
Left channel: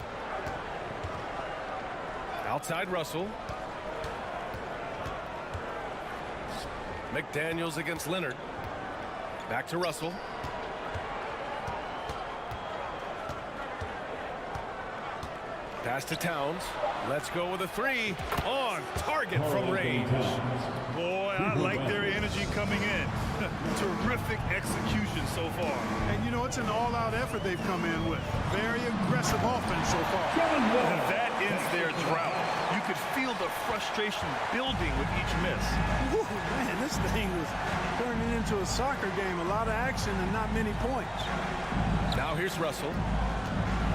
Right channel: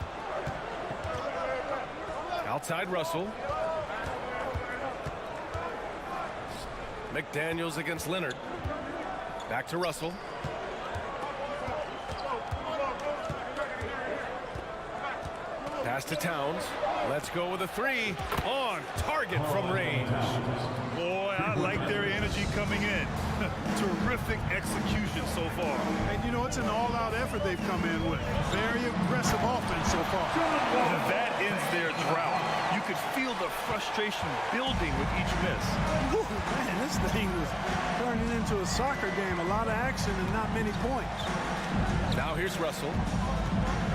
Outside Russell. McDaniels against Leonard. Back to Russell. Pass to Towns. Let's go with a 3 on target from range. Boy, I like their energy coming in. Terrific execution so far. And, you know, it's an all-out effort they've come in with. Very aggressive offense so far. And that ends their drought. You could feel the frustration building with each miss. Ooh, man, this thing was turning into a soccer game. A lot of action and not many points. Now here's Russell.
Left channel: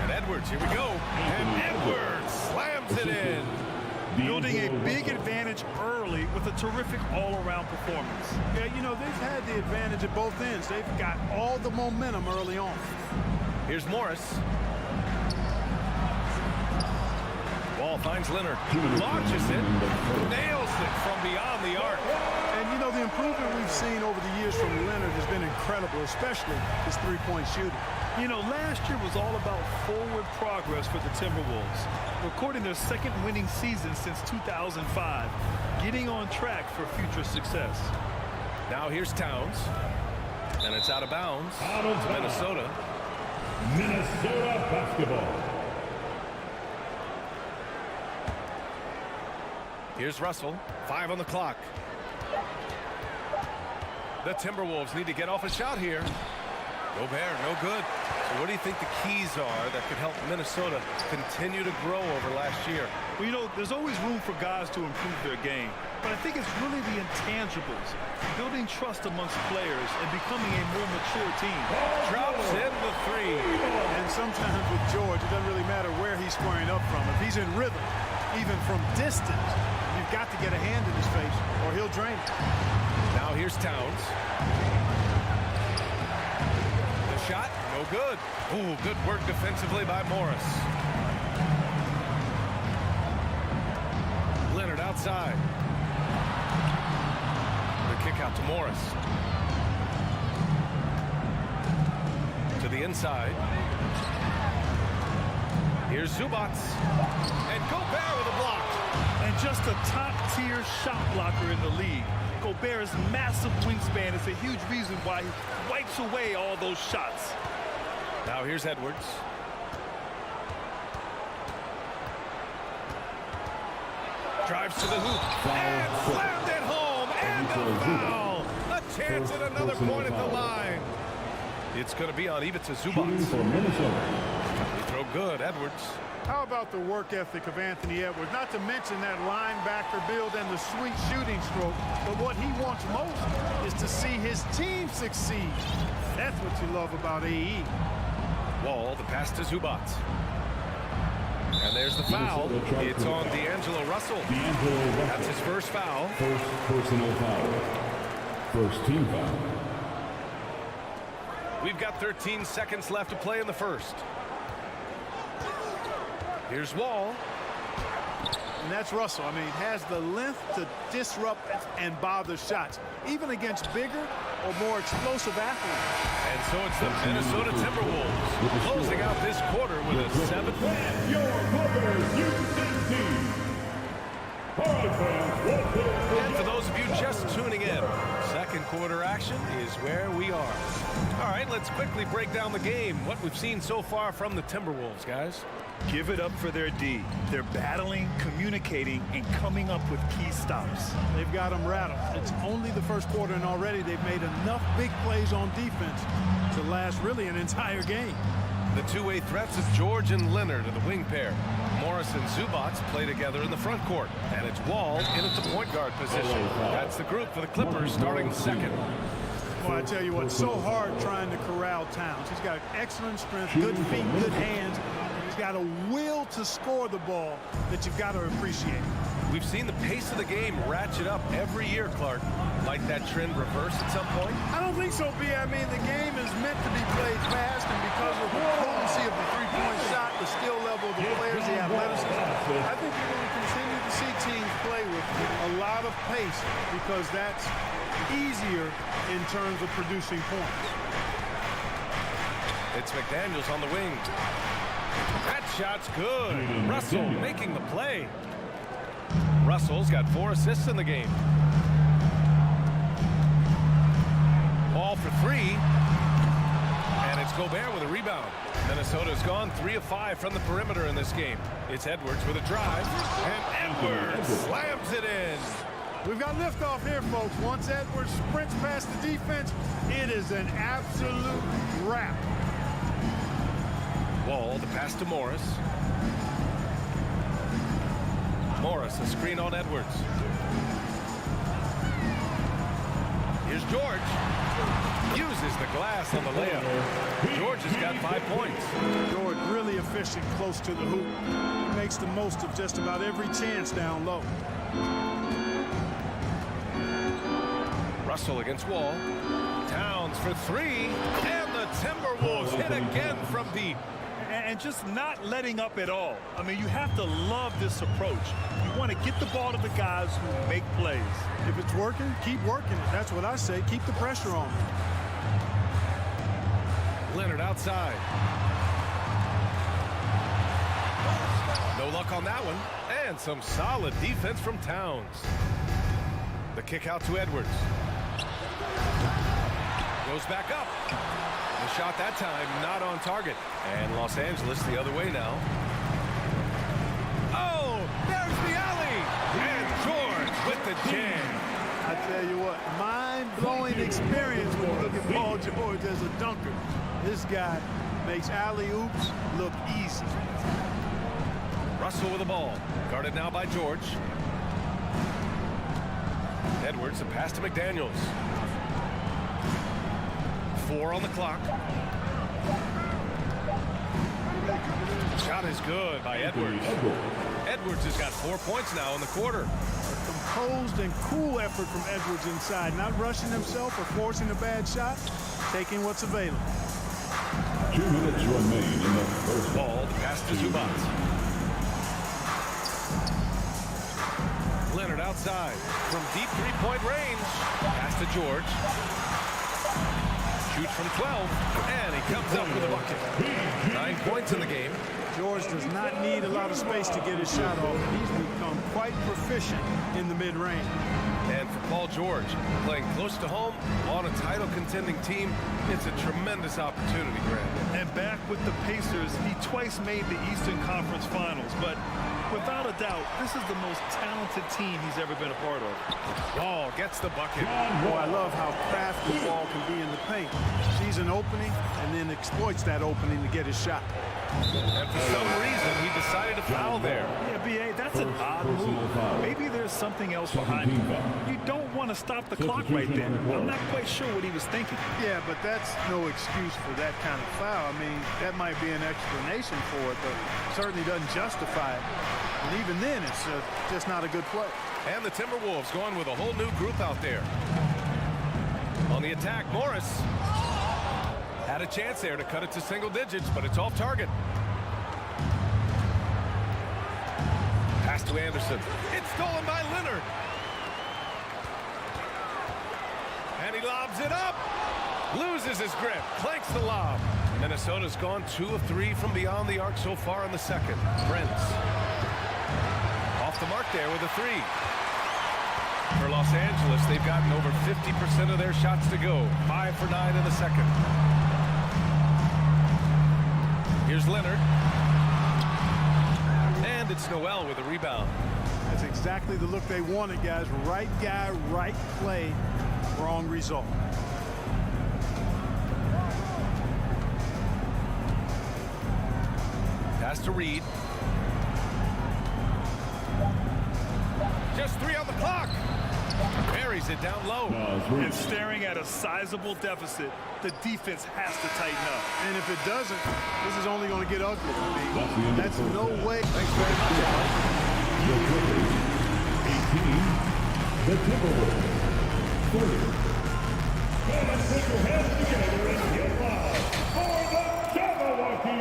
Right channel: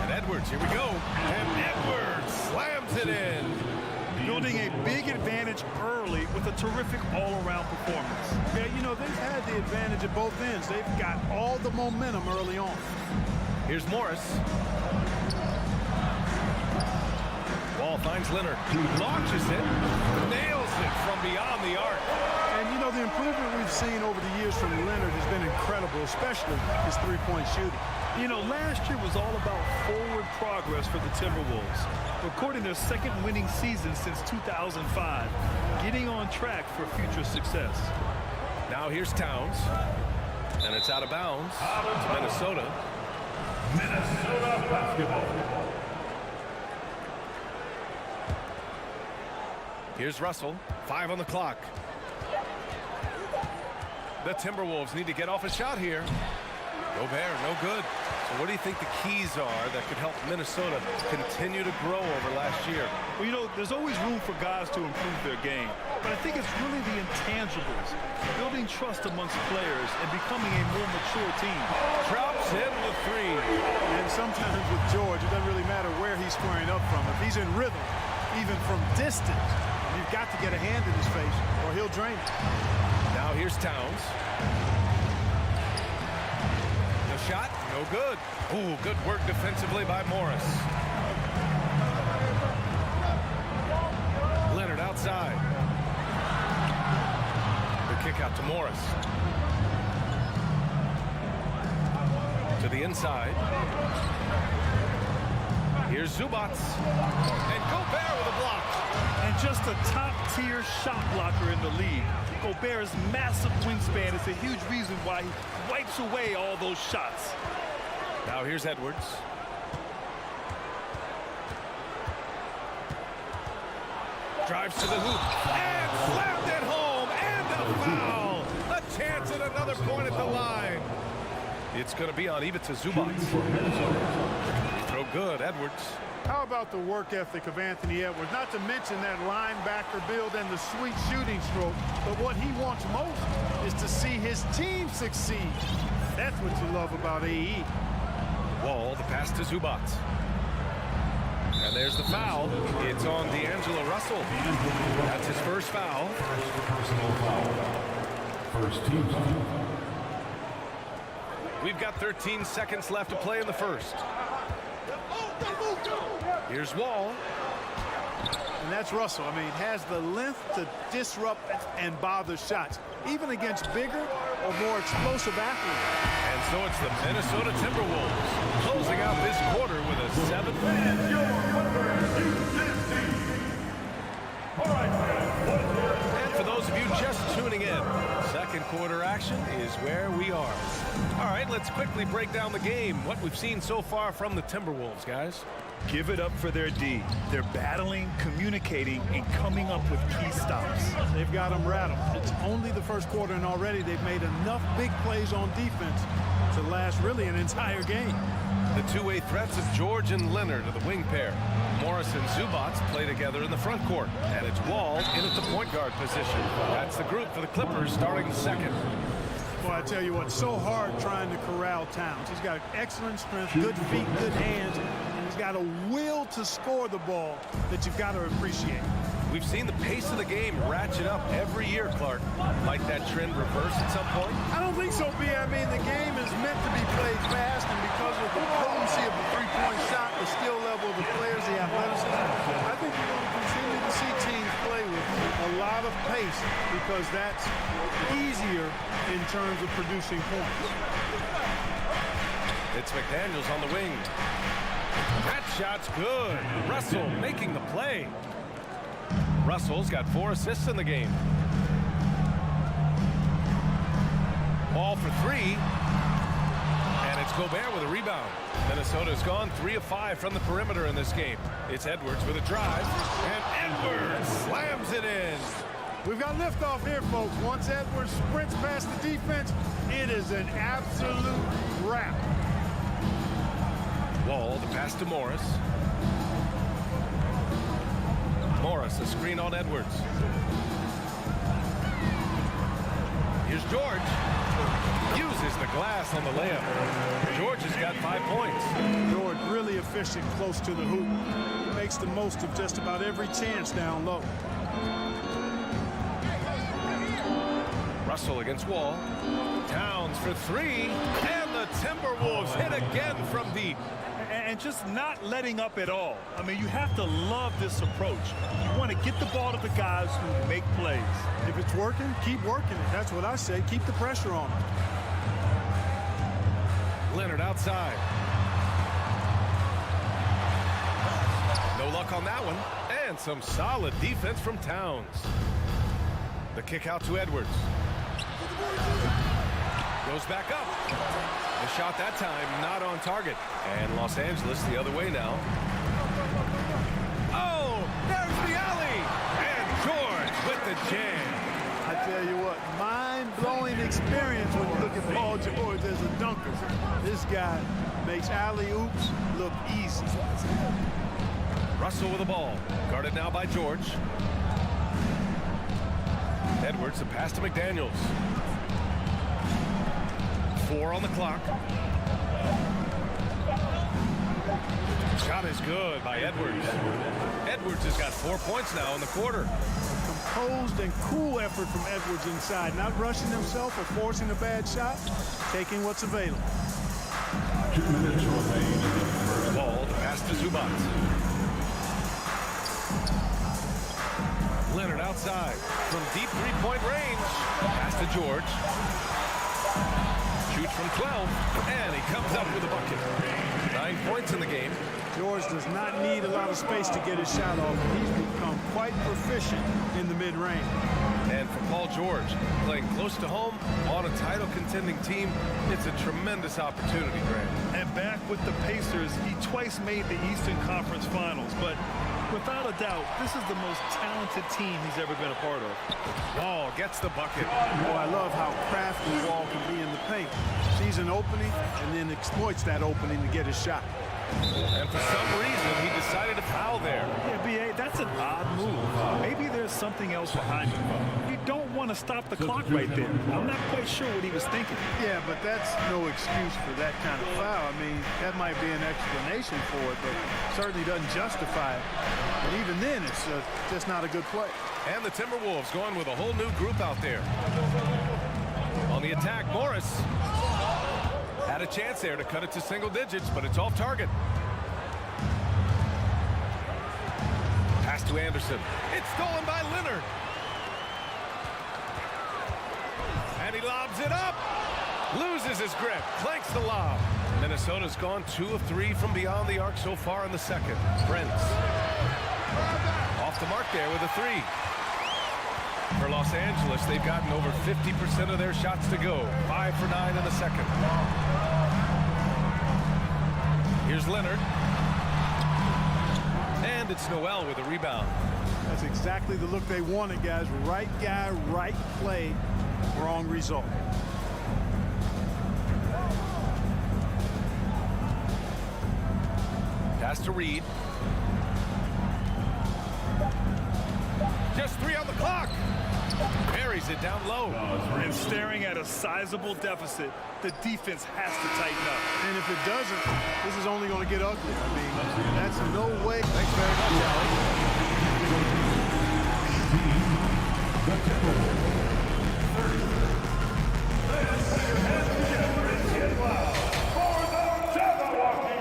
And Edwards, here we go. And Edwards slams it in. Building a big advantage early with a terrific all-around performance. Yeah, you know, they've had the advantage at both ends. They've got all the momentum early on. Here's Morris. Wall finds Leonard. Launches it. Nails it from beyond the arc. And, you know, the improvement we've seen over the years from Leonard has been incredible, especially his three-point shooting. You know, last year was all about forward progress for the Timberwolves, recording their second winning season since 2005, getting on track for future success. Now here's Towns, and it's out of bounds to Minnesota. Minnesota basketball. Here's Russell, 5 on the clock. The Timberwolves need to get off a shot here. Gobert, no good. So what do you think the keys are that could help Minnesota continue to grow over last year? Well, you know, there's always room for guys to improve their game. But I think it's really the intangibles, building trust amongst players and becoming a more mature team. Drops in the 3. And sometimes with George, it doesn't really matter where he's squaring up from. If he's in rhythm, even from distance, you've got to get a hand in his face or he'll drain it. Now here's Towns. The shot, no good. Ooh, good work defensively by Morris. Leonard outside. The kick out to Morris. To the inside. Here's Zubats. And Gobert with a block. And just a top-tier shot blocker in the league. Gobert's massive wingspan is a huge reason why he wipes away all those shots. Now here's Edwards. Drives to the hoop and slammed it home, and a foul. A chance at another point at the line. It's going to be on Ivica Zubats. He throw good, Edwards. How about the work ethic of Anthony Edwards? Not to mention that linebacker build and the sweet shooting stroke. But what he wants most is to see his team succeed. That's what you love about AE. Wall, the pass to Zubats. And there's the foul. It's on D'Angelo Russell. That's his first foul. First personal foul. First team foul. We've got 13 seconds left to play in the first. Here's Wall. And that's Russell. I mean, has the length to disrupt and bother shots, even against bigger or more explosive athletes. And so it's the Minnesota Timberwolves closing out this quarter with a 7. And for those of you just tuning in, second quarter action is where we are. All right, let's quickly break down the game. What we've seen so far from the Timberwolves, guys. Give it up for their D. They're battling, communicating, and coming up with key stops. They've got them rattled. It's only the first quarter, and already they've made enough big plays on defense to last really an entire game. The two-way threats of George and Leonard are the wing pair. Morris and Zubats play together in the front court, and it's Wall in at the point guard position. That's the group for the Clippers starting second. Boy, I tell you what, so hard trying to corral Towns. He's got excellent strength, good feet, good hands, and he's got a will to score the ball that you've got to appreciate. We've seen the pace of the game ratchet up every year, Clark. Might that trend reverse at some point? I don't think so, B. I mean, the game is meant to be played fast, and because of the potency of the three-point shot, the skill level of the players, the athleticism, I think you're going to continue to see teams play with a lot of pace because that's easier in terms of producing points. It's McDaniels on the wing. That shot's good. Russell making the play. Russell's got 4 assists in the game. Ball for 3. And it's Gobert with a rebound. Minnesota's gone 3 of 5 from the perimeter in this game. It's Edwards with a drive. And Edwards slams it in. We've got liftoff here, folks. Once Edwards sprints past the defense, it is an absolute wrap. Wall, the pass to Morris. Morris, a screen on Edwards. Here's George. Uses the glass on the layup. George has got 5 points. George really efficient close to the hoop. He makes the most of just about every chance down low. Russell against Wall. Towns for 3. And the Timberwolves hit again from deep. And just not letting up at all. I mean, you have to love this approach. You want to get the ball to the guys who make plays. If it's working, keep working it. That's what I say. Keep the pressure on him. Leonard outside. No luck on that one. And some solid defense from Towns. The kick out to Edwards. Goes back up. The shot that time not on target. And Los Angeles the other way now. Oh, there's the alley. And George with the jam. I tell you what, mind-blowing experience when you look at Paul George as a dunker. This guy makes alley-oops look easy. Russell with the ball. Guarded now by George. Edwards, the pass to McDaniels. 4 on the clock. Shot is good by Edwards. Edwards has got 4 points now in the quarter. A composed and cool effort from Edwards inside, not rushing himself or forcing a bad shot, taking what's available. 2 minutes remain in the first. Ball, the pass to Zubats. Leonard outside from deep three-point range. Pass to George. Shoots from 12, and he comes up with a bucket. 9 points in the game. George does not need a lot of space to get his shot off, and he's become quite proficient in the mid-range. And for Paul George, playing close to home on a title-contending team, it's a tremendous opportunity, Grant. And back with the Pacers, he twice made the Eastern Conference Finals, but Without a doubt, this is the most talented team he's ever been a part of. Wall gets the bucket. Oh, I love how crafty Wall can be in the paint. Sees an opening and then exploits that opening to get his shot. And for some reason, he decided to foul there. Yeah, B.A., that's an odd move. Maybe there's something else behind it. You don't want to stop the clock right there. I'm not quite sure what he was thinking. Yeah, but that's no excuse for that kind of foul. I mean, that might be an explanation for it, but certainly doesn't justify it. And even then, it's just not a good play. And the Timberwolves going with a whole new group out there. On the attack, Morris had a chance there to cut it to single digits, but it's off target. Pass to Anderson. It's stolen by Leonard. And he lobs it up. Loses his grip. Clanks the lob. Minnesota's gone 2 of 3 from beyond the arc so far in the second. Prince. Off the mark there with a 3. For Los Angeles, they've gotten over 50% of their shots to go. 5 for 9 in the second. Here's Leonard. And it's Noel with a rebound. That's exactly the look they wanted, guys. Right guy, right play, wrong result. Pass to Reed. Just 3 on the clock. Buries it down low. And staring at a sizable deficit, the defense has to tighten up. And if it doesn't, this is only going to get ugly. I mean, that's no way. Thanks very much, Allie. 18, the Timberwolves. 30. Let's put your hands together and get loud for the Jabberwocky.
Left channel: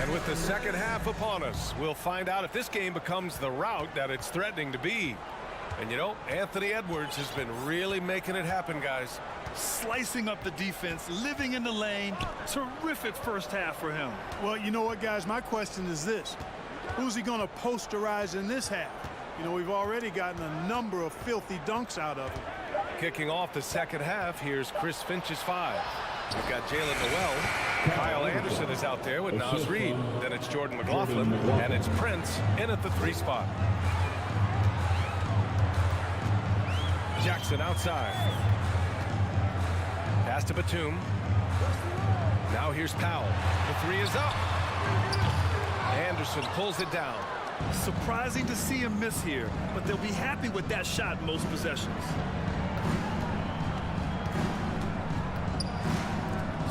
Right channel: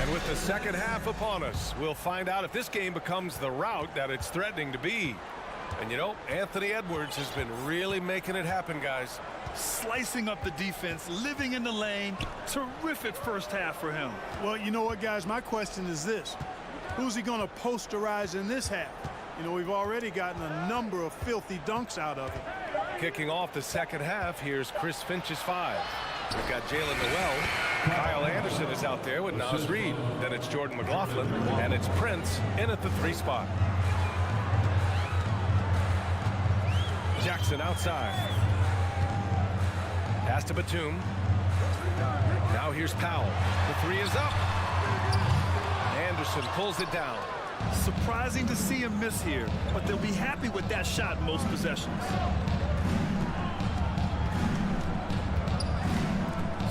And with the second half upon us, we'll find out if this game becomes the rout that it's threatening to be. And you know, Anthony Edwards has been really making it happen, guys. Slicing up the defense, living in the lane. Terrific first half for him. Well, you know what, guys? My question is this. Who's he going to posterize in this half? You know, we've already gotten a number of filthy dunks out of him. Kicking off the second half, here's Chris Finch's 5. We've got Jalen Noel. Kyle Anderson is out there with Naz Reid. Then it's Jordan McLaughlin, and it's Prince in at the 3 spot. Jackson outside. Pass to Batum. Now here's Powell. The 3 is up. Anderson pulls it down. Surprising to see him miss here, but they'll be happy with that shot most possessions.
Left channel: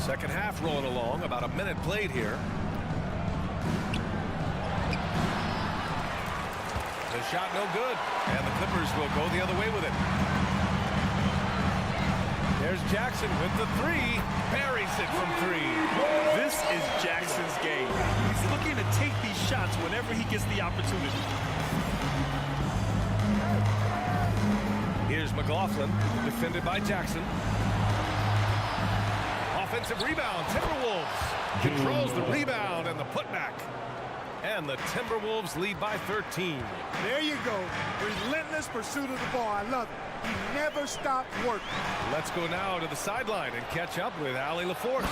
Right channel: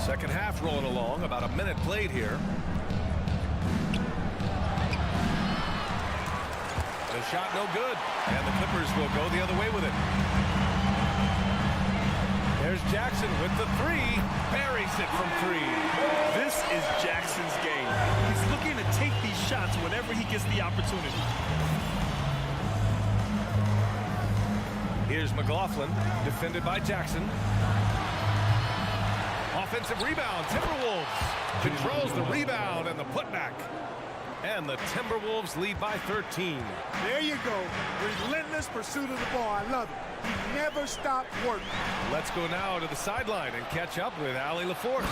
Second half rolling along, about a minute played here. The shot no good, and the Clippers will go the other way with it. There's Jackson with the 3, buries it from 3. This is Jackson's game. He's looking to take these shots whenever he gets the opportunity. Here's McLaughlin, defended by Jackson. Offensive rebound, Timberwolves controls the rebound and the putback. And the Timberwolves lead by 13. There you go. Relentless pursuit of the ball. I love it. He never stopped working. Let's go now to the sideline and catch up with Allie LaForce.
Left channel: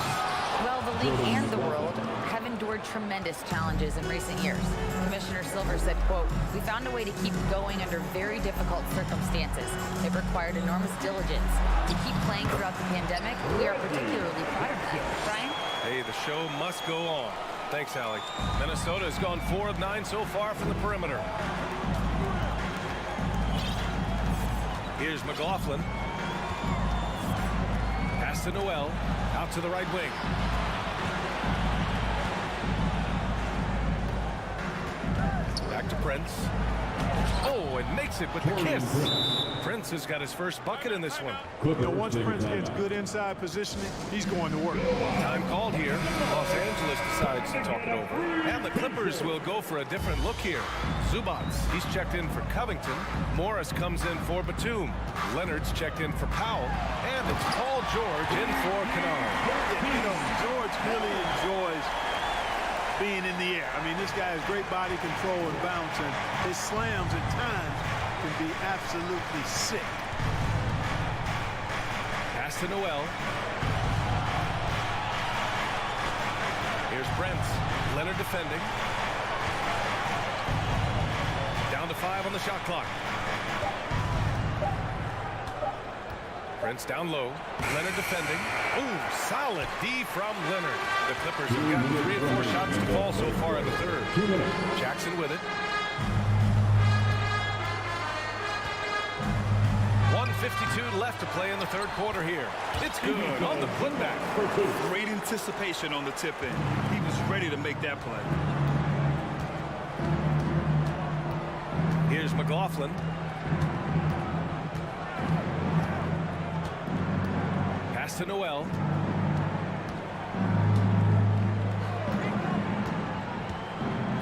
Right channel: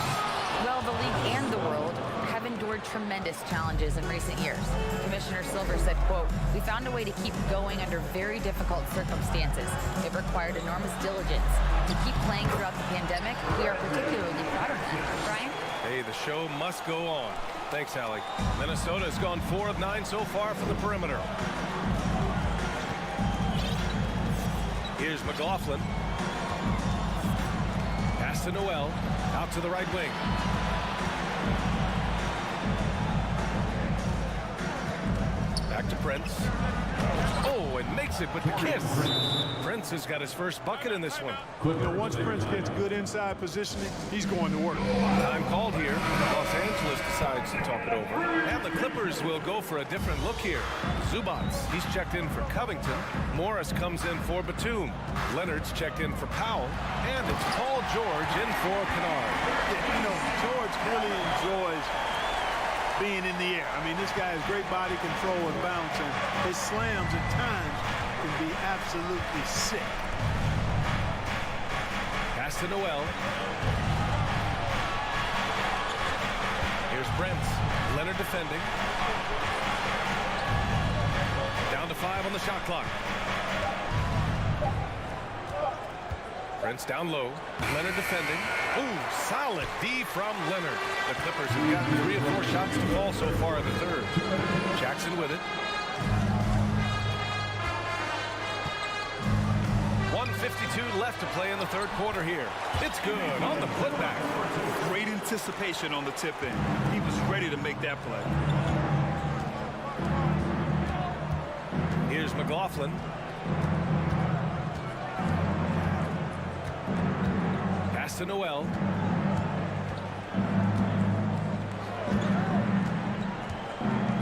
Well, the league and the world have endured tremendous challenges in recent years. Commissioner Silver said, quote, "We found a way to keep going under very difficult circumstances. It required enormous diligence. To keep playing throughout the pandemic, we are particularly proud of that." Brian? Hey, the show must go on. Thanks, Allie. Minnesota has gone 4 of 9 so far from the perimeter. Here's McLaughlin. Pass to Noel. Out to the right wing. Back to Prince. Oh, and makes it with the kiss. Prince has got his first bucket in this one. You know, once Prince gets good inside positioning, he's going to work. Time called here. Los Angeles decides to talk it over. And the Clippers will go for a different look here. Zubats, he's checked in for Covington. Morris comes in for Batum. Leonard's checked in for Powell. And it's Paul George in for Kennard. Yeah, you know, George really enjoys being in the air. I mean, this guy has great body control and bounce, and his slams at times can be absolutely sick. Pass to Noel. Here's Brent. Leonard defending. Down to 5 on the shot clock. Brent's down low. Leonard defending. Oh, solid D from Leonard. The Clippers have gotten 3 of 4 shots to fall so far in the third. Jackson with it. 1:52 left to play in the third quarter here. It's good on the putback. Great anticipation on the tip-in. He was ready to make that play. Here's McLaughlin. Pass to Noel.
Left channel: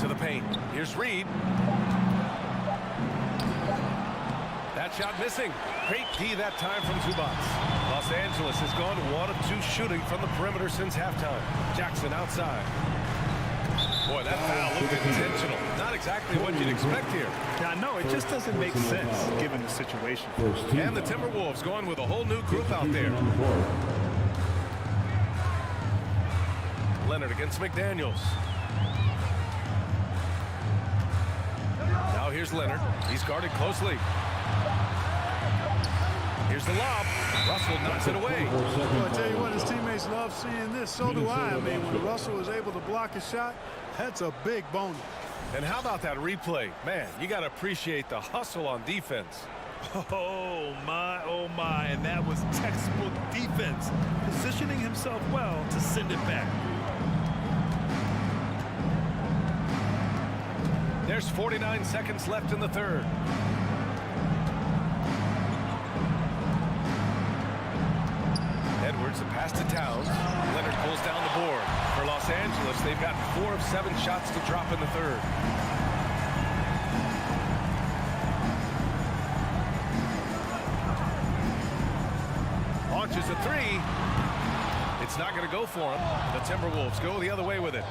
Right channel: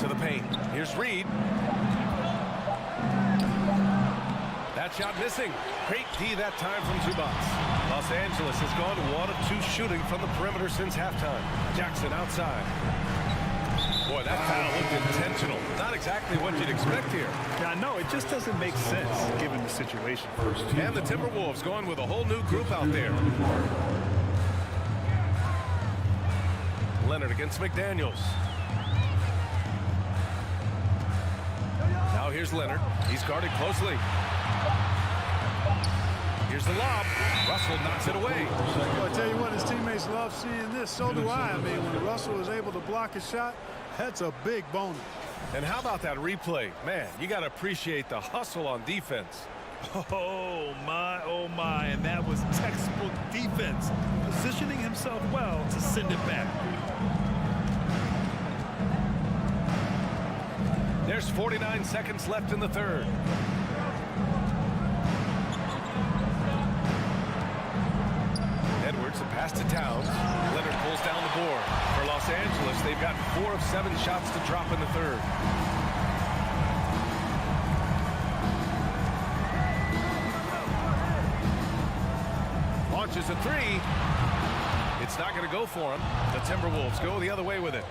To the paint. Here's Reed. That shot missing. Great D that time from Zubats. Los Angeles has gone 1 of 2 shooting from the perimeter since halftime. Jackson outside. Boy, that foul looked intentional. Not exactly what you'd expect here. Yeah, I know. It just doesn't make sense given the situation. And the Timberwolves going with a whole new group out there. Leonard against McDaniels. Now here's Leonard. He's guarded closely. Here's the lob. Russell knocks it away. Well, I tell you what, his teammates love seeing this. So do I. I mean, when Russell is able to block a shot, that's a big bonus. And how about that replay? Man, you got to appreciate the hustle on defense. Oh, my. And that was textbook defense. Positioning himself well to send it back. There's 49 seconds left in the third. Edwards, a pass to Towns. Leonard pulls down the board. For Los Angeles, they've got 4 of 7 shots to drop in the third. Launches a 3. It's not going to go for him. The Timberwolves go the other way with it.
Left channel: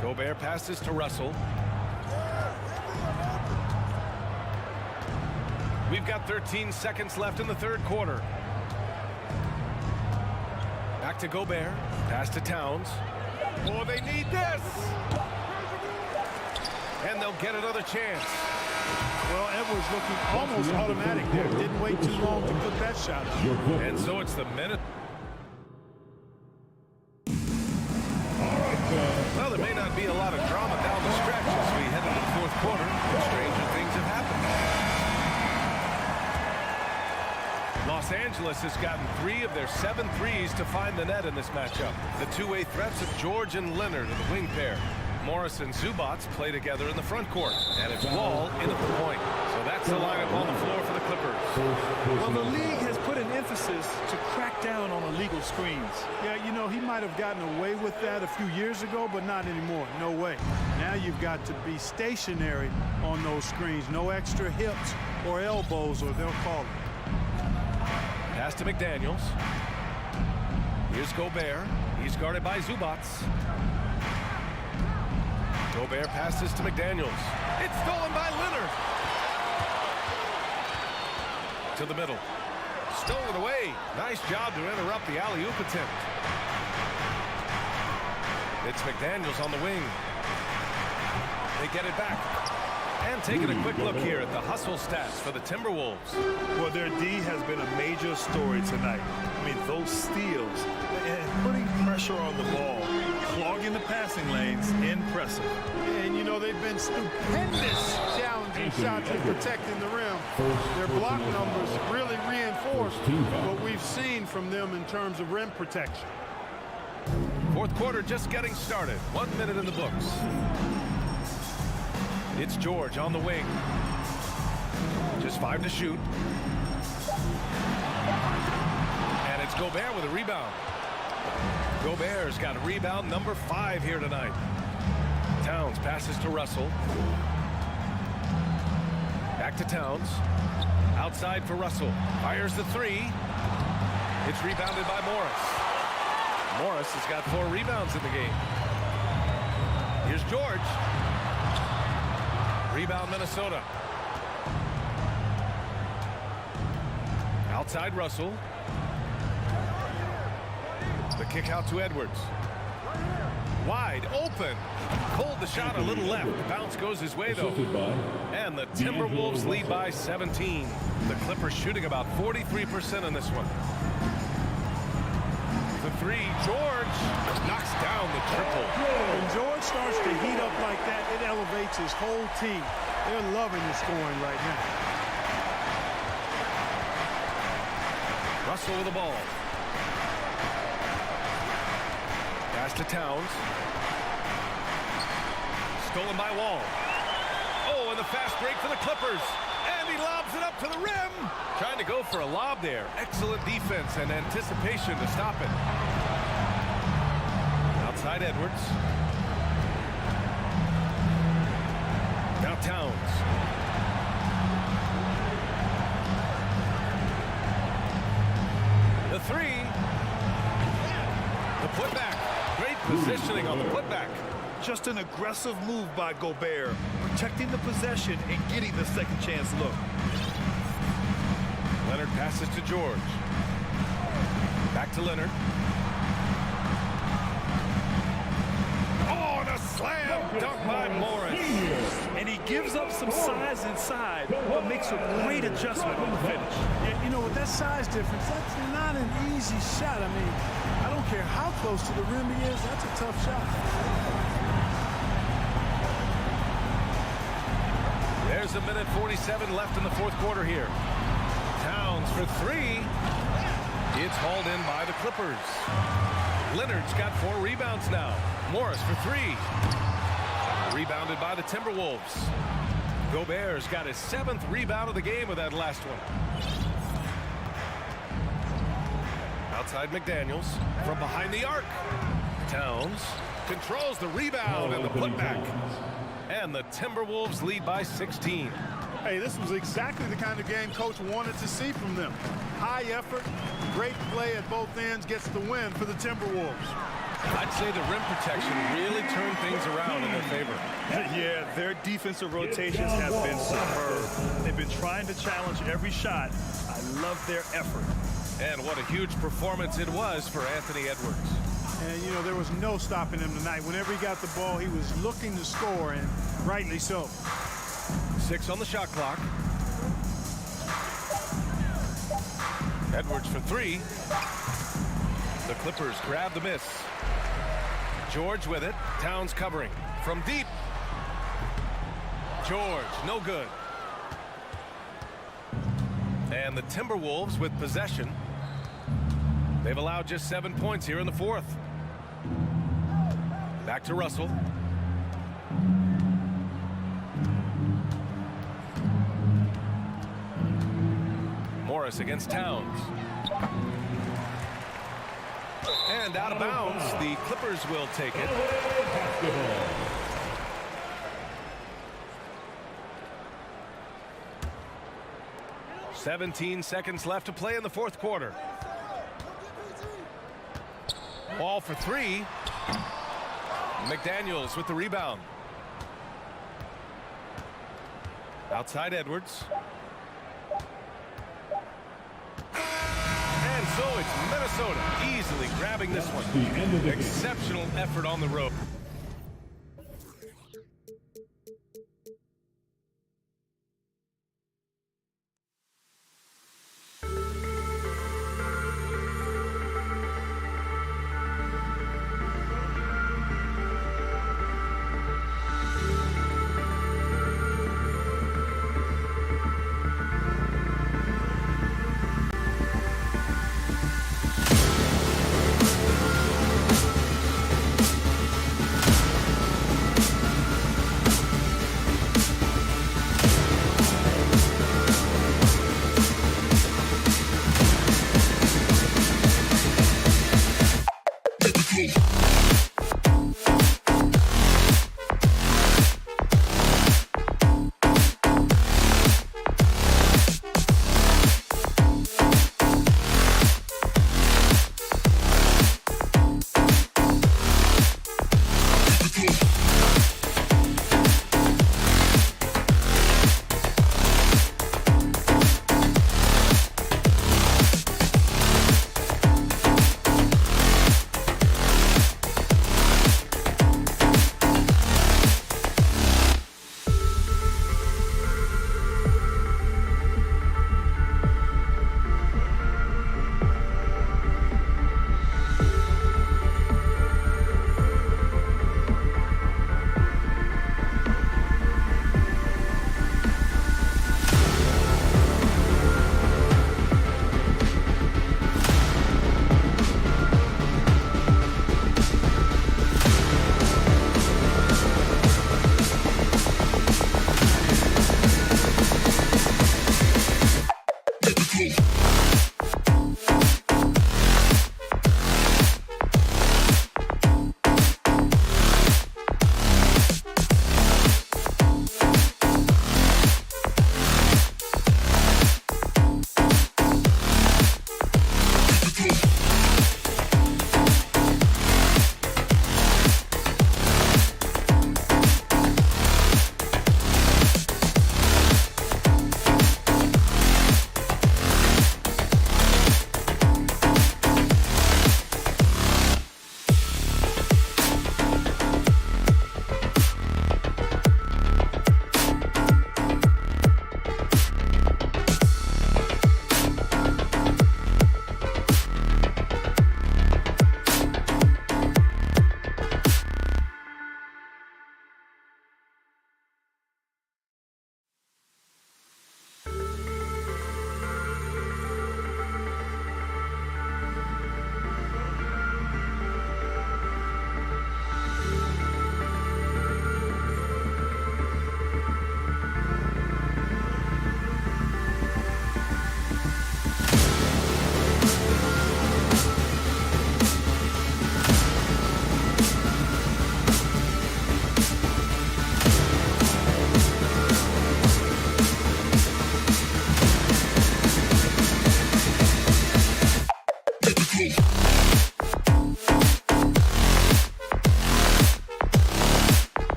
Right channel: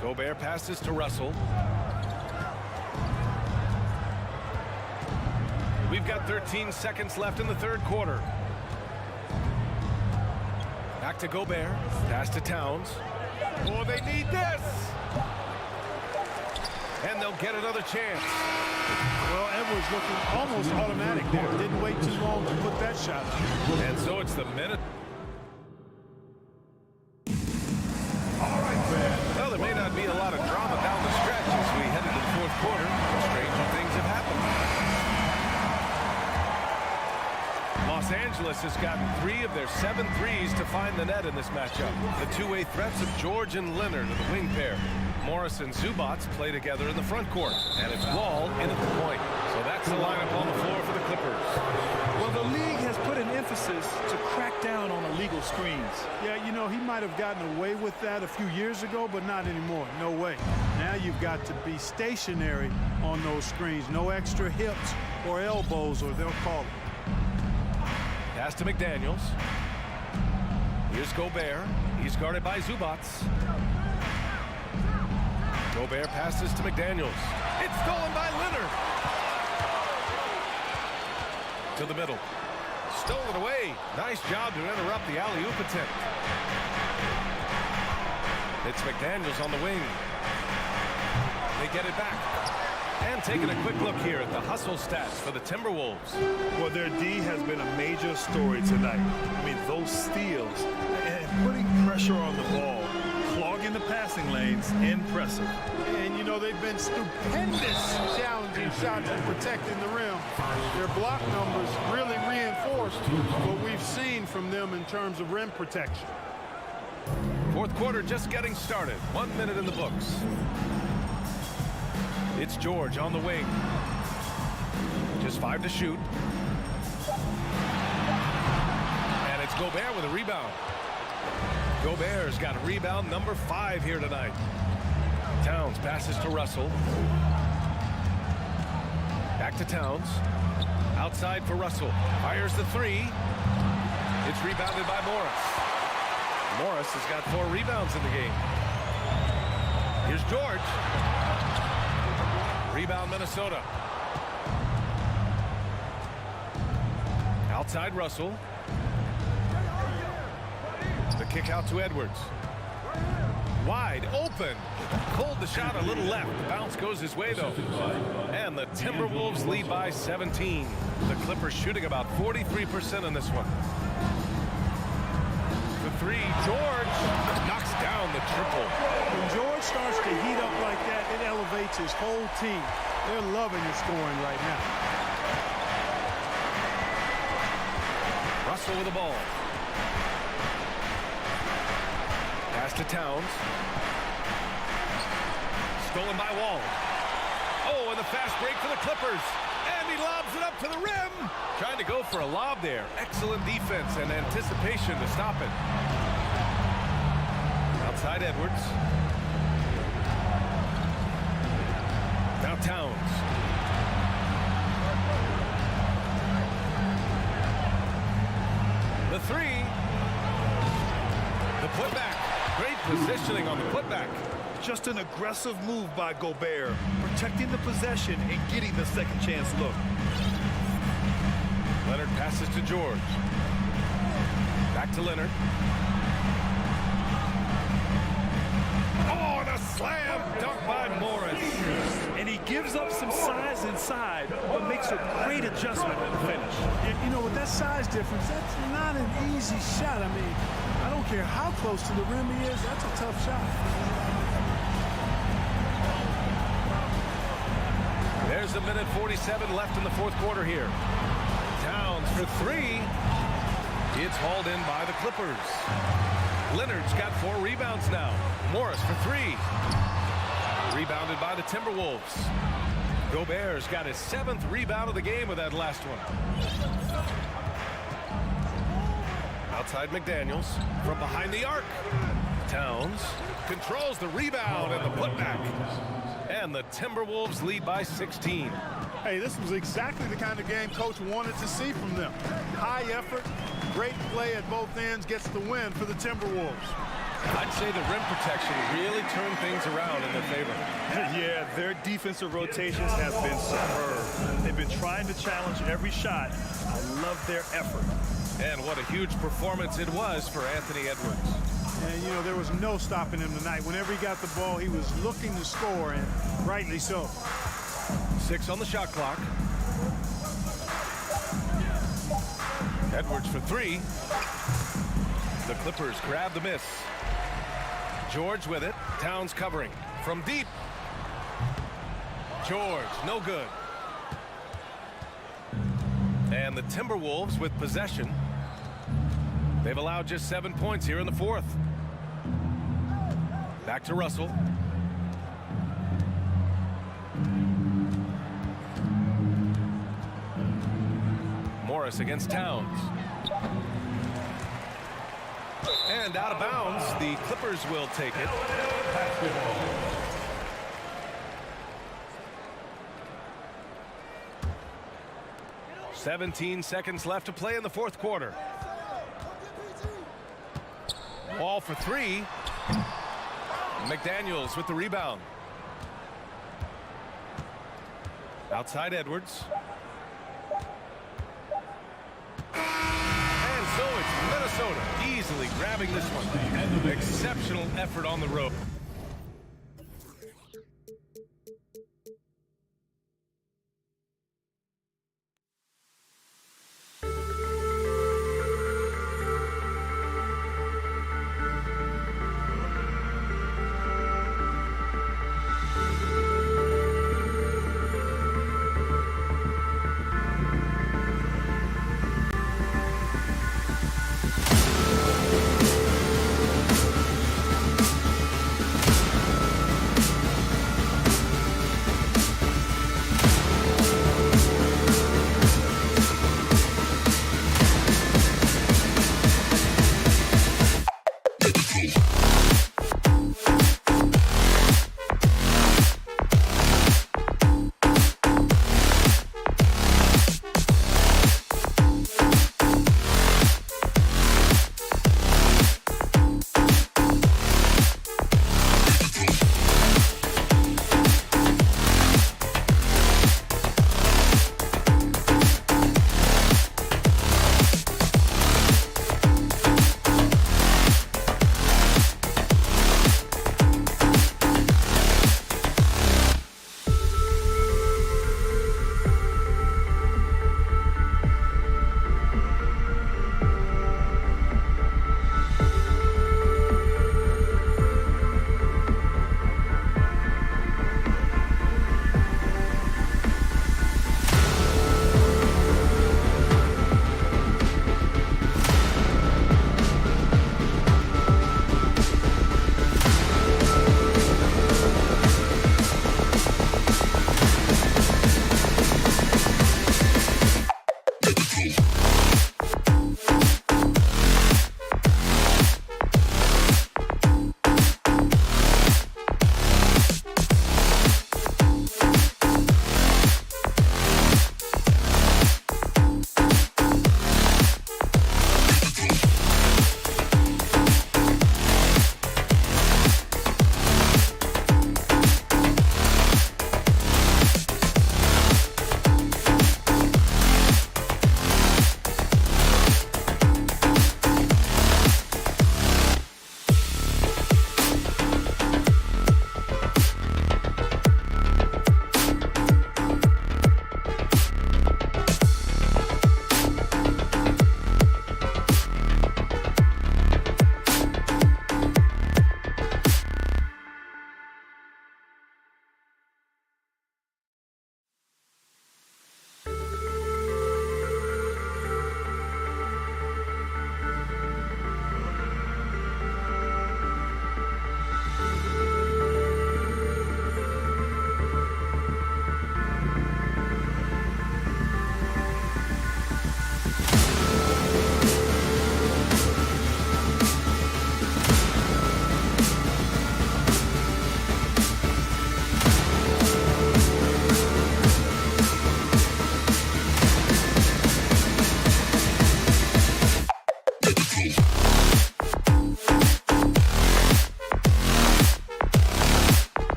Gobert passes to Russell. We've got 13 seconds left in the third quarter. Back to Gobert. Pass to Towns. Oh, they need this. And they'll get another chance. Well, Edwards looking almost automatic there. Didn't wait too long to put that shot up. And so it's the minute. Well, there may not be a lot of drama down the stretch as we head into the fourth quarter. Stranger things have happened. Los Angeles has gotten 3 of their 7 threes to find the net in this matchup. The two-way threats of George and Leonard are the wing pair. Morris and Zubats play together in the front court. And it's Wall in at the point. So that's the lineup on the floor for the Clippers. Well, the league has put an emphasis to crack down on illegal screens. Yeah, you know, he might have gotten away with that a few years ago, but not anymore. No way. Now you've got to be stationary on those screens. No extra hips or elbows, or they'll call it. Pass to McDaniels. Here's Gobert. He's guarded by Zubats. Gobert passes to McDaniels. It's stolen by Leonard. To the middle. Stolen away. Nice job to interrupt the alley-oop attempt. It's McDaniels on the wing. They get it back. And taking a quick look here at the hustle stats for the Timberwolves. Well, their D has been a major story tonight. I mean, those steals and putting pressure on the ball, clogging the passing lanes, impressive. And, you know, they've been stupendous challenging shots and protecting the rim. Their block numbers really reinforce what we've seen from them in terms of rim protection. Fourth quarter just getting started. 1 minute in the books. It's George on the wing. Just 5 to shoot. And it's Gobert with a rebound. Gobert's got a rebound number 5 here tonight. Towns passes to Russell. Back to Towns. Outside for Russell. Fires the 3. It's rebounded by Morris. Morris has got 4 rebounds in the game. Here's George. Rebound Minnesota. Outside Russell. The kick out to Edwards. Wide open. Pulled the shot a little left. The bounce goes his way, though. And the Timberwolves lead by 17. The Clippers shooting about 43% in this one. The three, George knocks down the triple. When George starts to heat up like that, it elevates his whole team. They're loving the scoring right now. Russell with the ball. Pass to Towns. Stolen by Wall. Oh, and the fast break for the Clippers. And he lobs it up to the rim. Trying to go for a lob there. Excellent defense and anticipation to stop it. Outside Edwards. Now Towns. The three. The putback. Great positioning on the putback. Just an aggressive move by Gobert, protecting the possession and getting the second chance look. Leonard passes to George. Back to Leonard. Oh, and a slam dunk by Morris. And he gives up some size inside, but makes a great adjustment on the finish. You know, with that size difference, that's not an easy shot. I mean, I don't care how close to the rim he is, that's a tough shot. There's a minute 47 left in the fourth quarter here. Towns for three. It's hauled in by the Clippers. Leonard's got 4 rebounds now. Morris for three. Rebounded by the Timberwolves. Gobert's got his 7th rebound of the game with that last one. Outside McDaniels from behind the arc. Towns controls the rebound and the putback. And the Timberwolves lead by 16. Hey, this was exactly the kind of game Coach wanted to see from them. High effort, great play at both ends, gets the win for the Timberwolves. I'd say the rim protection really turned things around in their favor. Yeah, their defensive rotations have been superb. They've been trying to challenge every shot. I love their effort. And what a huge performance it was for Anthony Edwards. And, you know, there was no stopping him tonight. Whenever he got the ball, he was looking to score, and rightly so. 6 on the shot clock. Edwards for three. The Clippers grab the miss. George with it. Towns covering from deep. George, no good. And the Timberwolves with possession. They've allowed just 7 points here in the fourth. Back to Russell. Morris against Towns. And out of bounds, the Clippers will take it. 17 seconds left to play in the fourth quarter. Ball for three. McDaniels with the rebound. Outside Edwards. And so it's Minnesota easily grabbing this one. Exceptional effort on the road.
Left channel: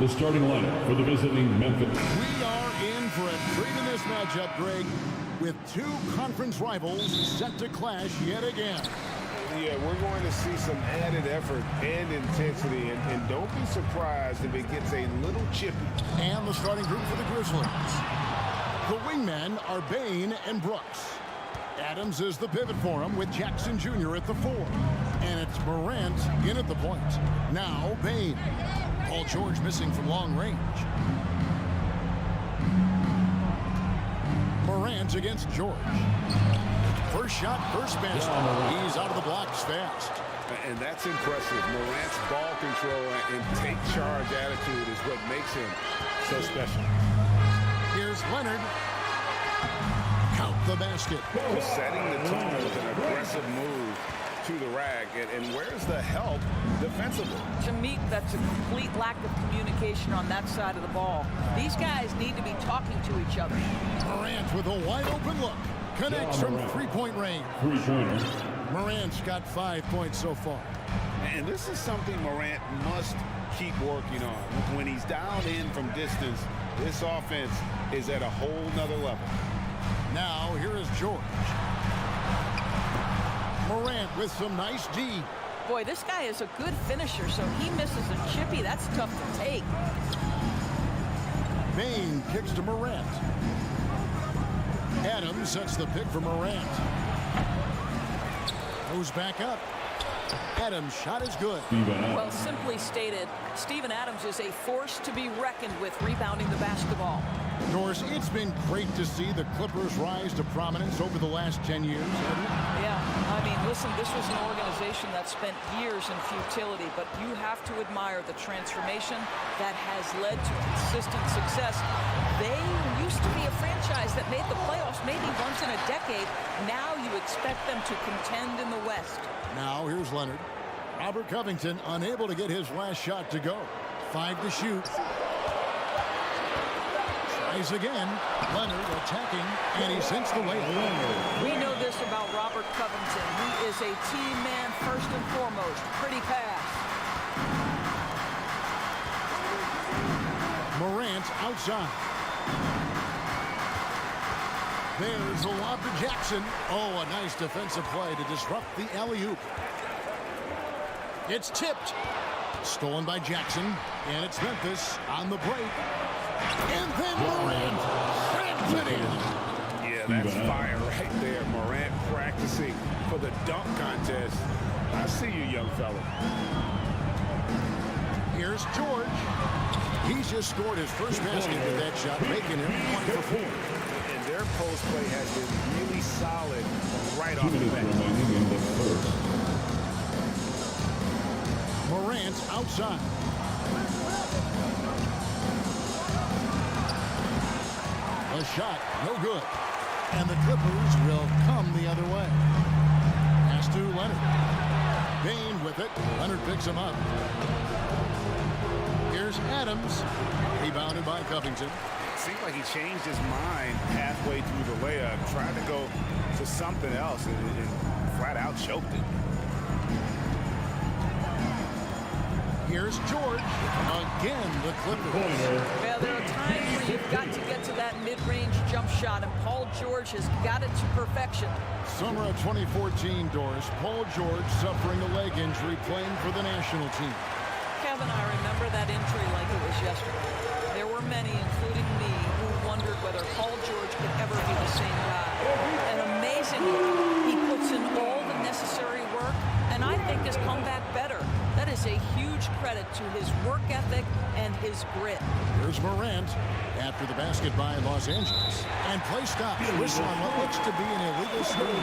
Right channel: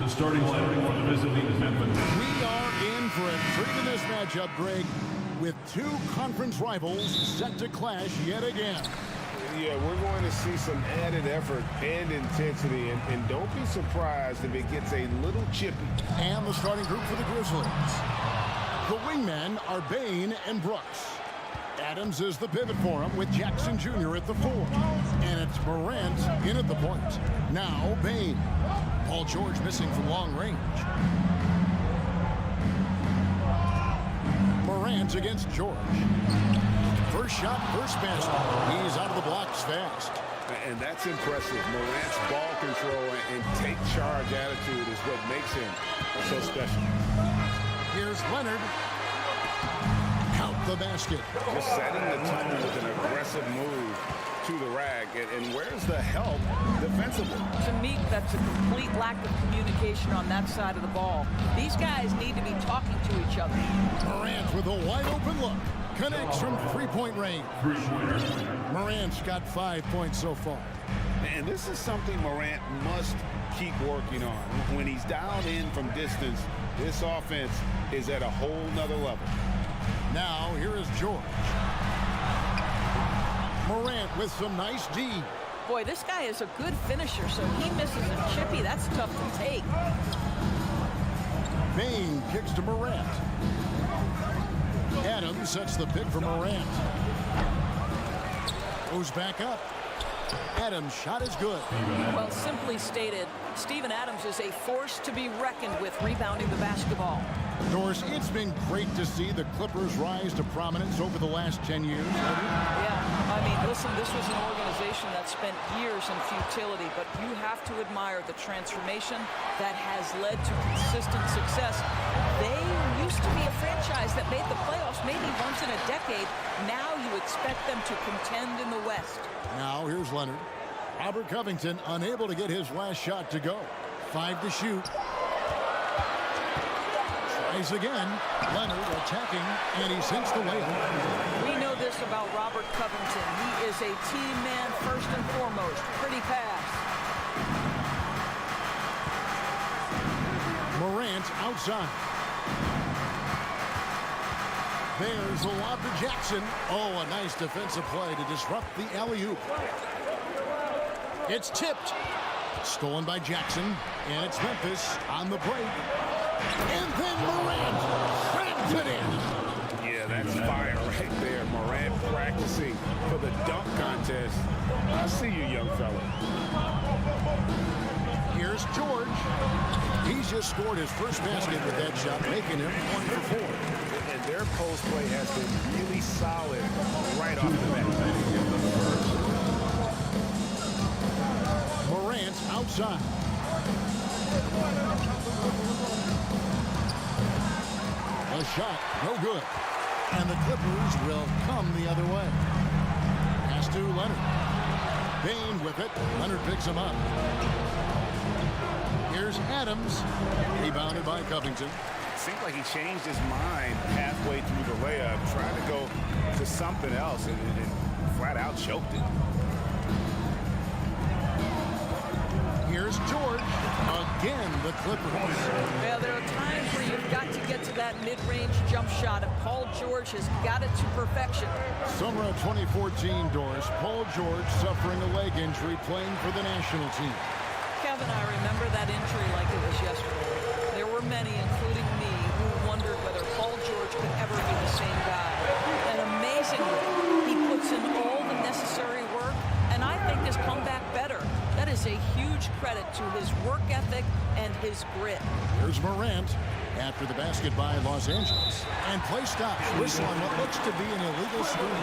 The starting lineup for the visiting Memphis. We are in for a treat in this matchup, Greg, with two conference rivals set to clash yet again. Yeah, we're going to see some added effort and intensity, and don't be surprised if it gets a little chippy. And the starting group for the Grizzlies. The wingmen are Bain and Brooks. Adams is the pivot for him with Jackson Jr. at the 4. And it's Morant in at the point. Now Bain. Paul George missing from long range. Morant against George. First shot, first basket. He's out of the blocks fast. And that's impressive. Morant's ball control and take charge attitude is what makes him so special. Here's Leonard. Count the basket. Just setting the tone with an aggressive move to the rack. And where's the help defensively? To me, that's a complete lack of communication on that side of the ball. These guys need to be talking to each other. Morant with a wide open look. Connects from three-point range. Three-pointers. Morant's got 5 points so far. And this is something Morant must keep working on. When he's dialed in from distance, this offense is at a whole nother level. Now, here is George. Morant with some nice D. Boy, this guy is a good finisher, so he misses a chippy. That's tough to take. Bain kicks to Morant. Adams sets the pick for Morant. Goes back up. Adams' shot is good. Well, simply stated, Steven Adams is a force to be reckoned with rebounding the basketball. Doris, it's been great to see the Clippers rise to prominence over the last 10 years. Yeah, I mean, listen, this was an organization that spent years in futility, but you have to admire the transformation that has led to consistent success. They used to be a franchise that made the playoffs maybe once in a decade. Now you expect them to contend in the West. Now here's Leonard. Robert Covington unable to get his last shot to go. 5 to shoot. Tries again. Leonard attacking, and he sinks the layup. We know this about Robert Covington. He is a team man first and foremost. Pretty pass. Morant outside. There's the lob to Jackson. Oh, a nice defensive play to disrupt the alley-oop. It's tipped. Stolen by Jackson, and it's Memphis on the break. And then Morant slams it in. Yeah, that's fire right there. Morant practicing for the dunk contest. I see you, young fella. Here's George. He's just scored his first basket with that shot, making him 1 for 4. And their post play has been really solid right off the bat. Morant outside. The shot, no good. And the Clippers will come the other way. Pass to Leonard. Bain with it. Leonard picks him up. Here's Adams. Rebounded by Covington. It seemed like he changed his mind halfway through the layup, tried to go to something else, and flat out choked it. Here's George. Again, the Clippers. Well, there are times where you've got to get to that mid-range jump shot, and Paul George has got it to perfection. Summer of 2014, Doris. Paul George suffering a leg injury playing for the national team. Kevin, I remember that injury like it was yesterday. There were many, including me, who wondered whether Paul George could ever be the same guy. And amazingly, he puts in all the necessary work, and I think has come back better. That is a huge credit to his work ethic and his grit. Here's Morant after the basket by Los Angeles. And play stops. Whistle on what looks to be an illegal screen.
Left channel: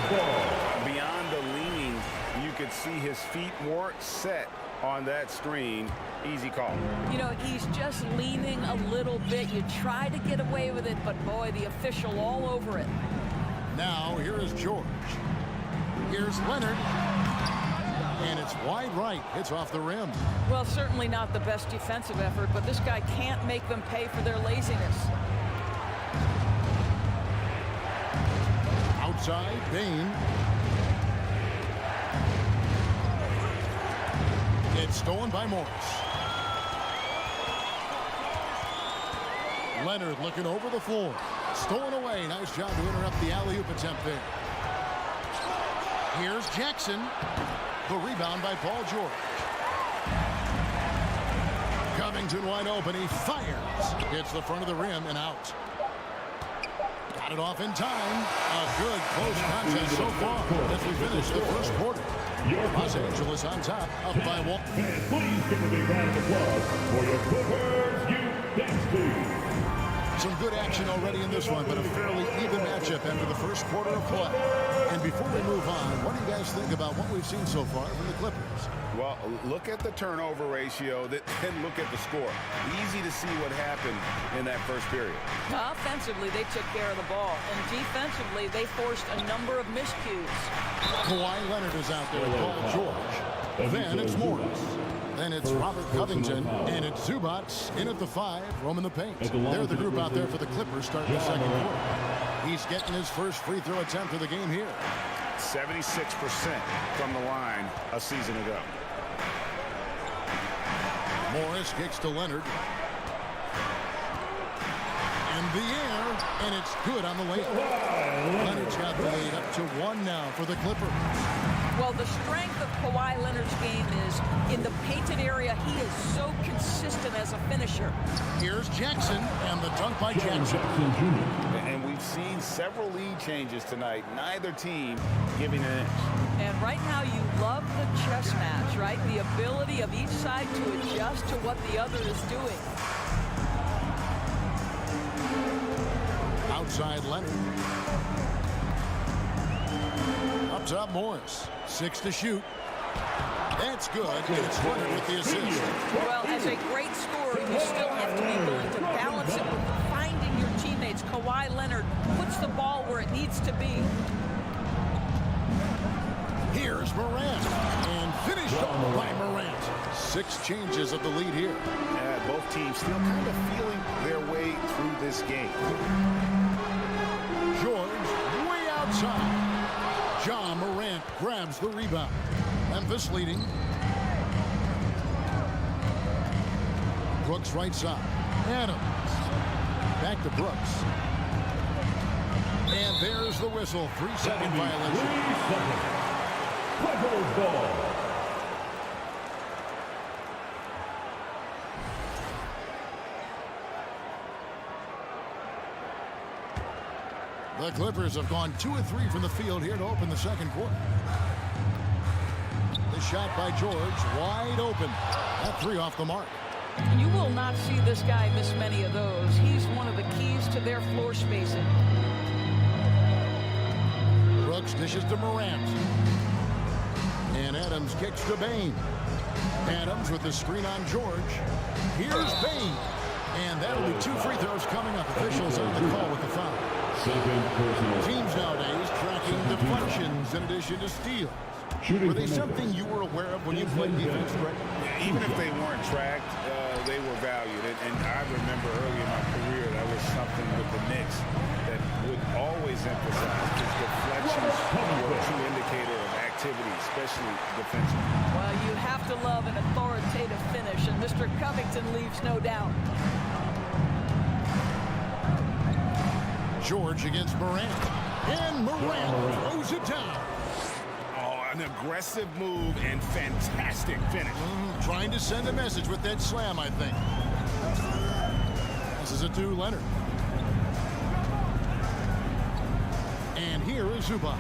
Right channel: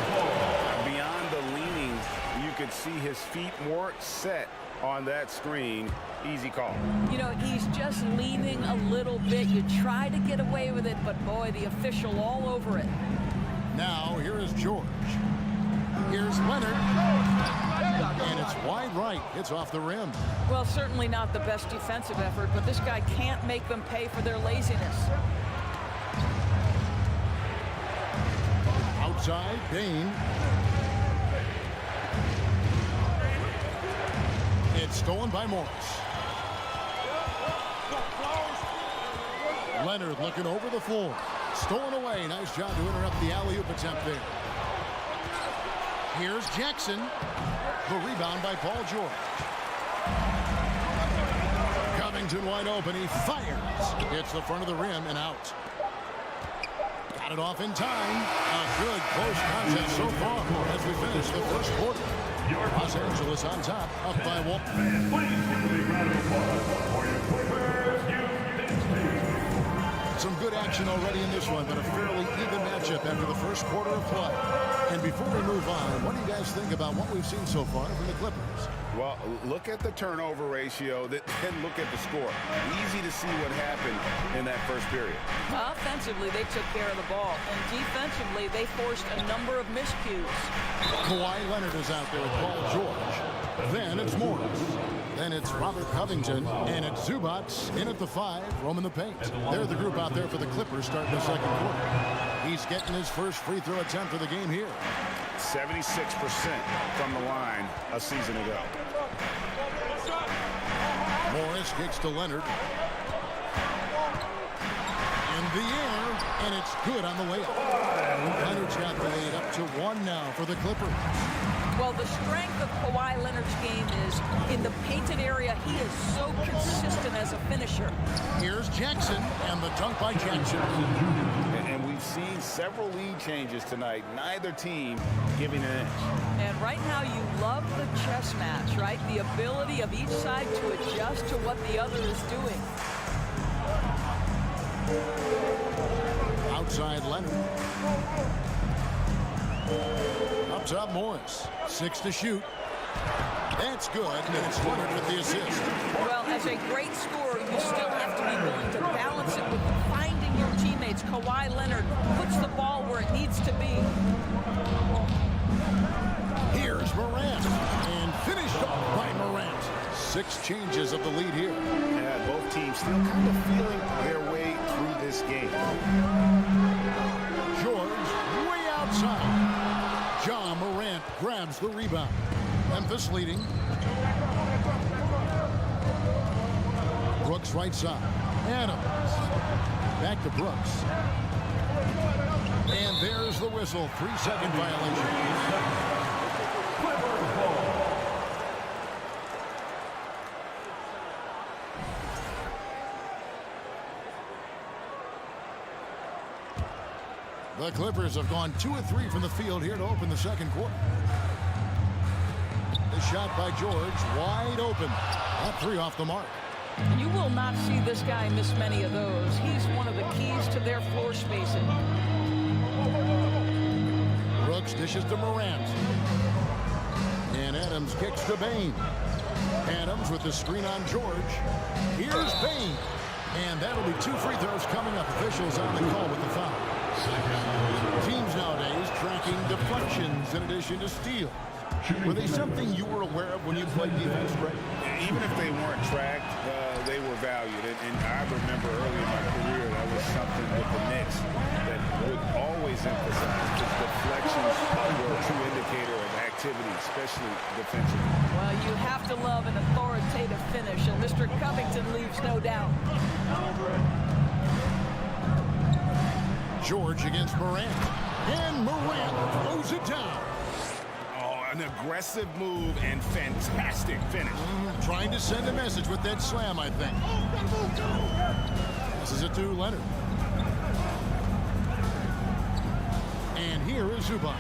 Beyond the leaning, you could see his feet more set on that screen. Easy call. You know, he's just leaning a little bit. You try to get away with it, but boy, the official all over it. Now, here is George. Here's Leonard. And it's wide right. It's off the rim. Well, certainly not the best defensive effort, but this guy can't make them pay for their laziness. Outside, Bain. It's stolen by Morris. Leonard looking over the floor. Stolen away. Nice job to interrupt the alley-oop attempt there. Here's Jackson. The rebound by Paul George. Covington wide open. He fires. Hits the front of the rim and out. Got it off in time. A good close contest so far as we finish the first quarter. Los Angeles on top, up by 1. Fans, please give a big round of applause for your Clippers Youth Dance Team. Some good action already in this one, but a fairly even matchup after the first quarter of play. And before we move on, what do you guys think about what we've seen so far from the Clippers? Well, look at the turnover ratio, then look at the score. Easy to see what happened in that first period. Offensively, they took care of the ball, and defensively, they forced a number of miscues. Kawhi Leonard is out there with Paul George. Then it's Morris. Then it's Robert Covington, and it's Zubac in at the 5, roaming the paint. They're the group out there for the Clippers starting the second quarter. He's getting his first free throw attempt of the game here. 76% from the line a season ago. Morris kicks to Leonard. In the air, and it's good on the layup. Leonard's got the lead up to 1 now for the Clippers. Well, the strength of Kawhi Leonard's game is in the painted area. He is so consistent as a finisher. Here's Jackson, and the dunk by Jackson. And we've seen several lead changes tonight. Neither team giving an inch. And right now you love the chess match, right? The ability of each side to adjust to what the other is doing. Outside Leonard. Up top Morris. 6 to shoot. That's good, and it's Leonard with the assist. Well, as a great scorer, you still have to be willing to balance it with finding your teammates. Kawhi Leonard puts the ball where it needs to be. Here's Morant, and finished off by Morant. 6 changes of the lead here. Yeah, both teams still kind of feeling their way through this game. George way outside. Ja Morant grabs the rebound. Memphis leading. Brooks right side. Adams. Back to Brooks. And there's the whistle. 3-second violation. Clippers ball. The Clippers have gone 2 of 3 from the field here to open the second quarter. The shot by George, wide open. That 3 off the mark. And you will not see this guy miss many of those. He's one of the keys to their floor spacing. Brooks dishes to Morant. And Adams kicks to Bain. Adams with the screen on George. Here's Bain. And that'll be 2 free throws coming up. Officials on the call with the foul. Teams nowadays tracking deflections in addition to steals. Were they something you were aware of when you played defense, Greg? Yeah, even if they weren't tracked, they were valued. And I remember early in my career, that was something with the Knicks that would always emphasize, because deflections were a true indicator of activity, especially defensively. Well, you have to love an authoritative finish, and Mr. Covington leaves no doubt. George against Morant. And Morant throws it down. Oh, an aggressive move and fantastic finish. Trying to send a message with that slam, I think. Passes it to Leonard. And here is Zubac.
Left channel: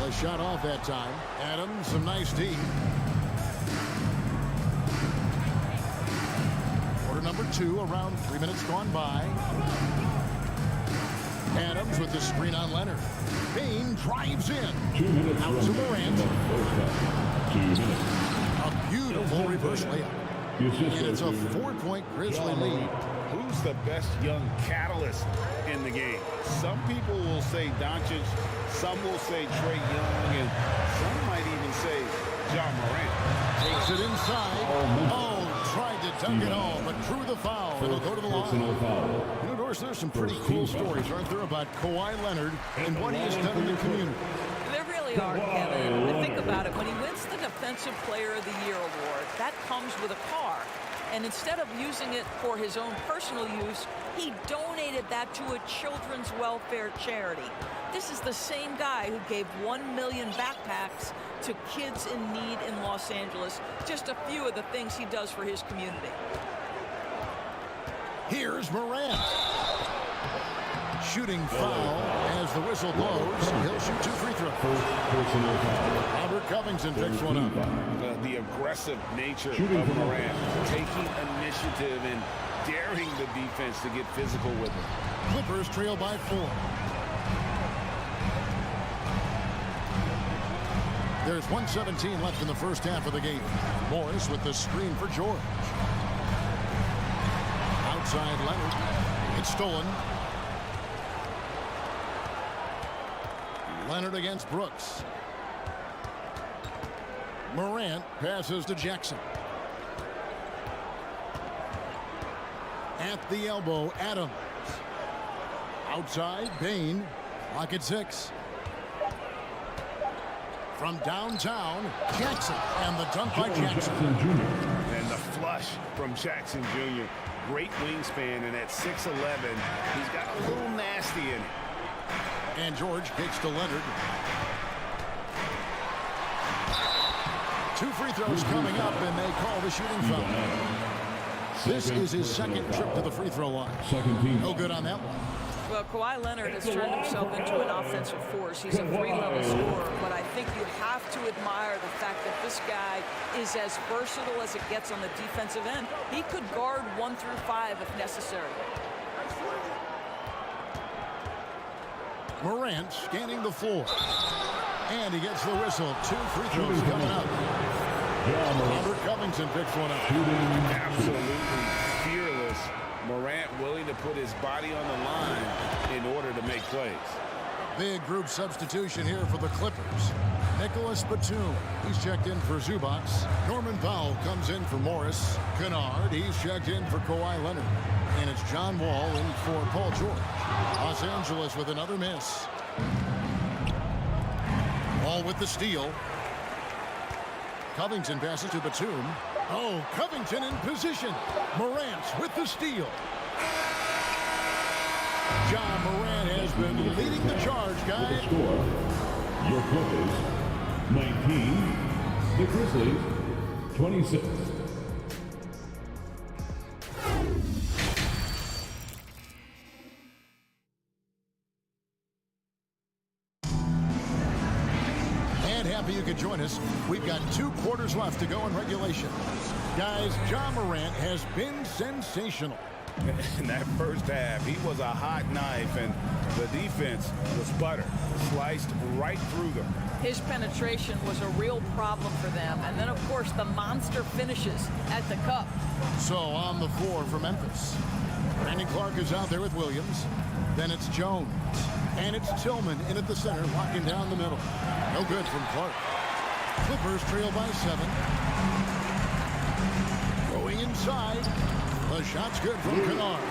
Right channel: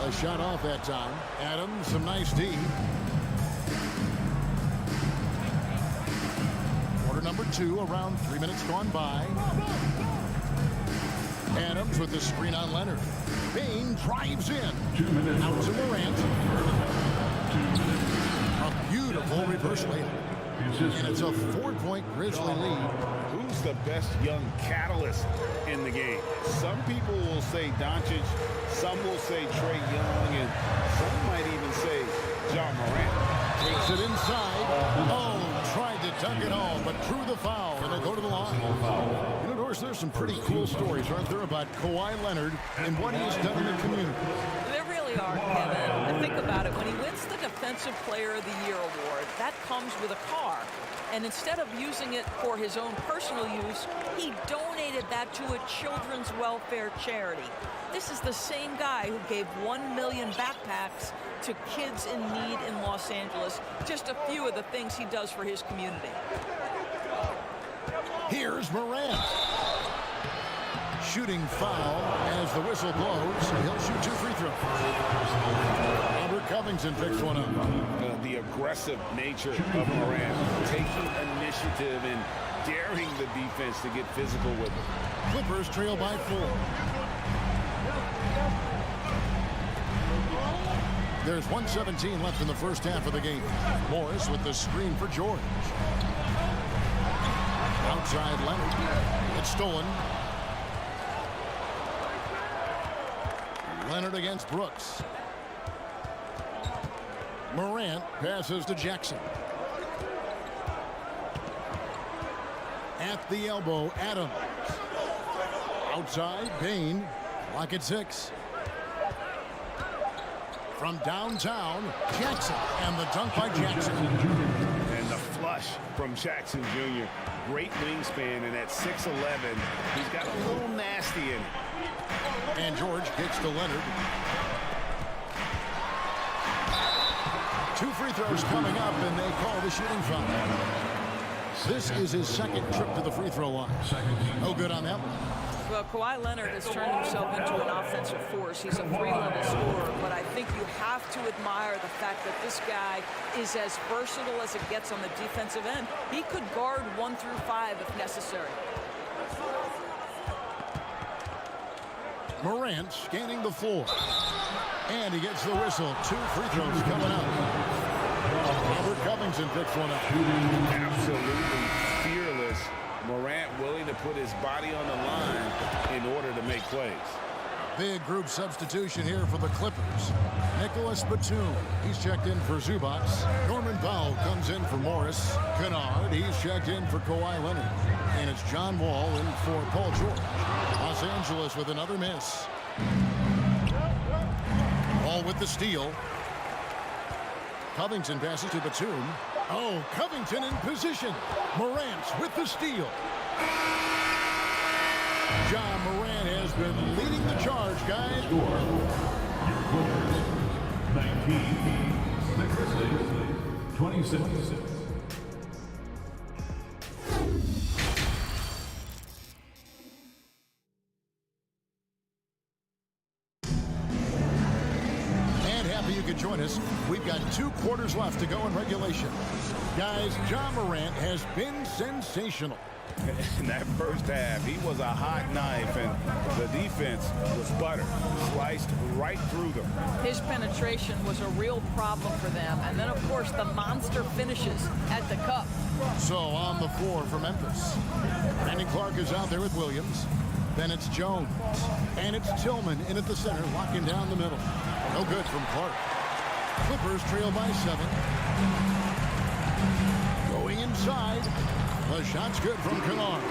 A shot off that time. Adams, some nice D. Quarter number 2, around 3 minutes gone by. Adams with the screen on Leonard. Bain drives in. 2 minutes. Out to Morant. 2 minutes. A beautiful reverse layup. And it's a 4-point Grizzly lead. Who's the best young catalyst in the game? Some people will say Doncic, some will say Trae Young, and some might even say Ja Morant. Takes it inside. Oh, tried to dunk it all, but drew the foul, and he'll go to the line. You know, Doris, there's some pretty cool stories, aren't there, about Kawhi Leonard and what he has done in the community. There really really are, Kevin. And think about it. When he wins the Defensive Player of the Year award, that comes with a car. And instead of using it for his own personal use, he donated that to a children's welfare charity. This is the same guy who gave 1 million backpacks to kids in need in Los Angeles. Just a few of the things he does for his community. Here's Morant. Shooting foul as the whistle blows. He'll shoot 2 free throws. Robert Covington picks one up. The aggressive nature of Morant, taking initiative and daring the defense to get physical with it. Clippers trail by 4. There's 1:17 left in the first half of the game. Morris with the screen for George. Outside Leonard. It's stolen. Leonard against Brooks. Morant passes to Jackson. At the elbow, Adams. Outside, Bain. Clock at 6. From downtown, Jackson. And the dunk by Jackson. And the flush from Jackson Jr. Great wingspan, and at 6'11", he's got a little nasty in it. And George kicks to Leonard. 2 free throws coming up, and they call the shooting foul. This is his second trip to the free throw line. No good on that one. Well, Kawhi Leonard has turned himself into an offensive force. He's a 3-level scorer, but I think you have to admire the fact that this guy is as versatile as it gets on the defensive end. He could guard 1 through 5 if necessary. Morant scanning the floor. And he gets the whistle. 2 free throws coming up. Robert Covington picks one up. Absolutely fearless. Morant willing to put his body on the line in order to make plays. Big group substitution here for the Clippers. Nicholas Batum, he's checked in for Zubac. Norman Powell comes in for Morris. Kennard, he's checked in for Kawhi Leonard. And it's John Wall in for Paul George. Los Angeles with another miss. Wall with the steal. Covington passes to Batum. Oh, Covington in position. Morant with the steal. John Morant has been leading the charge, guys. Your Clippers, 19. The Grizzlies, 26. And happy you could join us. We've got 2 quarters left to go in regulation. Guys, John Morant has been sensational. In that first half, he was a hot knife, and the defense was butter, sliced right through them. His penetration was a real problem for them. And then, of course, the monster finishes at the cup. So on the floor for Memphis. Brandon Clark is out there with Williams. Then it's Jones. And it's Tillman in at the center, locking down the middle. No good from Clark. Clippers trail by 7. Going inside. The shot's good from Kennard.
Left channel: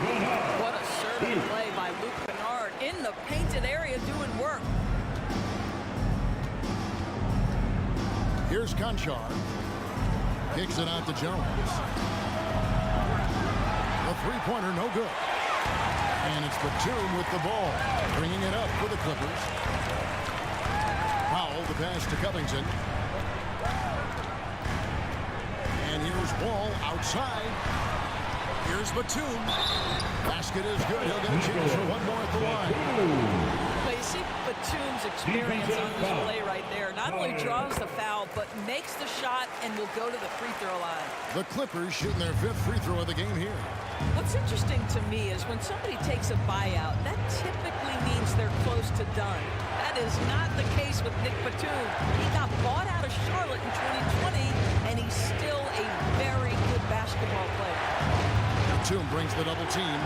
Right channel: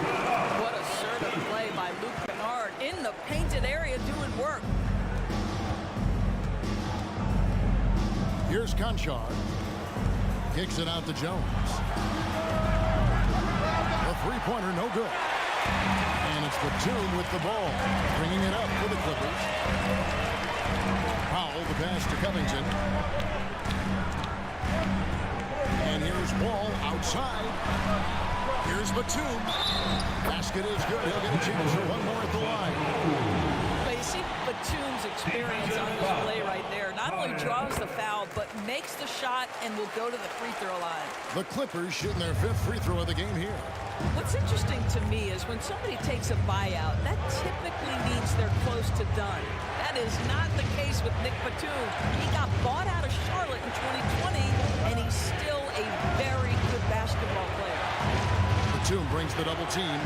What assertive play by Luke Kennard in the painted area doing work. Here's Conchar. Kicks it out to Jones. The three-pointer no good. And it's Batum with the ball, bringing it up for the Clippers. Powell, the pass to Covington. And here's Wall outside. Here's Batum. Basket is good. He'll get a chance for one more at the line. But you see Batum's experience on display right there. Not only draws the foul, but makes the shot and will go to the free throw line. The Clippers shooting their 5th free throw of the game here. What's interesting to me is when somebody takes a buyout, that typically means they're close to done. That is not the case with Nick Batum. He got bought out of Charlotte in 2020, and he's still a very good basketball player. Batum brings the double team.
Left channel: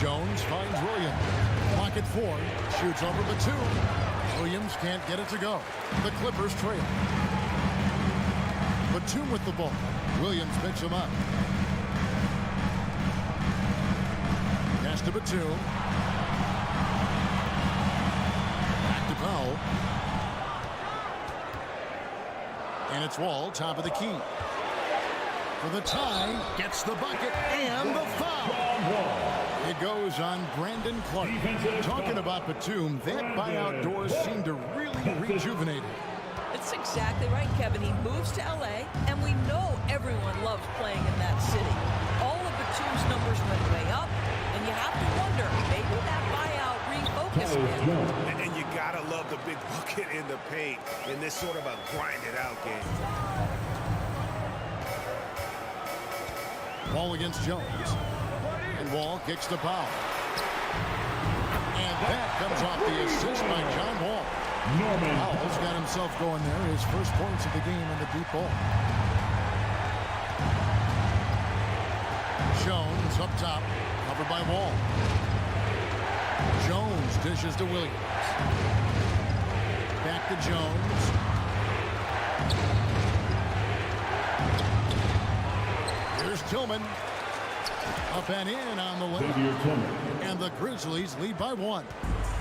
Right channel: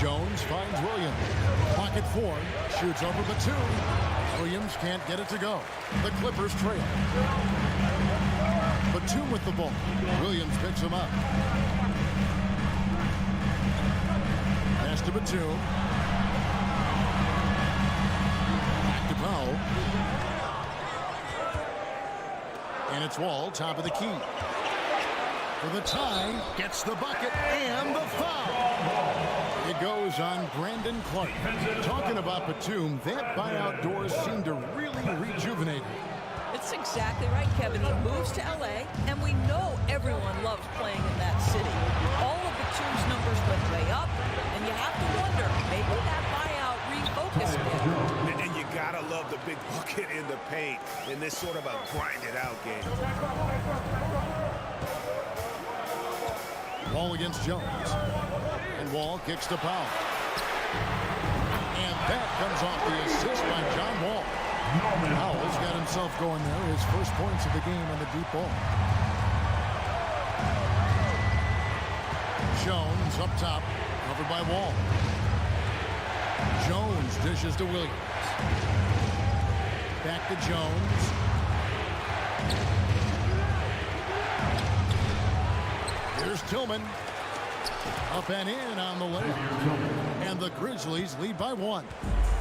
Jones finds Williams. Clock at 4. Shoots over Batum. Williams can't get it to go. The Clippers trail. Batum with the ball. Williams picks him up. Pass to Batum. Back to Powell. And it's Wall, top of the key. For the tie, gets the bucket and the foul. It goes on Brandon Clark. Talking about Batum, that buyout door seemed to really rejuvenate him. It's exactly right, Kevin. He moves to L.A., and we know everyone loves playing in that city. All of Batum's numbers went way up, and you have to wonder, maybe that buyout refocused him. And you gotta love the big bucket in the paint in this sort of a grinded-out game. Wall against Jones. And Wall kicks to Powell. And that comes off the assist by John Wall. Powell's got himself going there. His first points of the game on the deep ball. Jones up top, covered by Wall. Jones dishes to Williams. Back to Jones. Here's Tillman. Up and in on the layup. And the Grizzlies lead by 1.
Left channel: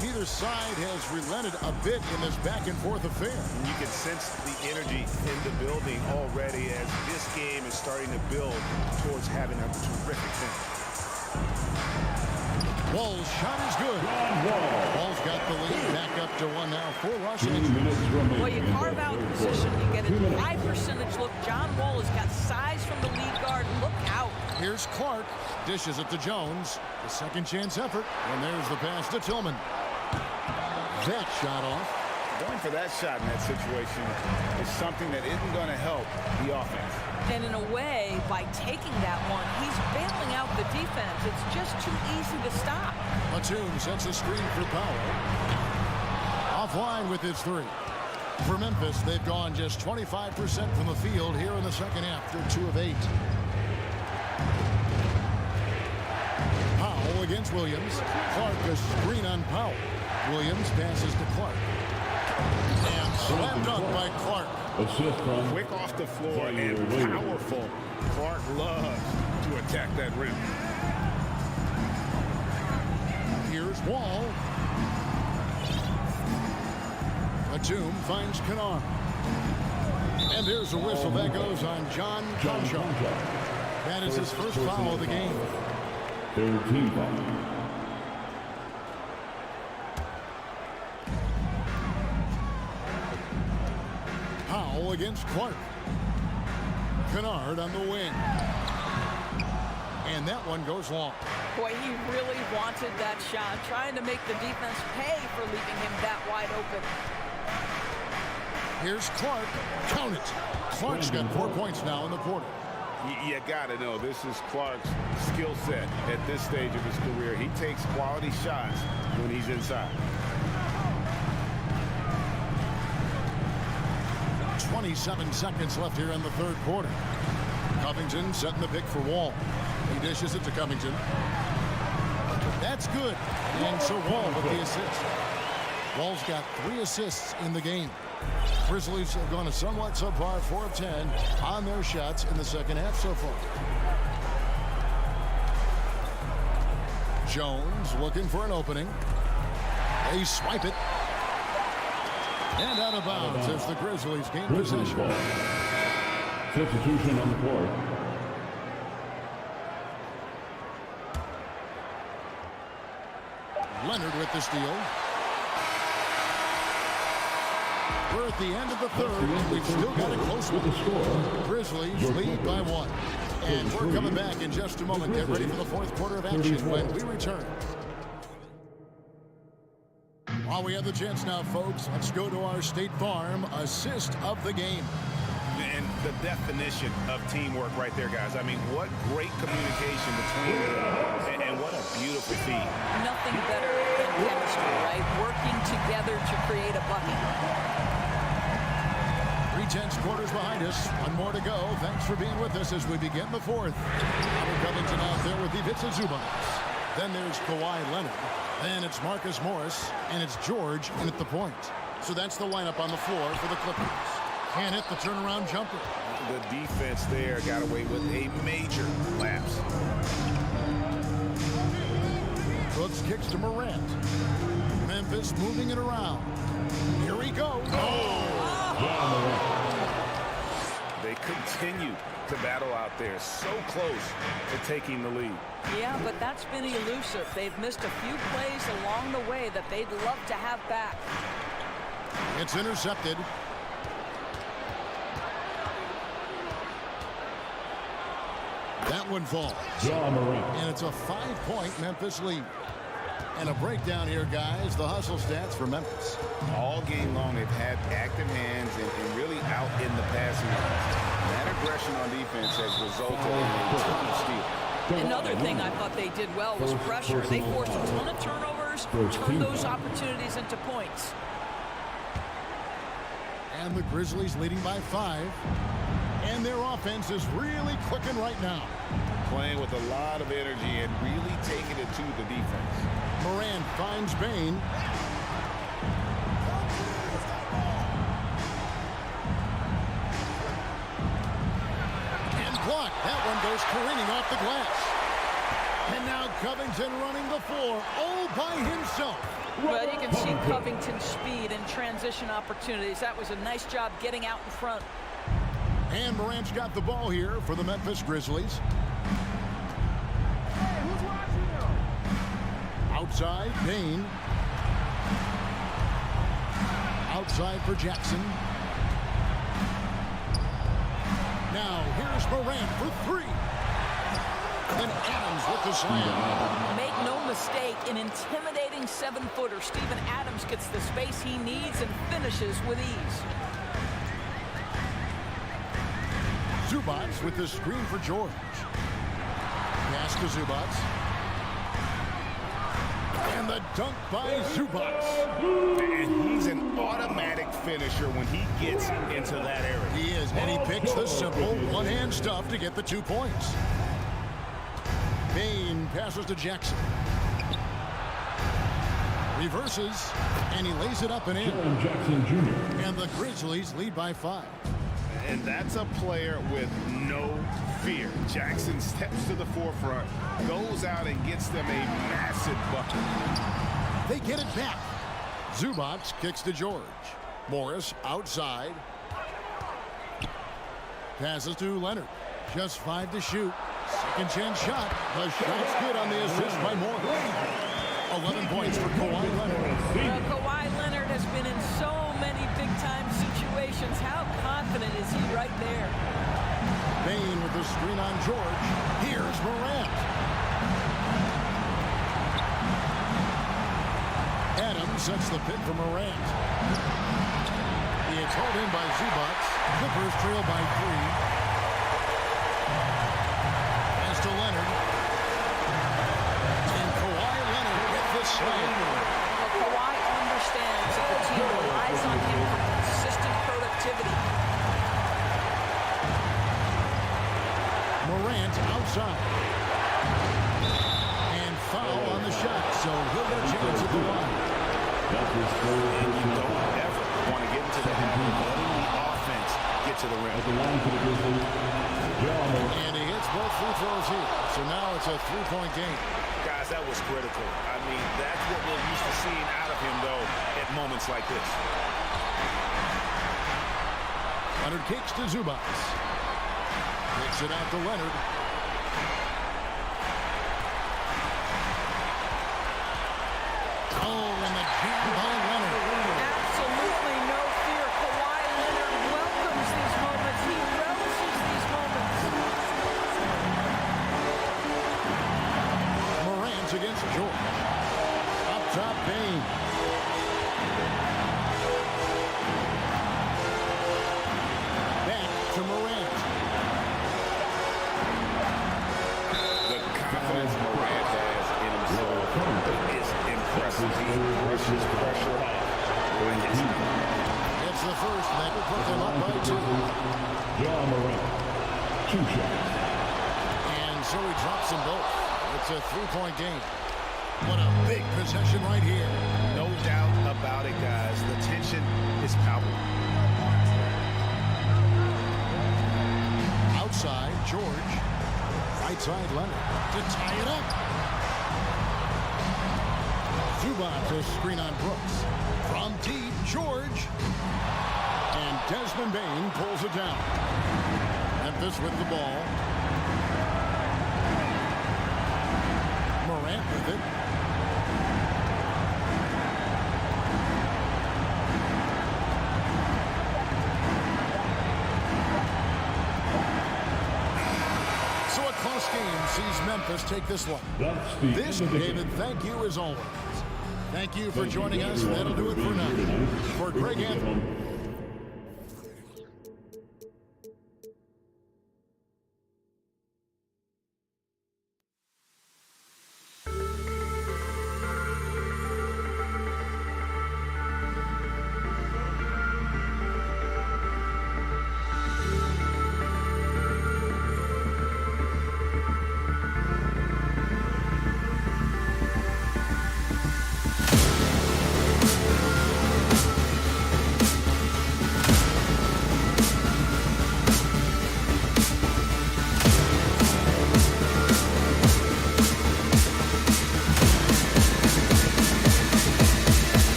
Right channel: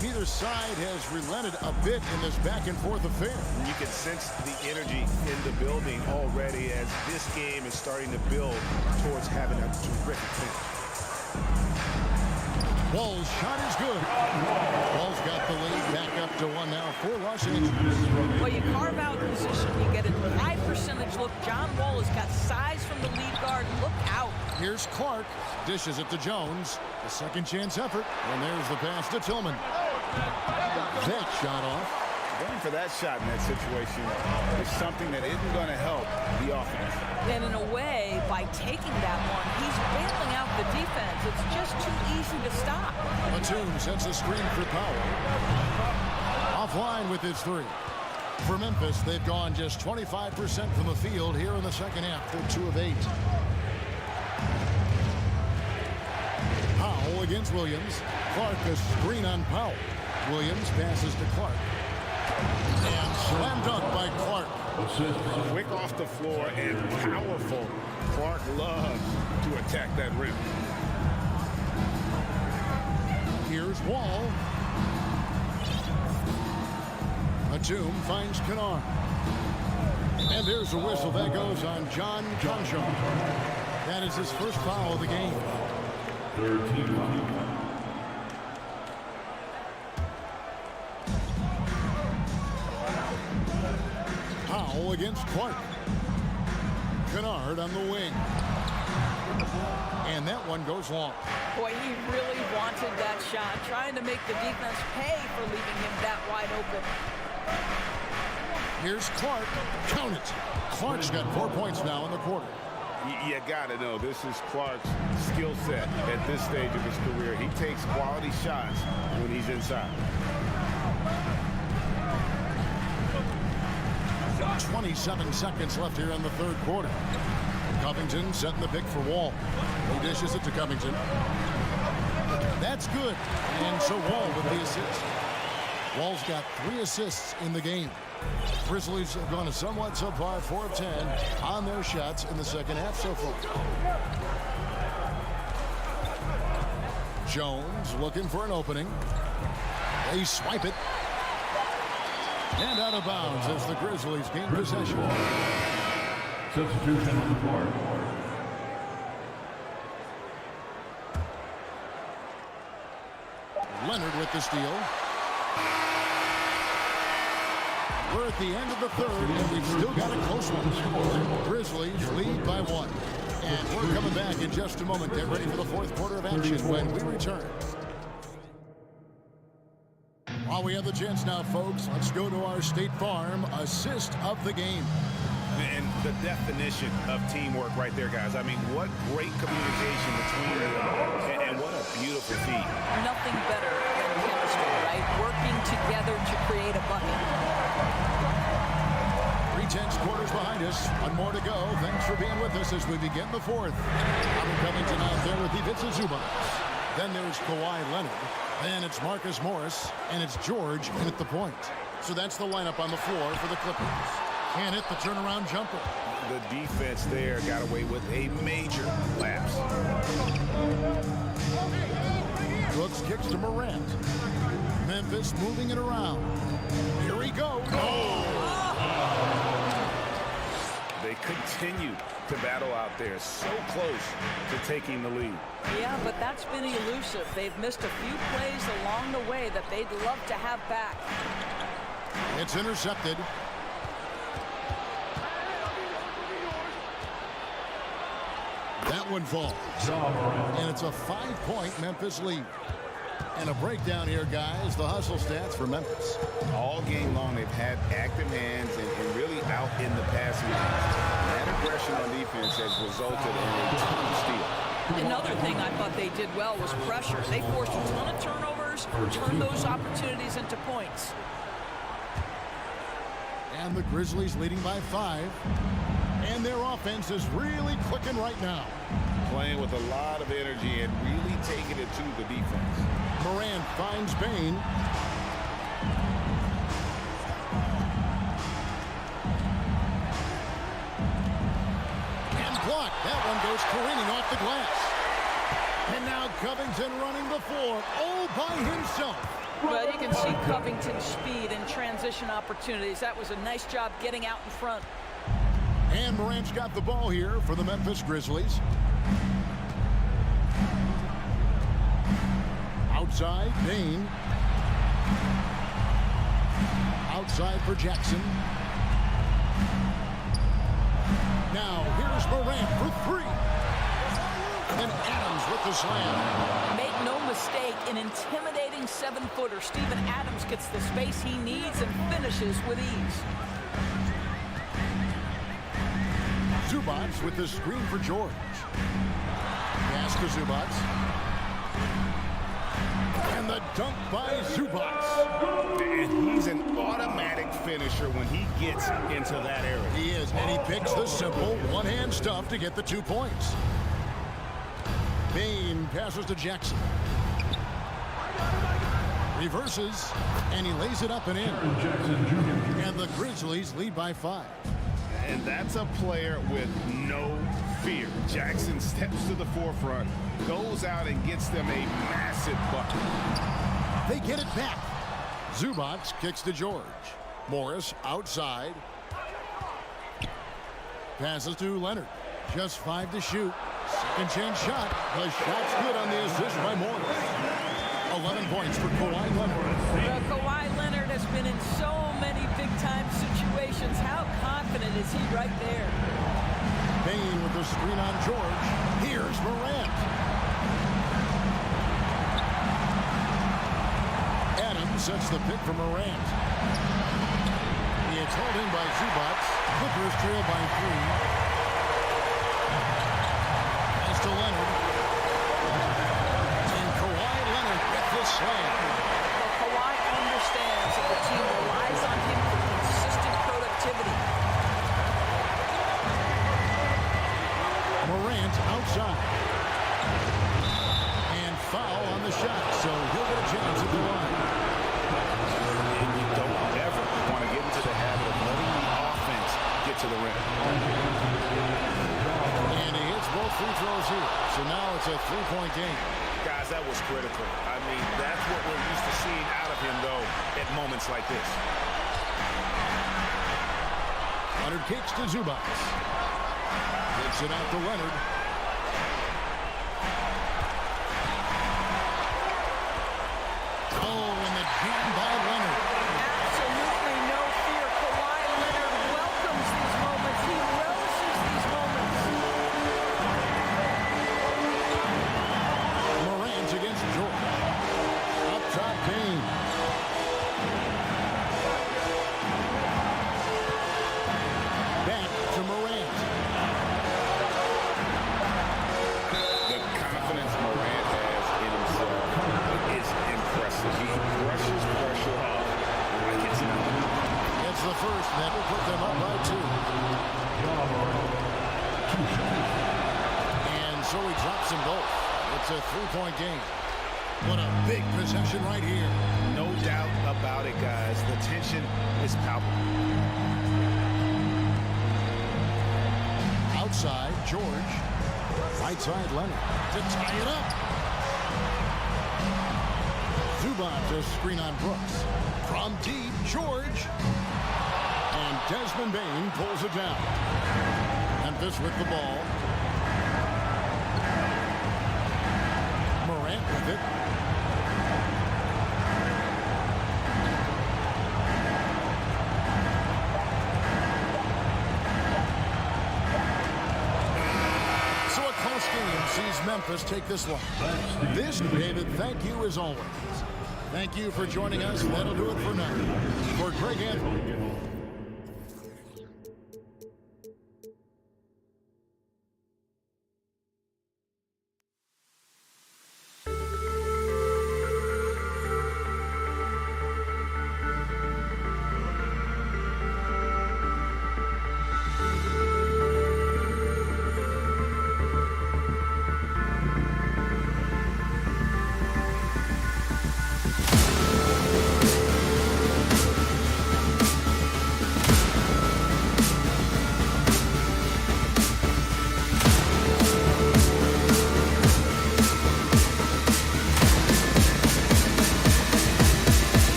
Neither side has relented a bit in this back-and-forth affair. And you can sense the energy in the building already as this game is starting to build towards having a terrific finish. Wall's shot is good. Wall's got the lead back up to 1 now for Los Angeles. Well, you carve out position, you get a high percentage look. John Wall has got size from the lead guard. Look out. Here's Clark. Dishes it to Jones. The second chance effort. And there's the pass to Tillman. That shot off. Going for that shot in that situation is something that isn't going to help the offense. And in a way, by taking that one, he's bailing out the defense. It's just too easy to stop. Batum sets the screen for Powell. Offline with his 3. For Memphis, they've gone just 25% from the field here in the second half. They're 2 of 8. Powell against Williams. Clark a screen on Powell. Williams passes to Clark. And slam dunk by Clark. Quick off the floor and powerful. Clark loves to attack that rim. Here's Wall. Batum finds Kennard. And there's a whistle that goes on John Conchar. That is his first foul of the game. Third team foul. Powell against Clark. Kennard on the wing. And that one goes long. Boy, he really wanted that shot, trying to make the defense pay for leaving him that wide open. Here's Clark. Count it. Clark's got 4 points now in the quarter. You got to know, this is Clark's skill set at this stage of his career. He takes quality shots when he's inside. 27 seconds left here in the third quarter. Covington setting the pick for Wall. He dishes it to Covington. That's good. And so Wall with the assist. Wall's got 3 assists in the game. Grizzlies have gone a somewhat subpar 4 of 10 on their shots in the second half so far. Jones looking for an opening. They swipe it. And out of bounds as the Grizzlies gain possession. Substitution on the court. Leonard with the steal. We're at the end of the third, and we've still got a close one. Grizzlies lead by 1. And we're coming back in just a moment. Get ready for the fourth quarter of action when we return. While we have the chance now, folks, let's go to our State Farm assist of the game. And the definition of teamwork right there, guys. I mean, what great communication between them, and what a beautiful feat. Nothing better than chemistry, right? Working together to create a bucket. 3/10 quarters behind us. 1 more to go. Thanks for being with us as we begin the fourth. Robert Covington out there with Ivica Zubac. Then there's Kawhi Leonard. Then it's Marcus Morris. And it's George in at the point. So that's the lineup on the floor for the Clippers. Can't hit the turnaround jumper. The defense there got away with a major lapse. Brooks kicks to Morant. Memphis moving it around. Here he goes. Oh! continue to battle out there, so close to taking the lead. Yeah, but that's been elusive. They've missed a few plays along the way that they'd love to have back. It's intercepted. That one falls. And it's a 5-point Memphis lead. And a breakdown here, guys. The hustle stats for Memphis. All game long, they've had active hands and really out in the passing lanes. And that aggression on defense has resulted in a ton of steals. Another thing I thought they did well was pressure. They forced a ton of turnovers, turned those opportunities into points. And the Grizzlies leading by 5. And their offense is really clicking right now. Playing with a lot of energy and really taking it to the defense. Morant finds Bain. And blocked. That one goes careening off the glass. And now Covington running the floor all by himself. Well, you can see Covington's speed and transition opportunities. That was a nice job getting out in front. And Morant's got the ball here for the Memphis Grizzlies. Outside, Bain. Outside for Jackson. Now, here's Morant for 3. And Adams with the slam. Make no mistake, an intimidating 7-footer. Steven Adams gets the space he needs and finishes with ease. Zubats with the screen for George. Pass to Zubats. And the dunk by Zubats. And he's an automatic finisher when he gets into that area. He is, and he picks the simple one-hand stuff to get the 2 points. Bain passes to Jackson. Reverses, and he lays it up and in. Jackson Jr. And the Grizzlies lead by 5. And that's a player with no fear. Jackson steps to the forefront, goes out and gets them a massive bucket. They get it back. Zubats kicks to George. Morris outside. Passes to Leonard. Just 5 to shoot. Second chance shot. The shot's good on the assist by Morris. 11 points for Kawhi Leonard. Well, Kawhi Leonard has been in so many big-time situations. How confident is he right there? Bain with the screen on George. Here's Morant. Adams sets the pick for Morant. It's hauled in by Zubats. Clippers trail by 3. Pass to Leonard. And Kawhi Leonard with the slam. Well, Kawhi understands that the team relies on him for consistent productivity. Morant outside. And foul on the shot, so he'll get a chance at the line. And you don't ever want to get into the habit of letting the offense get to the rim. And he hits both free throws here. So now it's a 3-point game. Guys, that was critical. I mean, that's what we're used to seeing out of him, though, at moments like this. Leonard kicks to Zubats. Kicks it out to Leonard. Oh, and the jam by Leonard. Absolutely no fear. Kawhi Leonard welcomes these moments. He relishes these moments. Morant against George. Up top, Bain. Back to Morant. The confidence Morant has in himself is impressive. He brushes pressure off like it's nothing. It's the first that will put them up by 2. John Morant. 2 shots. And so he drops them both. It's a 3-point game. What a big possession right here. No doubt about it, guys. The tension is palpable. Outside, George. Right side, Leonard to tie it up. Zubats a screen on Brooks. From deep, George. And Desmond Bain pulls it down. Memphis with the ball. Morant with it. So a close game sees Memphis take this one. This, David, thank you as always. Thank you for joining us. That'll do it for now. For Greg Anthony.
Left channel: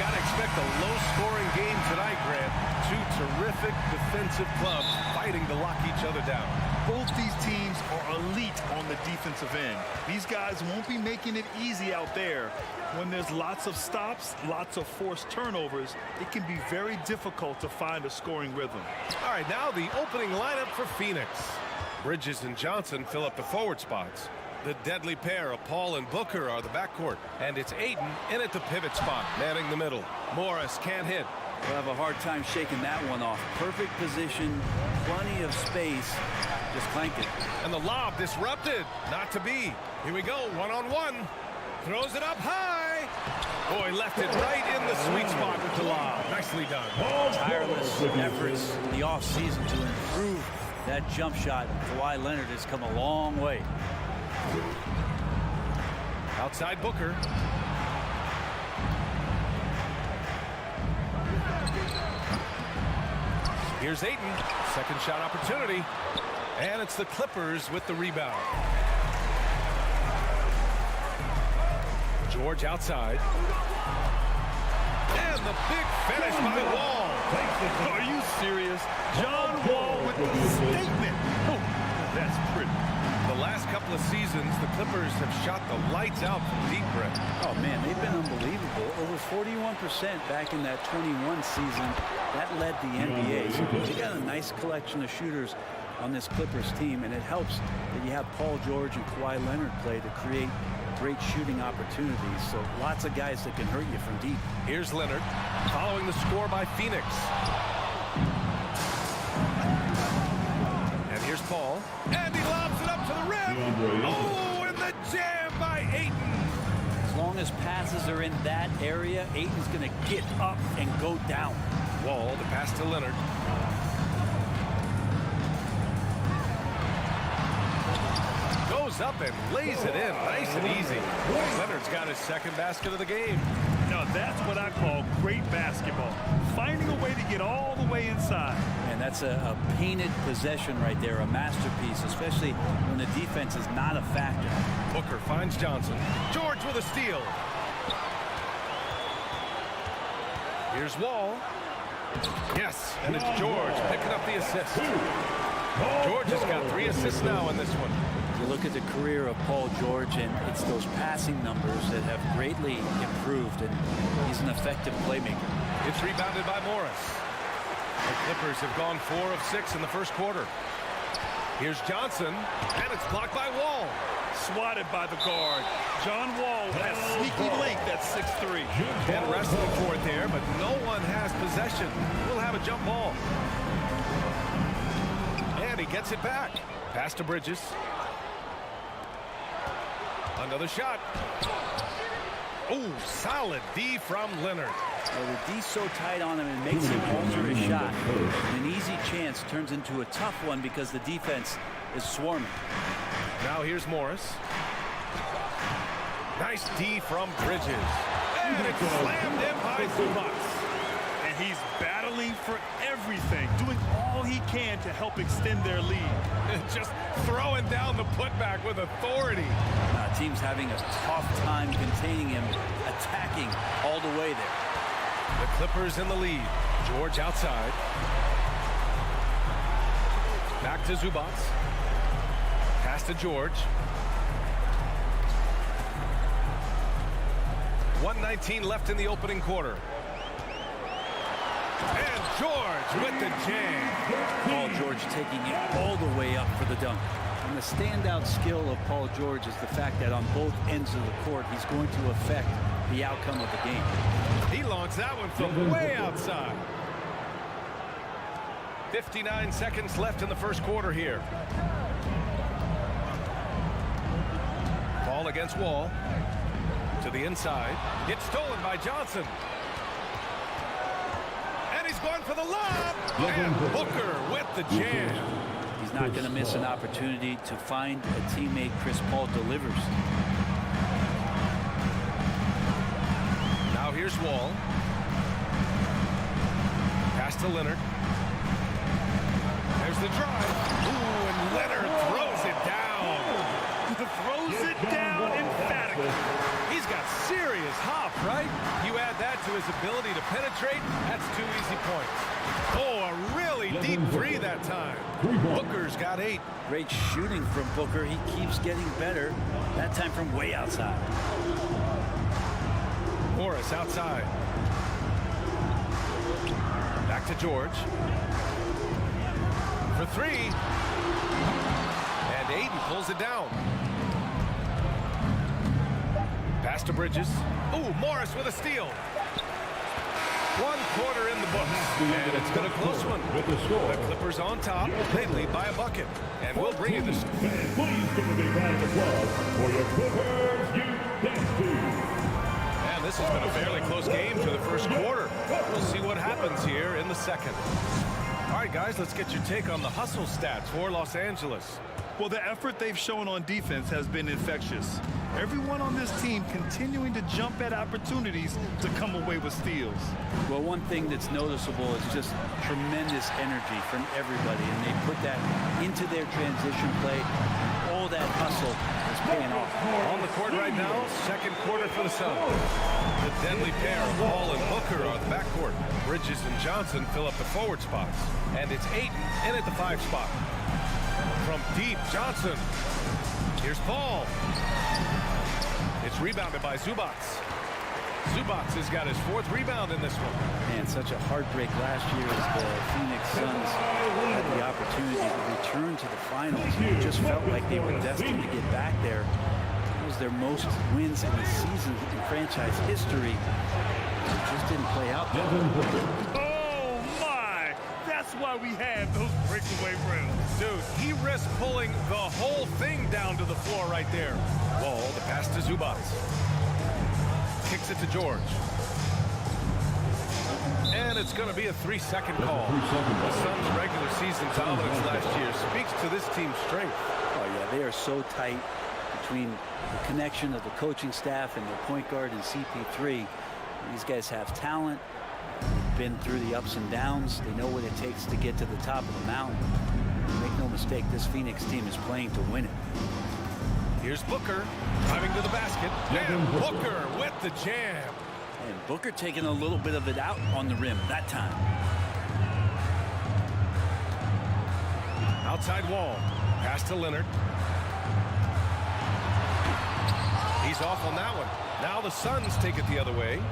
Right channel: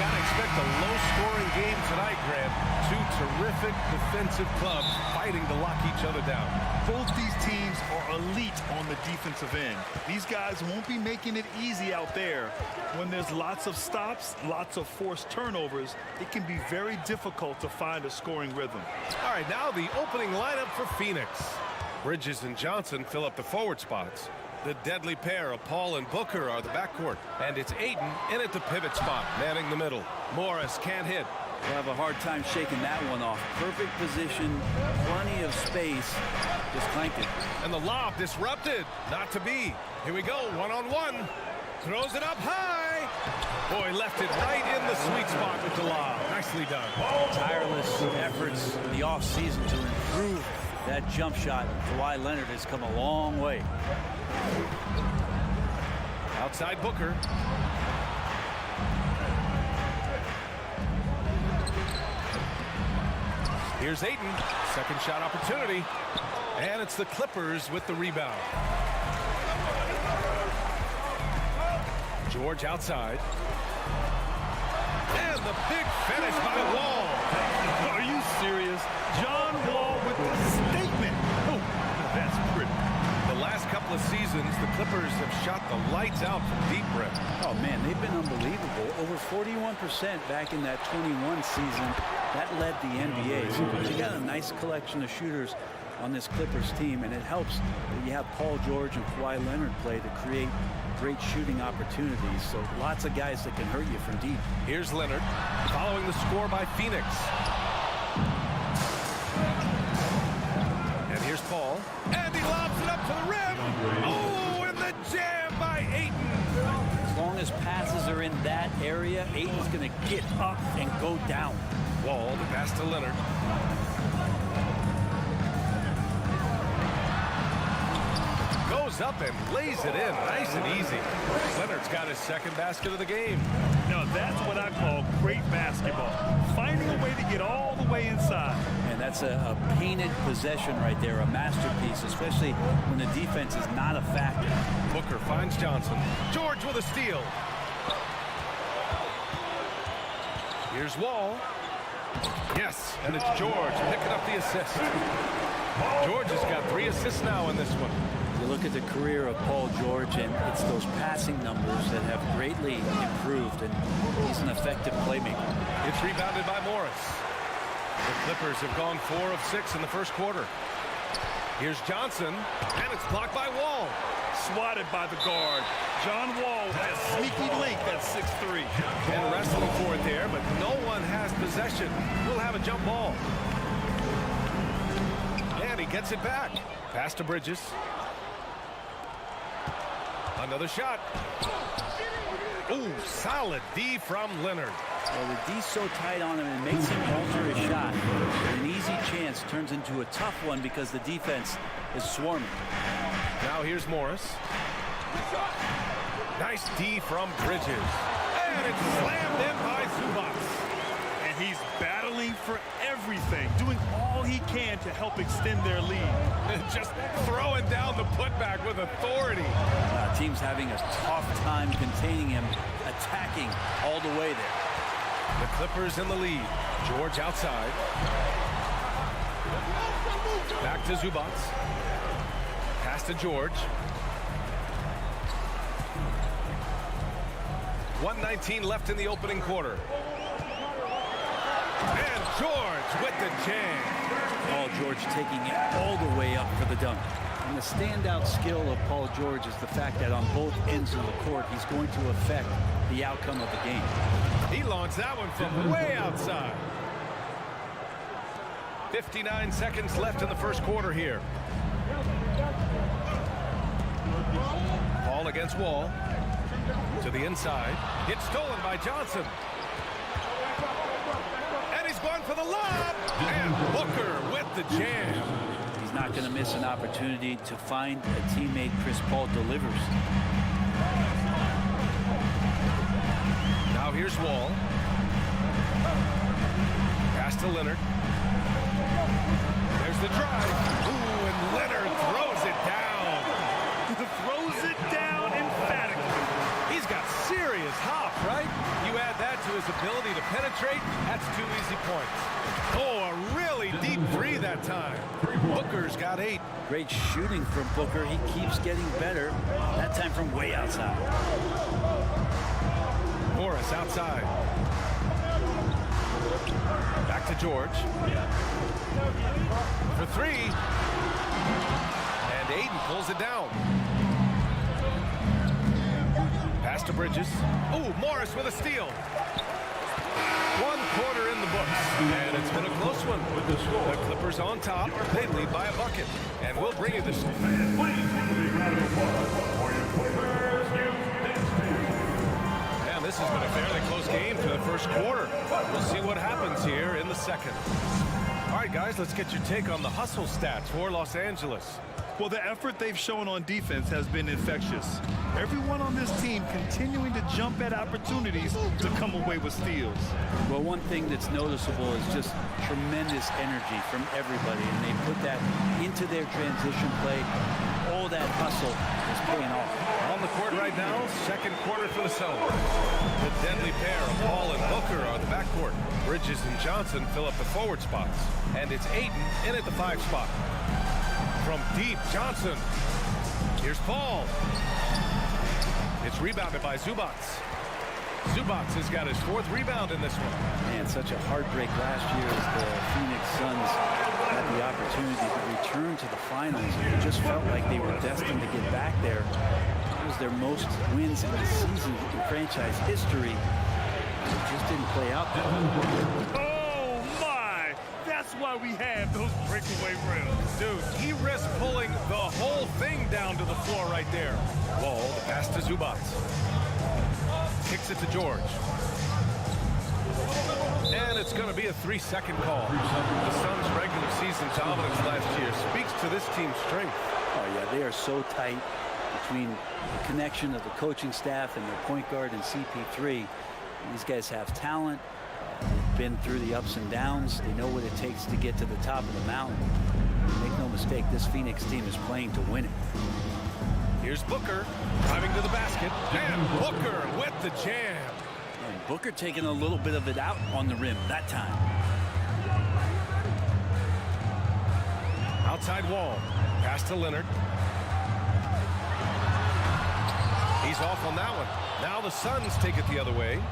got to expect a low-scoring game tonight, Grant. Two terrific defensive clubs fighting to lock each other down. Both these teams are elite on the defensive end. These guys won't be making it easy out there. When there's lots of stops, lots of forced turnovers, it can be very difficult to find a scoring rhythm. All right, now the opening lineup for Phoenix. Bridges and Johnson fill up the forward spots. The deadly pair of Paul and Booker are the backcourt. And it's Ayton in at the pivot spot, manning the middle. Morris can't hit. We'll have a hard time shaking that one off. Perfect position, plenty of space. Just clank it. And the lob disrupted. Not to be. Here we go, one-on-one. Throws it up high. Boy, left it right in the sweet spot with the lob. Nicely done. Tireless efforts in the offseason to improve that jump shot. Kawhi Leonard has come a long way. Outside Booker. Here's Ayton. Second shot opportunity. And it's the Clippers with the rebound. George outside. And the big finish by Wall. Are you serious? John Wall with the statement. Oh, that's pretty. The last couple of seasons, the Clippers have shot the lights out from deep, Brett. Oh, man, they've been unbelievable. Over 41% back in that 21 season. That led the NBA. So they got a nice collection of shooters on this Clippers team, and it helps that you have Paul George and Kawhi Leonard play to create great shooting opportunities. So lots of guys that can hurt you from deep. Here's Leonard following the score by Phoenix. And here's Paul. And he lobs it up to the rim. Oh, and the jam by Ayton. As long as passes are in that area, Ayton's going to get up and go down. Wall, the pass to Leonard. Goes up and lays it in nice and easy. Leonard's got his second basket of the game. Now that's what I call great basketball. Finding a way to get all the way inside. And that's a painted possession right there, a masterpiece, especially when the defense is not a factor. Booker finds Johnson. George with a steal. Here's Wall. Yes, and it's George picking up the assist. George has got 3 assists now in this one. You look at the career of Paul George, and it's those passing numbers that have greatly improved, and he's an effective playmaker. It's rebounded by Morris. The Clippers have gone 4 of 6 in the first quarter. Here's Johnson, and it's blocked by Wall. Swatted by the guard. John Wall has sneaky length at 6'3". And wrestling for it there, but no one has possession. We'll have a jump ball. And he gets it back. Pass to Bridges. Another shot. Ooh, solid D from Leonard. Well, the D's so tight on him, and makes him alter his shot. And an easy chance turns into a tough one because the defense is swarming. Now here's Morris. Nice D from Bridges. And it's slammed in by Zubac. And he's battling for everything, doing all he can to help extend their lead. Just throwing down the putback with authority. Team's having a tough time containing him, attacking all the way there. The Clippers in the lead. George outside. Back to Zubac. Pass to George. 1:19 left in the opening quarter. And George with the jam. Paul George taking it all the way up for the dunk. And the standout skill of Paul George is the fact that on both ends of the court, he's going to affect the outcome of the game. He launched that one from way outside. 59 seconds left in the first quarter here. Paul against Wall. To the inside. It's stolen by Johnson. And he's going for the lob. And Booker with the jam. He's not going to miss an opportunity to find a teammate. Chris Paul delivers. Now here's Wall. Pass to Leonard. There's the drive. Ooh, and Leonard throws it down. Throws it down emphatically. He He's got serious hop, right? You add that to his ability to penetrate, that's 2 easy points. Oh, a really deep three that time. Booker's got 8. Great shooting from Booker. He keeps getting better, that time from way outside. Morris outside. Back to George. For 3. And Aiden pulls it down. Pass to Bridges. Ooh, Morris with a steal. 1 quarter in the books, and it's been a close one. The Clippers on top. They lead by a bucket, and we'll bring you this. Please give a big round of applause for your Clippers Youth Dance Team. And this has been a fairly close game to the first quarter. We'll see what happens here in the second. All right, guys, let's get your take on the hustle stats for Los Angeles. Well, the effort they've shown on defense has been infectious. Everyone on this team continuing to jump at opportunities to come away with steals. Well, one thing that's noticeable is just tremendous energy from everybody, and they put that into their transition play, and all that hustle is paying off. On the court right now, second quarter for the Suns. The deadly pair of Paul and Booker are the backcourt. Bridges and Johnson fill up the forward spots, and it's Ayton in at the 5 spot. From deep, Johnson. Here's Paul. It's rebounded by Zubats. Zubats has got his 4th rebound in this one. Man, such a heartbreak last year as the Phoenix Suns had the opportunity to return to the finals. It just felt like they were destined to get back there. It was their most wins in the season in franchise history. It just didn't play out that way. Oh, my! That's why we have those breakaway rims. Dude, he risked pulling the whole thing down to the floor right there. Wall, the pass to Zubats. Kicks it to George. And it's going to be a 3-second call. The Suns' regular season dominance last year speaks to this team's strength. Oh, yeah, they are so tight between the connection of the coaching staff and their point guard and CP3. These guys have talent. They've been through the ups and downs. They know what it takes to get to the top of the mountain. Make no mistake, this Phoenix team is playing to win it. Here's Booker driving to the basket, and Booker with the jam. And Booker taking a little bit of it out on the rim that time. Outside Wall, pass to Leonard. He's off on that one. Now the Suns take it the other way.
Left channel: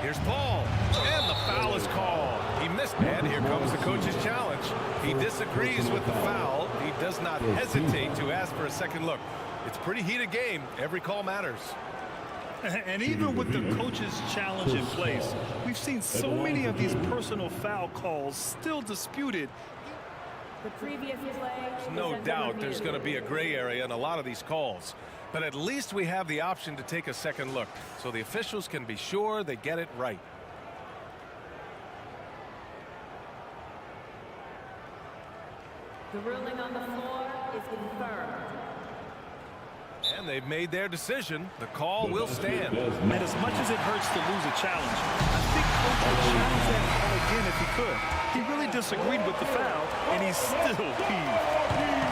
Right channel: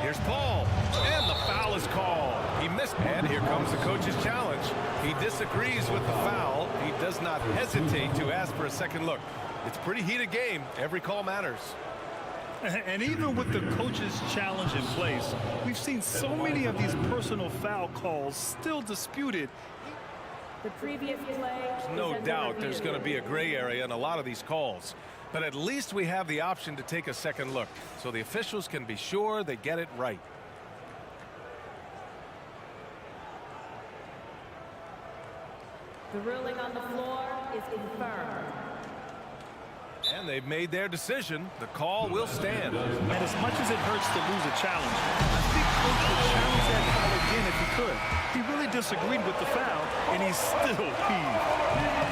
Here's Paul, and the foul is called. He missed, and here comes the coach's challenge. He disagrees with the foul. He does not hesitate to ask for a second look. It's a pretty heated game. Every call matters. And even with the coach's challenge in place, we've seen so many of these personal foul calls still disputed. The previous play. There's no doubt there's going to be a gray area in a lot of these calls. But at least we have the option to take a second look, so the officials can be sure they get it right. The ruling on the floor is confirmed. And they've made their decision. The call will stand. And as much as it hurts to lose a challenge, I think Coach would challenge that call again if he could. He really disagreed with the foul, and he's still peeved.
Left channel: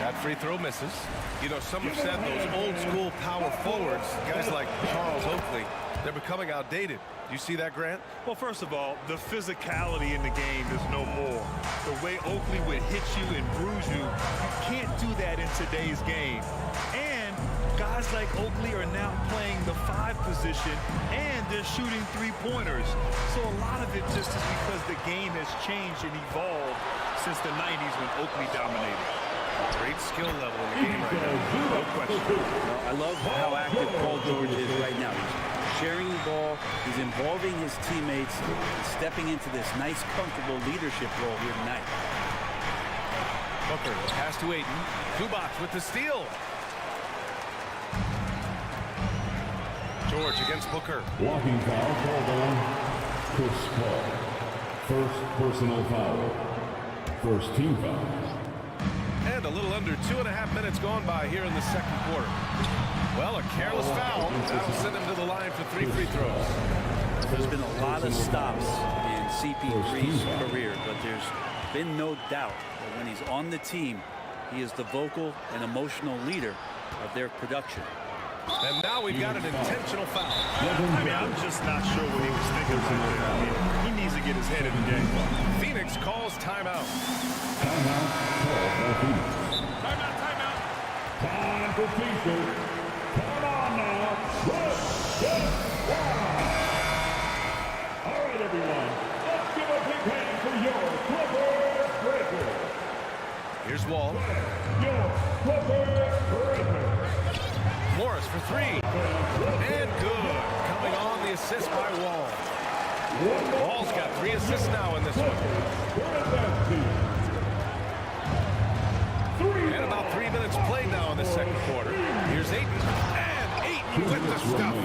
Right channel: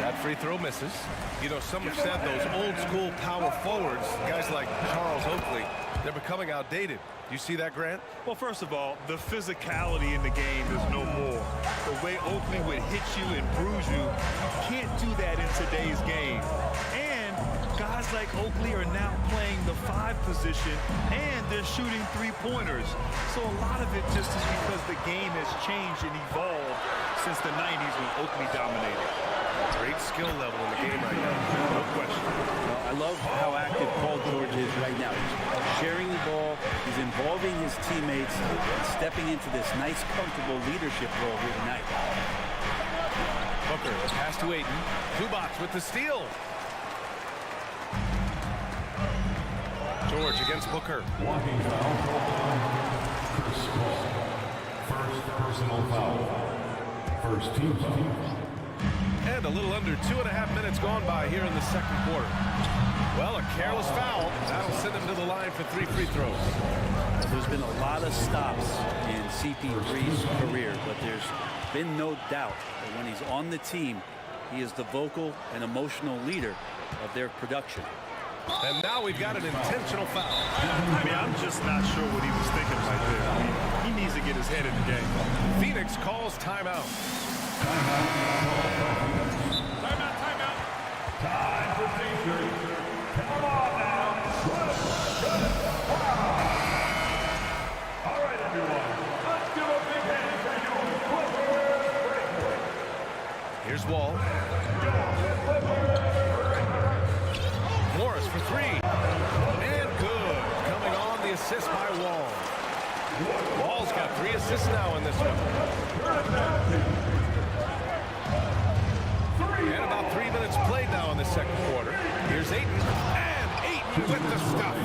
That free throw misses. You know, some have said those old school power forwards, guys like Charles Oakley, they're becoming outdated. You see that, Grant? Well, first of all, the physicality in the game is no more. The way Oakley would hit you and bruise you, you can't do that in today's game. And guys like Oakley are now playing the 5 position, and they're shooting 3-pointers. So a lot of it just is because the game has changed and evolved since the 90s when Oakley dominated. Great skill level in the game right now, no question. Well, I love how active Paul George is right now. He's sharing the ball, he's involving his teammates, and stepping into this nice, comfortable leadership role here tonight. Booker, pass to Ayton. Zubats with the steal. George against Booker. Walking foul called on Chris Paul. First personal foul. First team foul. And a little under 2.5 minutes gone by here in the second quarter. Well, a careless foul. That'll send him to the line for 3 free throws. There's been a lot of stops in CP3's career, but there's been no doubt that when he's on the team, he is the vocal and emotional leader of their production. And now we've got an intentional foul. I mean, I'm just not sure what he was thinking right there. I mean, he needs to get his head in the game. Phoenix calls timeout. Timeout called by Phoenix. Timeout. Time for T-shirt. Come on now. All right, everyone. Let's give a big hand for your Clippers Breaker. Here's Wall. Your Clippers Breaker. Morris for three. And good. Coming on the assist by Wall. Wall's got 3 assists now in this one. And about 3 minutes played now in the second quarter. Here's Ayton. And Ayton with the stuff.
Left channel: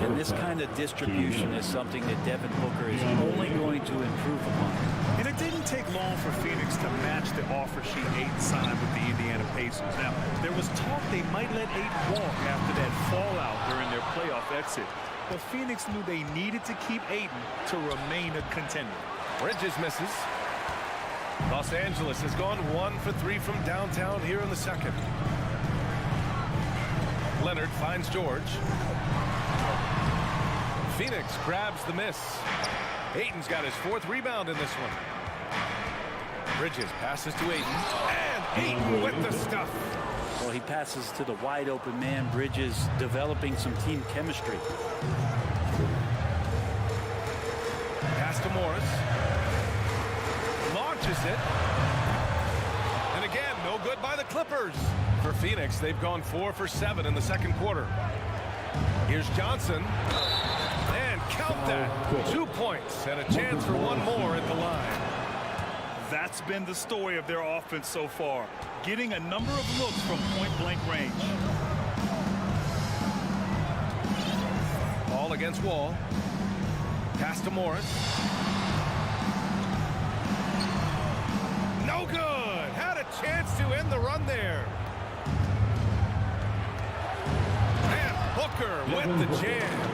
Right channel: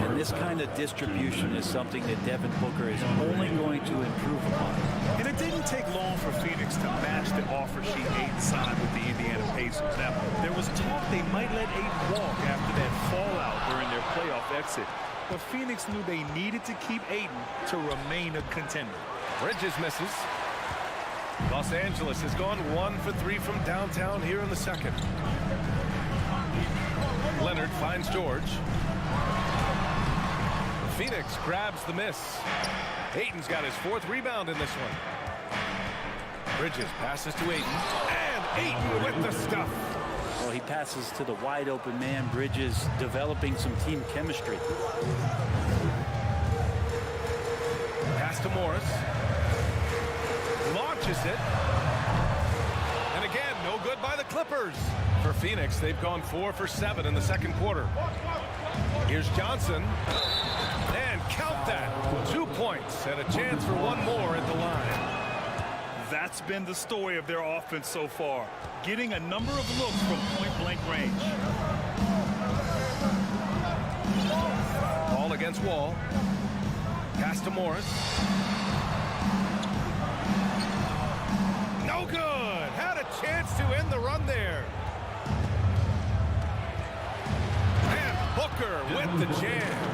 And this kind of distribution is something that Devin Booker is only going to improve upon. And it didn't take long for Phoenix to match the offer sheet Ayton signed with the Indiana Pacers. Now, there was talk they might let Ayton walk after that fallout during their playoff exit. But Phoenix knew they needed to keep Ayton to remain a contender. Bridges misses. Los Angeles has gone 1 for 3 from downtown here in the second. Leonard finds George. Phoenix grabs the miss. Ayton's got his 4th rebound in this one. Bridges passes to Ayton. And Ayton with the stuff. Well, he passes to the wide open man. Bridges developing some team chemistry. Pass to Morris. Launches it. And again, no good by the Clippers. For Phoenix, they've gone 4 for 7 in the second quarter. Here's Johnson. And count that. 2 points and a chance for one more at the line. That's been the story of their offense so far, getting a number of looks from point-blank range. Ball against Wall. Pass to Morris. No good. Had a chance to end the run there. And Booker with the jam.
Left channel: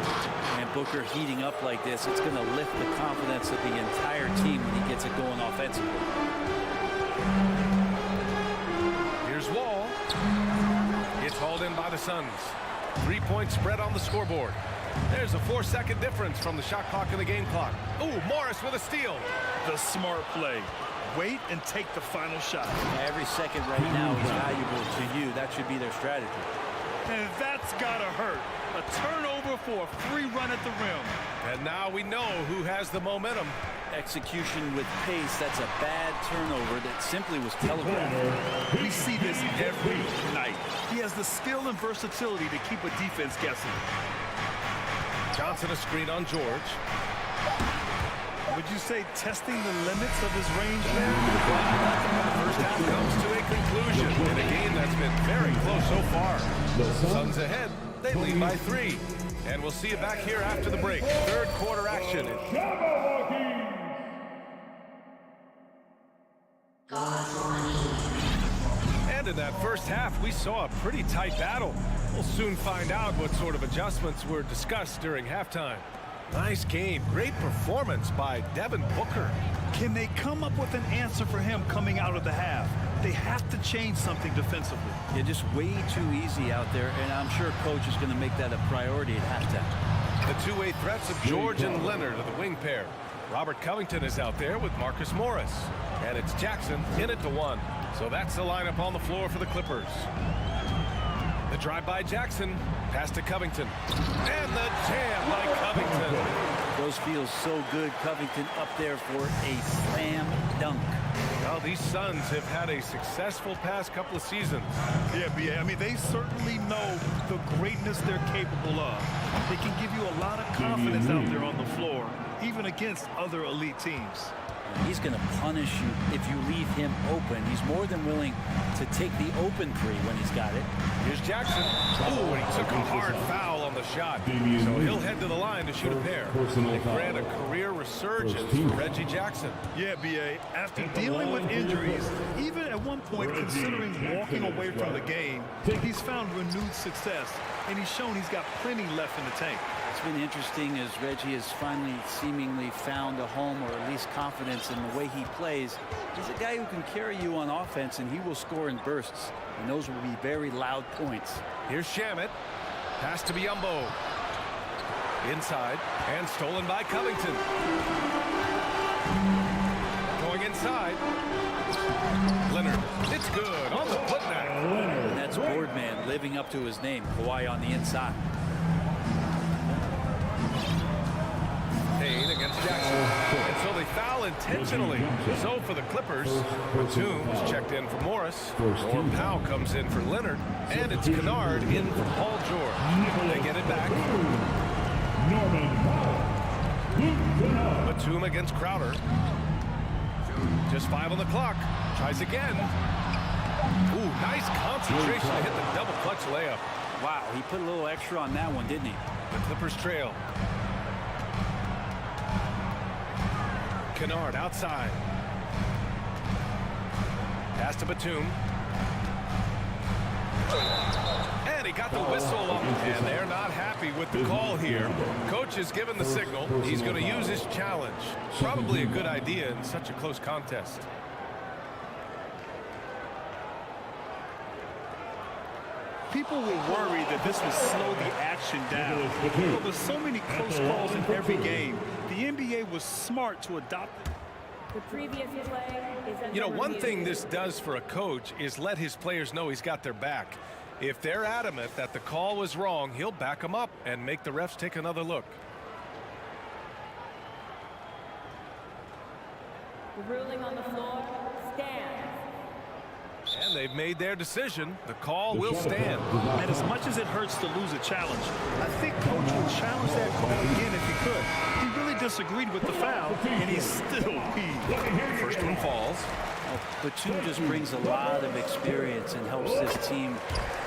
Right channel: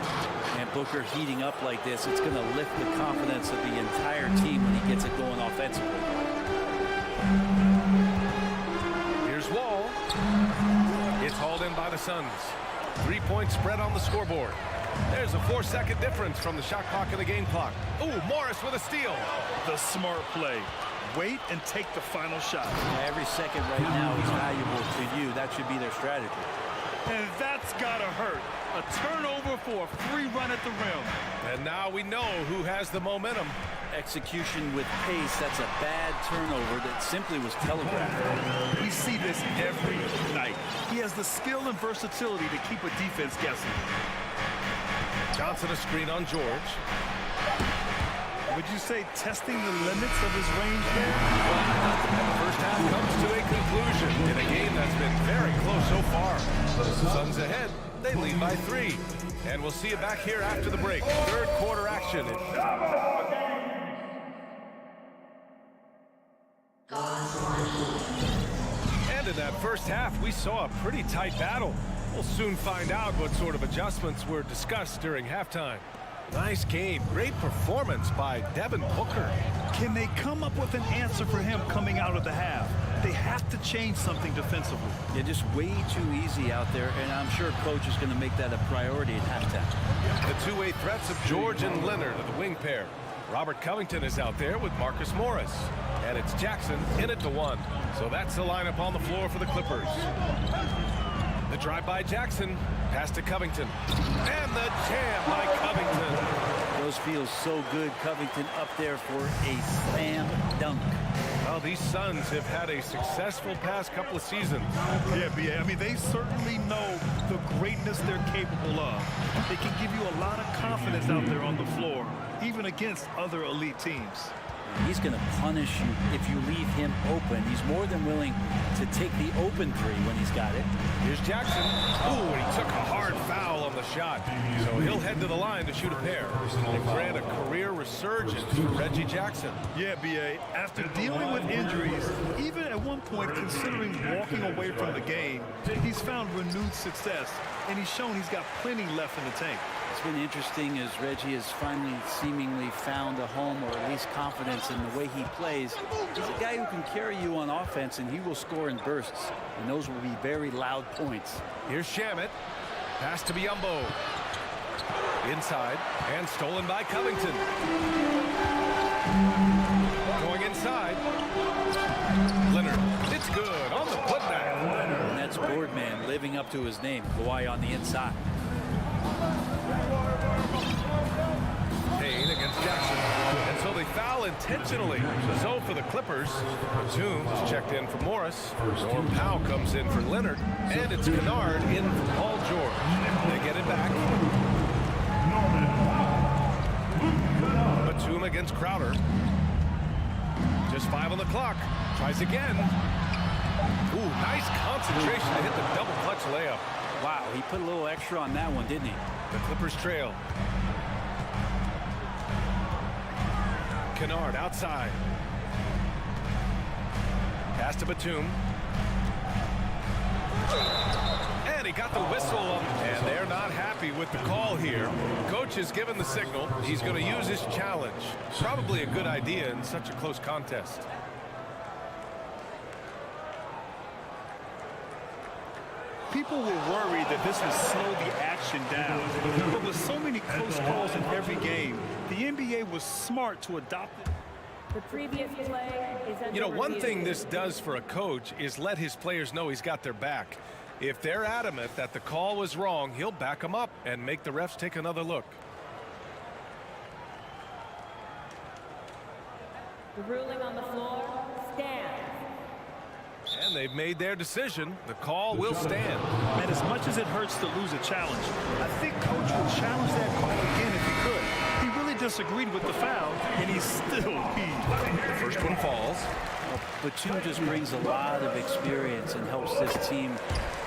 And Booker heating up like this, it's going to lift the confidence of the entire team when he gets it going offensively. Here's Wall. It's hauled in by the Suns. 3-point spread on the scoreboard. There's a 4-second difference from the shot clock and the game clock. Ooh, Morris with a steal. The smart play. Wait and take the final shot. Yeah, every second right now is valuable to you. That should be their strategy. And that's gotta hurt. A turnover for a free run at the rim. And now we know who has the momentum. Execution with pace. That's a bad turnover that simply was telegraphed. We see this every night. He has the skill and versatility to keep a defense guessing. Johnson a screen on George. Would you say testing the limits of his range there? Well, the first half comes to a conclusion in a game that's been very close so far. Suns ahead. They lead by 3. And we'll see you back here after the break. Third quarter action. And in that first half, we saw a pretty tight battle. We'll soon find out what sort of adjustments were discussed during halftime. Nice game. Great performance by Devin Booker. Can they come up with an answer for him coming out of the half? They have to change something defensively. Yeah, just way too easy out there, and I'm sure coach is going to make that a priority at halftime. The two-way threats of George and Leonard are the wing pair. Robert Covington is out there with Marcus Morris. And it's Jackson in at the 1. So that's the lineup on the floor for the Clippers. The drive by Jackson. Pass to Covington. And the jam by Covington. Those feel so good. Covington up there for a slam dunk. Well, these Suns have had a successful past couple of seasons. Yeah, B.A. I mean, they certainly know the greatness they're capable of. They can give you a lot of confidence out there on the floor, even against other elite teams. He's going to punish you if you leave him open. He's more than willing to take the open 3 when he's got it. Here's Jackson. Oh, and he took a hard foul on the shot. So he'll head to the line to shoot a pair. And grant a career resurgence for Reggie Jackson. Yeah, B.A. After dealing with injuries, even at one point considering walking away from the game, he's found renewed success, and he's shown he's got plenty left in the tank. It's been interesting as Reggie has finally seemingly found a home, or at least confidence in the way he plays. He's a guy who can carry you on offense, and he will score in bursts, and those will be very loud points. Here's Shamet. Pass to Biyombo. Inside and stolen by Covington. Going inside. Leonard. It's good on the putback. And that's Boardman living up to his name. Kawhi on the inside. Payne against Jackson. And so they foul intentionally. So for the Clippers, Batum's checked in for Morris. Norm Powell comes in for Leonard. And it's Kennard in for Paul George. They get it back. Batum against Crowder. Just 5 on the clock. Tries again. Ooh, nice concentration to hit the double clutch layup. Wow, he put a little extra on that one, didn't he? The Clippers trail. Kennard outside. Pass to Batum. And he got the whistle on, and they're not happy with the call here. Coach has given the signal. He's going to use his challenge. Probably a good idea in such a close contest. People were worried that this would slow the action down. But with so many close calls in every game, the NBA was smart to adopt it. The previous play is under You know, one review. thing this does for a coach is let his players know he's got their back. If they're adamant that the call was wrong, he'll back them up and make the refs take another look. The ruling on the floor stands. And they've made their decision. The call will stand. And as much as it hurts to lose a challenge, I think Coach would challenge that call again if he could. He really disagreed with the foul, and he still peed. The first one falls. Well, Batum just brings a lot of experience and helps this team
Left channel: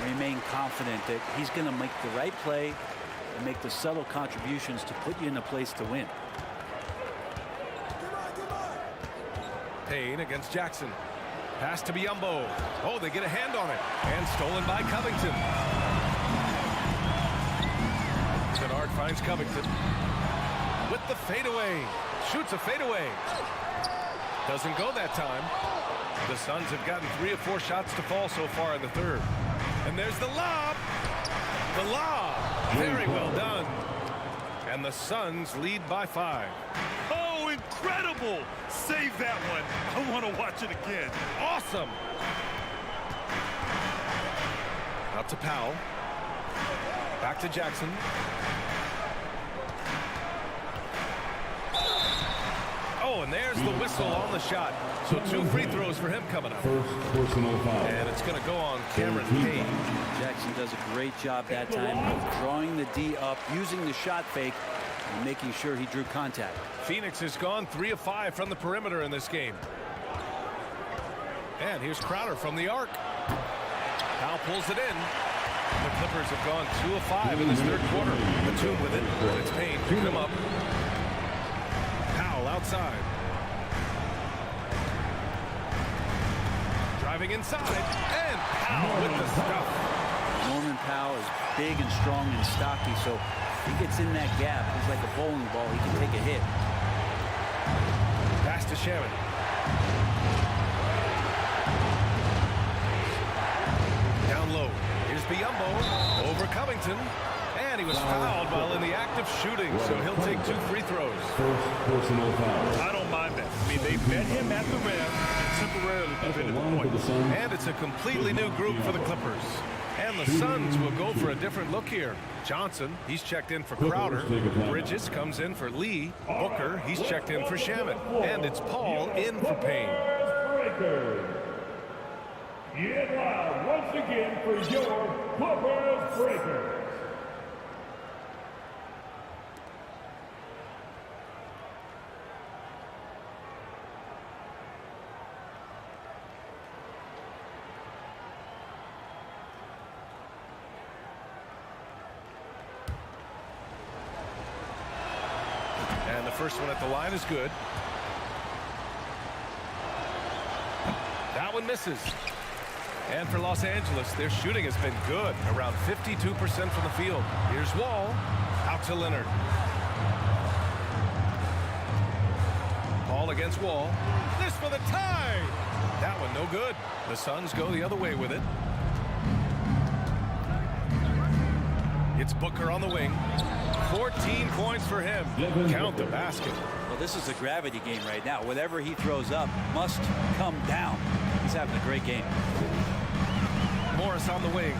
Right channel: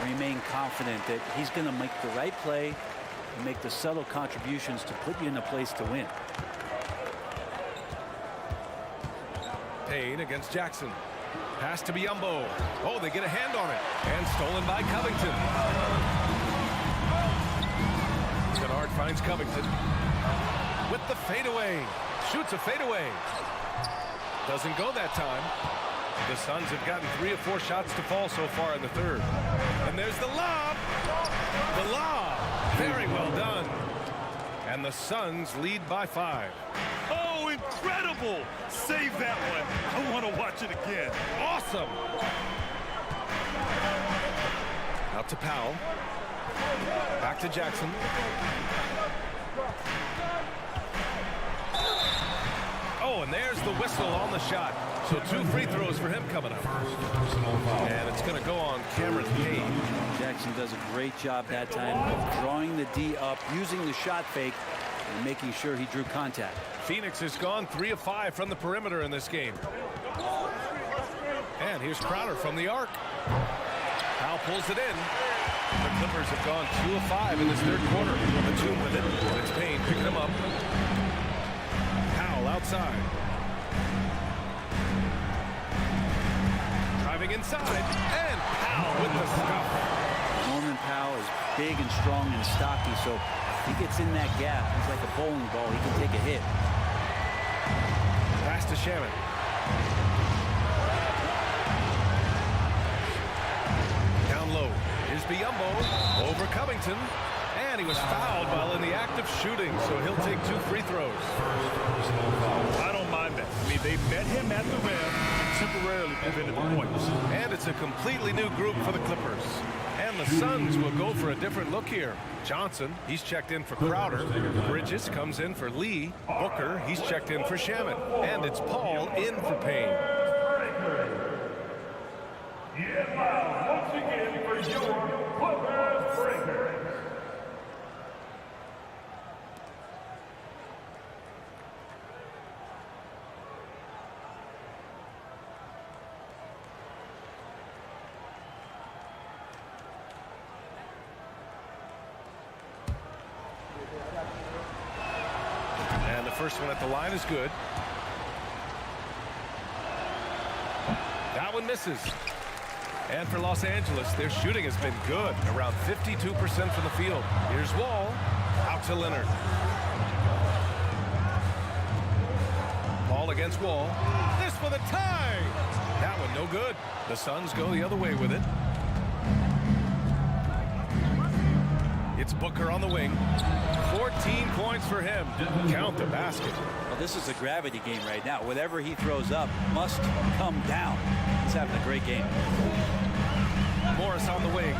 remain confident that he's going to make the right play and make the subtle contributions to put you in a place to win. Payne against Jackson. Pass to Biyombo. Oh, they get a hand on it. And stolen by Covington. Kennard finds Covington. With the fadeaway. Shoots a fadeaway. Doesn't go that time. The Suns have gotten 3 or 4 shots to fall so far in the third. And there's the lob. The lob. Very well done. And the Suns lead by 5. Oh, incredible! Save that one. I want to watch it again. Awesome. Out to Powell. Back to Jackson. Oh, and there's the whistle on the shot. So 2 free throws for him coming up. First personal foul. And it's going to go on Cameron Payne. Jackson does a great job that time of drawing the D up, using the shot fake, and making sure he drew contact. Phoenix has gone 3 of 5 from the perimeter in this game. And here's Crowder from the arc. Powell pulls it in. The Clippers have gone 2 of 5 in this third quarter. Batum with it. And it's Payne picking him up. Powell outside. Driving inside. And Powell with the stuff. Norman Powell is big and strong and stocky, so if he gets in that gap, he's like a bowling ball. He can take a hit. Pass to Shaman. Down low. Here's Biyombo over Covington. And he was fouled while in the act of shooting, so he'll take 2 free throws. First personal foul. I don't mind that. I mean, they met him at the rim and temporarily prevented the point. And it's a completely new group for the Clippers. And the Suns will go for a different look here. Johnson, he's checked in for Crowder. Bridges comes in for Lee. Booker, he's checked in for Shaman. And it's Paul in for Payne. Get loud once again for your Clippers Breakers. And the first one at the line is good. That one misses. And for Los Angeles, their shooting has been good, around 52% from the field. Here's Wall, out to Leonard. Paul against Wall. This for the tie. That one no good. The Suns go the other way with it. It's Booker on the wing. 14 points for him. Count the basket. Well, this is a gravity game right now. Whatever he throws up must come down. He's having a great game. Morris on the wing.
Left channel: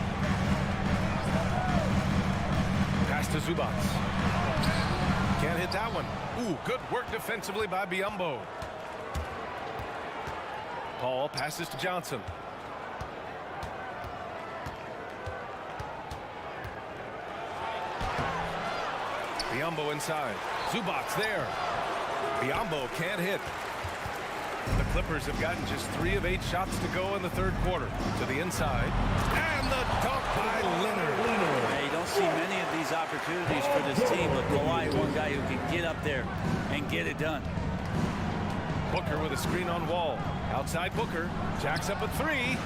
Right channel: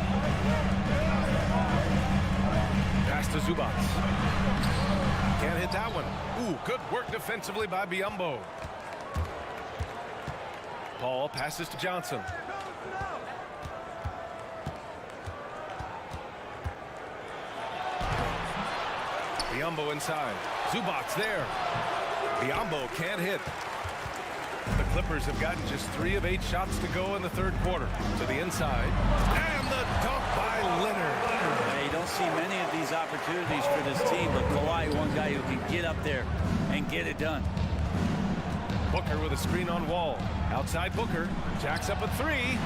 Pass to Zubac. Can't hit that one. Ooh, good work defensively by Biyombo. Paul passes to Johnson. Biyombo inside. Zubac there. Biyombo can't hit. The Clippers have gotten just 3 of 8 shots to go in the third quarter. To the inside. And the dunk by Leonard. Yeah, you don't see many of these opportunities for this team, but Kawhi, one guy who can get up there and get it done. Booker with a screen on Wall. Outside Booker. Jacks up a 3.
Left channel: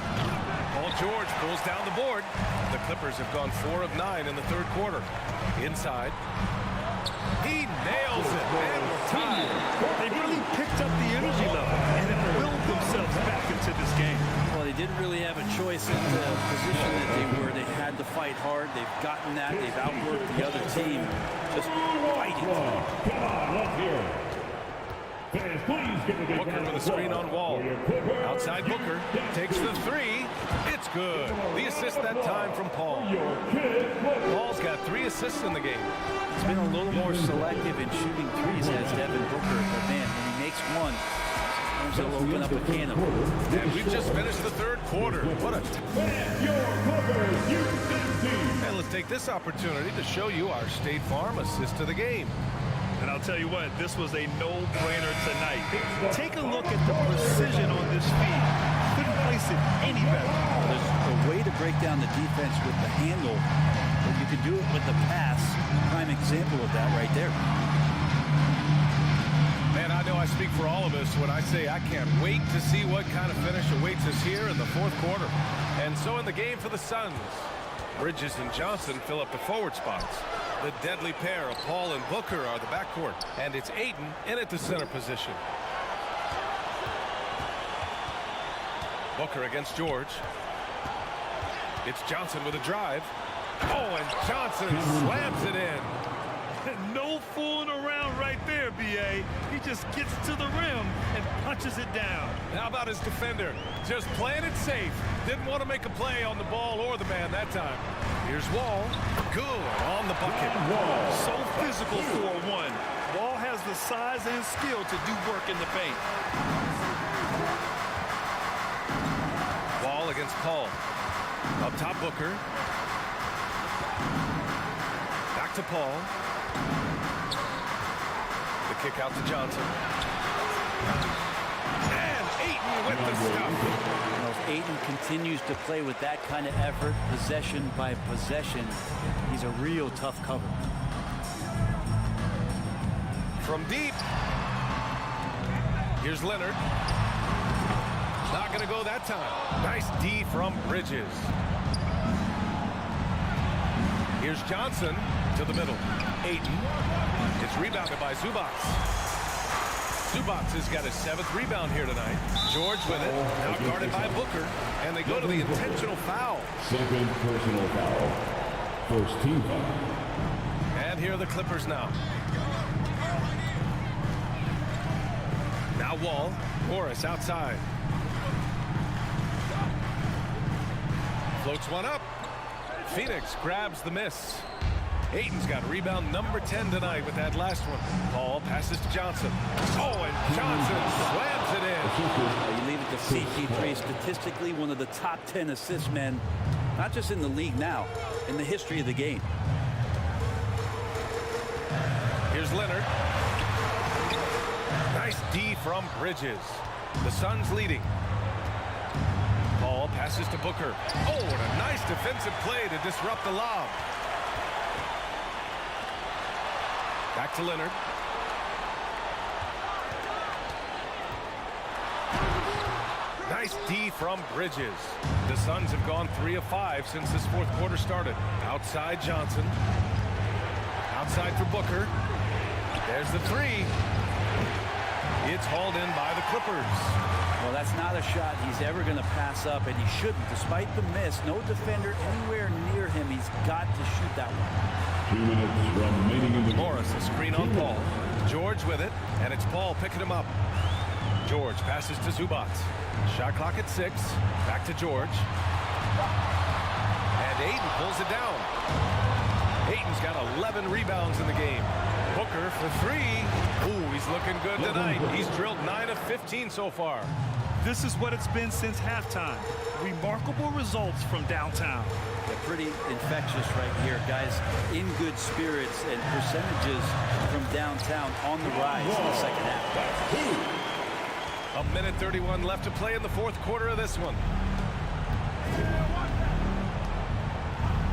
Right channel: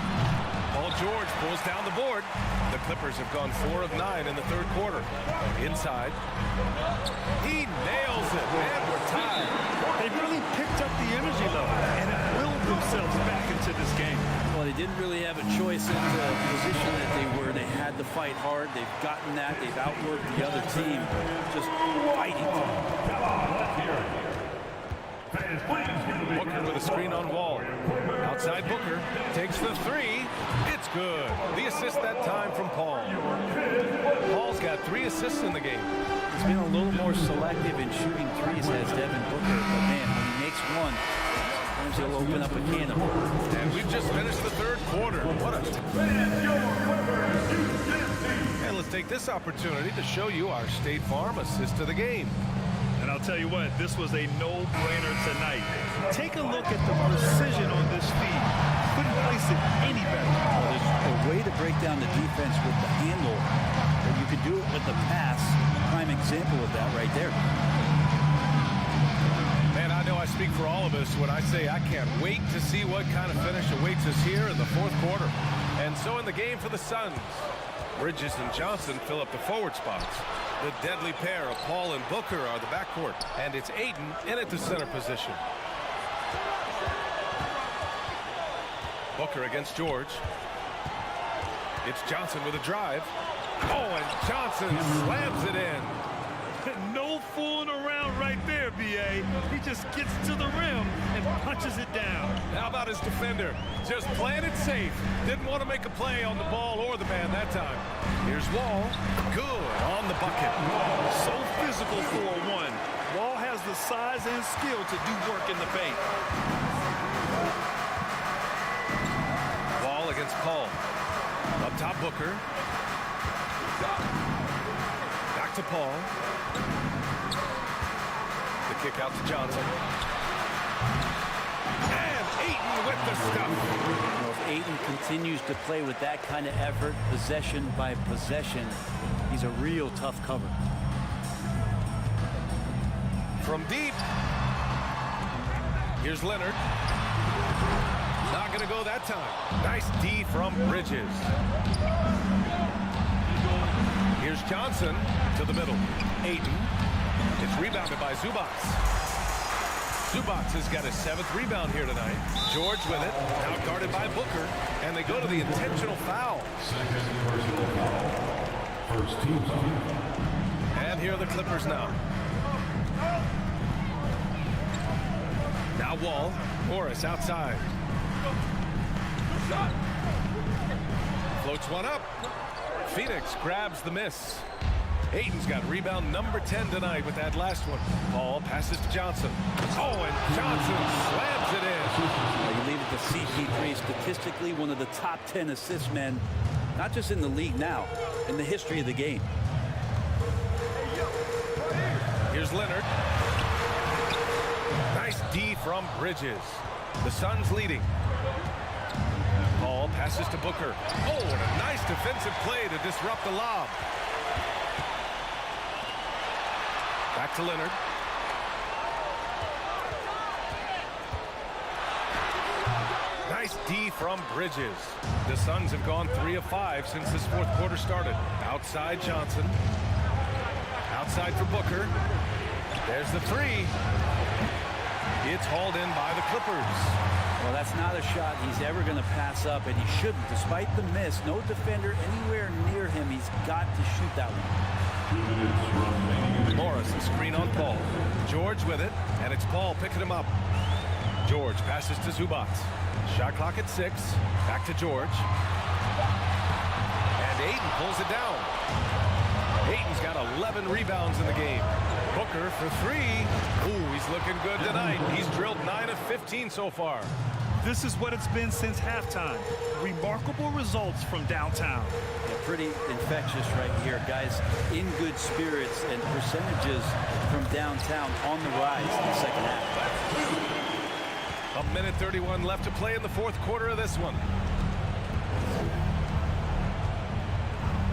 Paul George pulls down the board. The Clippers have gone 4 of 9 in the third quarter. Inside. He nails it, and we're tied. They really picked up the energy level and have willed themselves back into this game. Well, they didn't really have a choice in the position that they were. They had to fight hard. They've gotten that. They've outworked the other team, just fighting. Come on, let's hear it. Fans, please give a big Booker with a screen on Wall. Outside Booker takes the 3. It's good. The assist that time from Paul. Paul's got 3 assists in the game. He's been a little more selective in shooting threes, has Devin Booker. But man, when he makes one, sometimes he'll open up a can of worms. And we've just finished the third quarter. What a And let's take this opportunity to show you our State Farm assist of the game. And I'll tell you what, this was a no-brainer tonight. Take a look at the precision on this feed. Couldn't place it any better. Well, there's a way to break down the defense with the handle, but you can do it with the pass. Prime example of that right there. Man, I know I speak for all of us when I say I can't wait to see what kind of finish awaits us here in the fourth quarter. And so in the game for the Suns, Bridges and Johnson fill up the forward spots. The deadly pair of Paul and Booker are the backcourt, and it's Ayton in at the center position. Booker against George. It's Johnson with a drive. Oh, and Johnson slams it in. No fooling around right there, B.A. He just gets to the rim and punches it down. How about his defender? Just playing it safe. Didn't want to make a play on the ball or the man that time. Here's Wall. Good on the bucket. So physical for a 1. Wall has the size and skill to do work in the paint. Wall against Paul. Up top, Booker. Back to Paul. The kick out to Johnson. And Ayton with the stuff. You know, if Ayton continues to play with that kind of effort, possession by possession, he's a real tough cover. From deep. Here's Leonard. Not going to go that time. Nice D from Bridges. Here's Johnson to the middle. Ayton. It's rebounded by Zubac. Zubac has got his 7th rebound here tonight. George with it. Now guarded by Booker. And they go to the intentional foul. Second personal foul. First team foul. And here are the Clippers now. Now Wall. Morris outside. Floats one up. Phoenix grabs the miss. Ayton's got rebound number 10 tonight with that last one. Paul passes to Johnson. Oh, and Johnson slams it in. You leave it to CP3, statistically one of the top 10 assist men, not just in the league now, in the history of the game. Here's Leonard. Nice D from Bridges. The Suns leading. Paul passes to Booker. Oh, and a nice defensive play to disrupt the lob. Back to Leonard. Nice D from Bridges. The Suns have gone 3 of 5 since this fourth quarter started. Outside Johnson. Outside for Booker. There's the 3. It's hauled in by the Clippers. Well, that's not a shot he's ever going to pass up, and he shouldn't. Despite the miss, no defender anywhere near him. He's got to shoot that one. 2 minutes remaining in the game. Morris, a screen on Paul. George with it, and it's Paul picking him up. George passes to Zubac. Shot clock at 6. Back to George. And Ayton pulls it down. Ayton's got 11 rebounds in the game. Booker for 3. Ooh, he's looking good tonight. He's drilled 9 of 15 so far. This is what it's been since halftime. Remarkable results from downtown. Yeah, pretty infectious right here. Guys in good spirits, and percentages from downtown on the rise in the second half. 1:31 left to play in the fourth quarter of this one.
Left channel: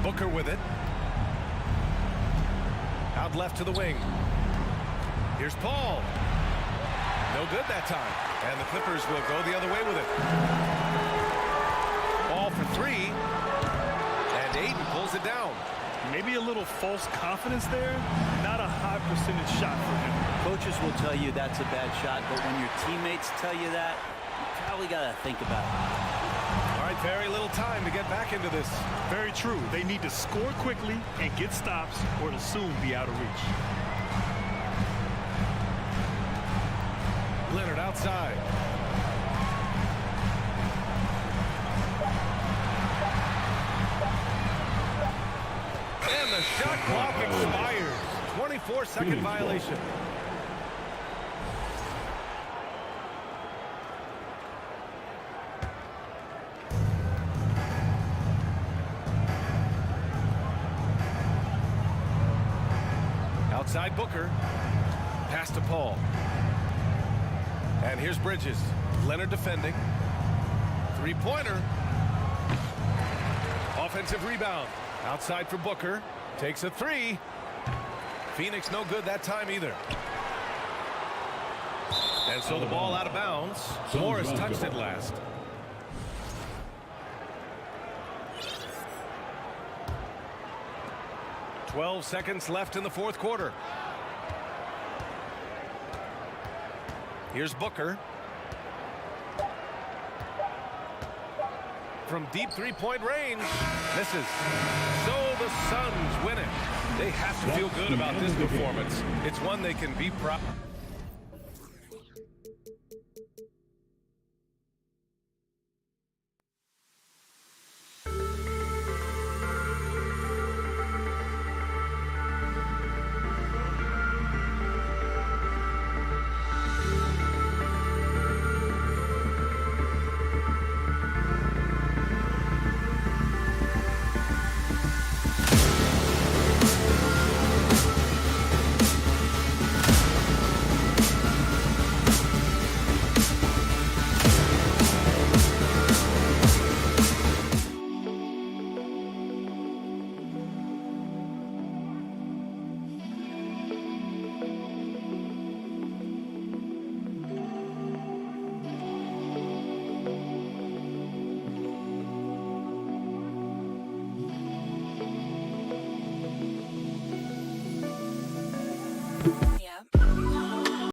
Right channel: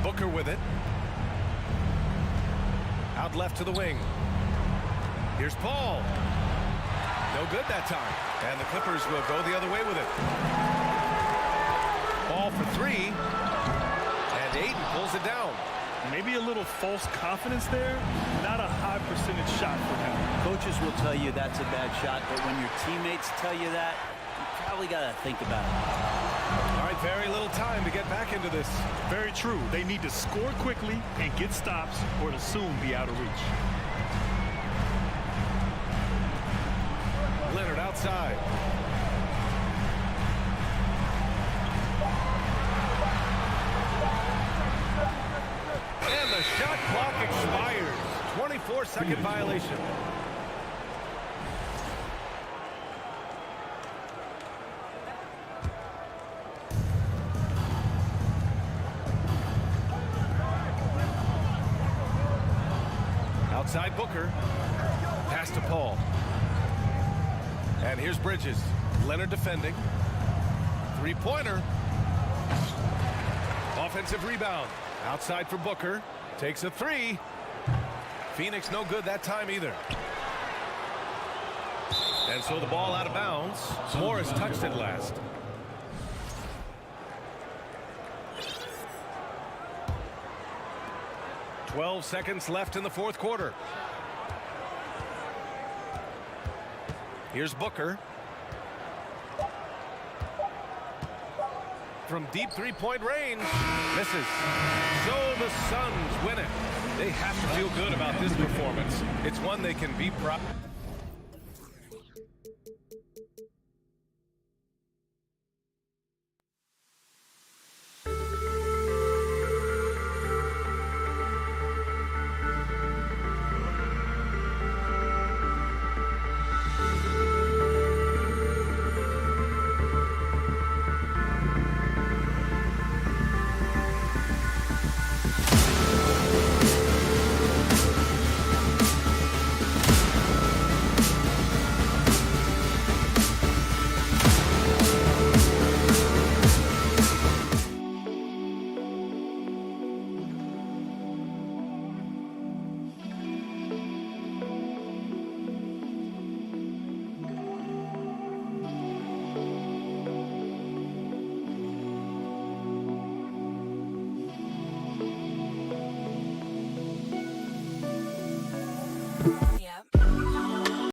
Booker with it. Out left to the wing. Here's Paul. No good that time. And the Clippers will go the other way with it. Ball for 3. And Ayton pulls it down. Maybe a little false confidence there. Not a high percentage shot for him. Coaches will tell you that's a bad shot, but when your teammates tell you that, you probably got to think about it. All right, very little time to get back into this. Very true. They need to score quickly and get stops, or it'll soon be out of reach. Leonard outside. And the shot clock expires. 24-second violation. Outside Booker. Pass to Paul. And here's Bridges. Leonard defending. Three-pointer. Offensive rebound. Outside for Booker. Takes a 3. Phoenix no good that time either. And so the ball out of bounds. Morris touched it last. "12 seconds left in the fourth quarter. Here's Booker. From deep three-point range. Misses. So the Suns win it. They have to feel good about this performance. It's one they can be proud of.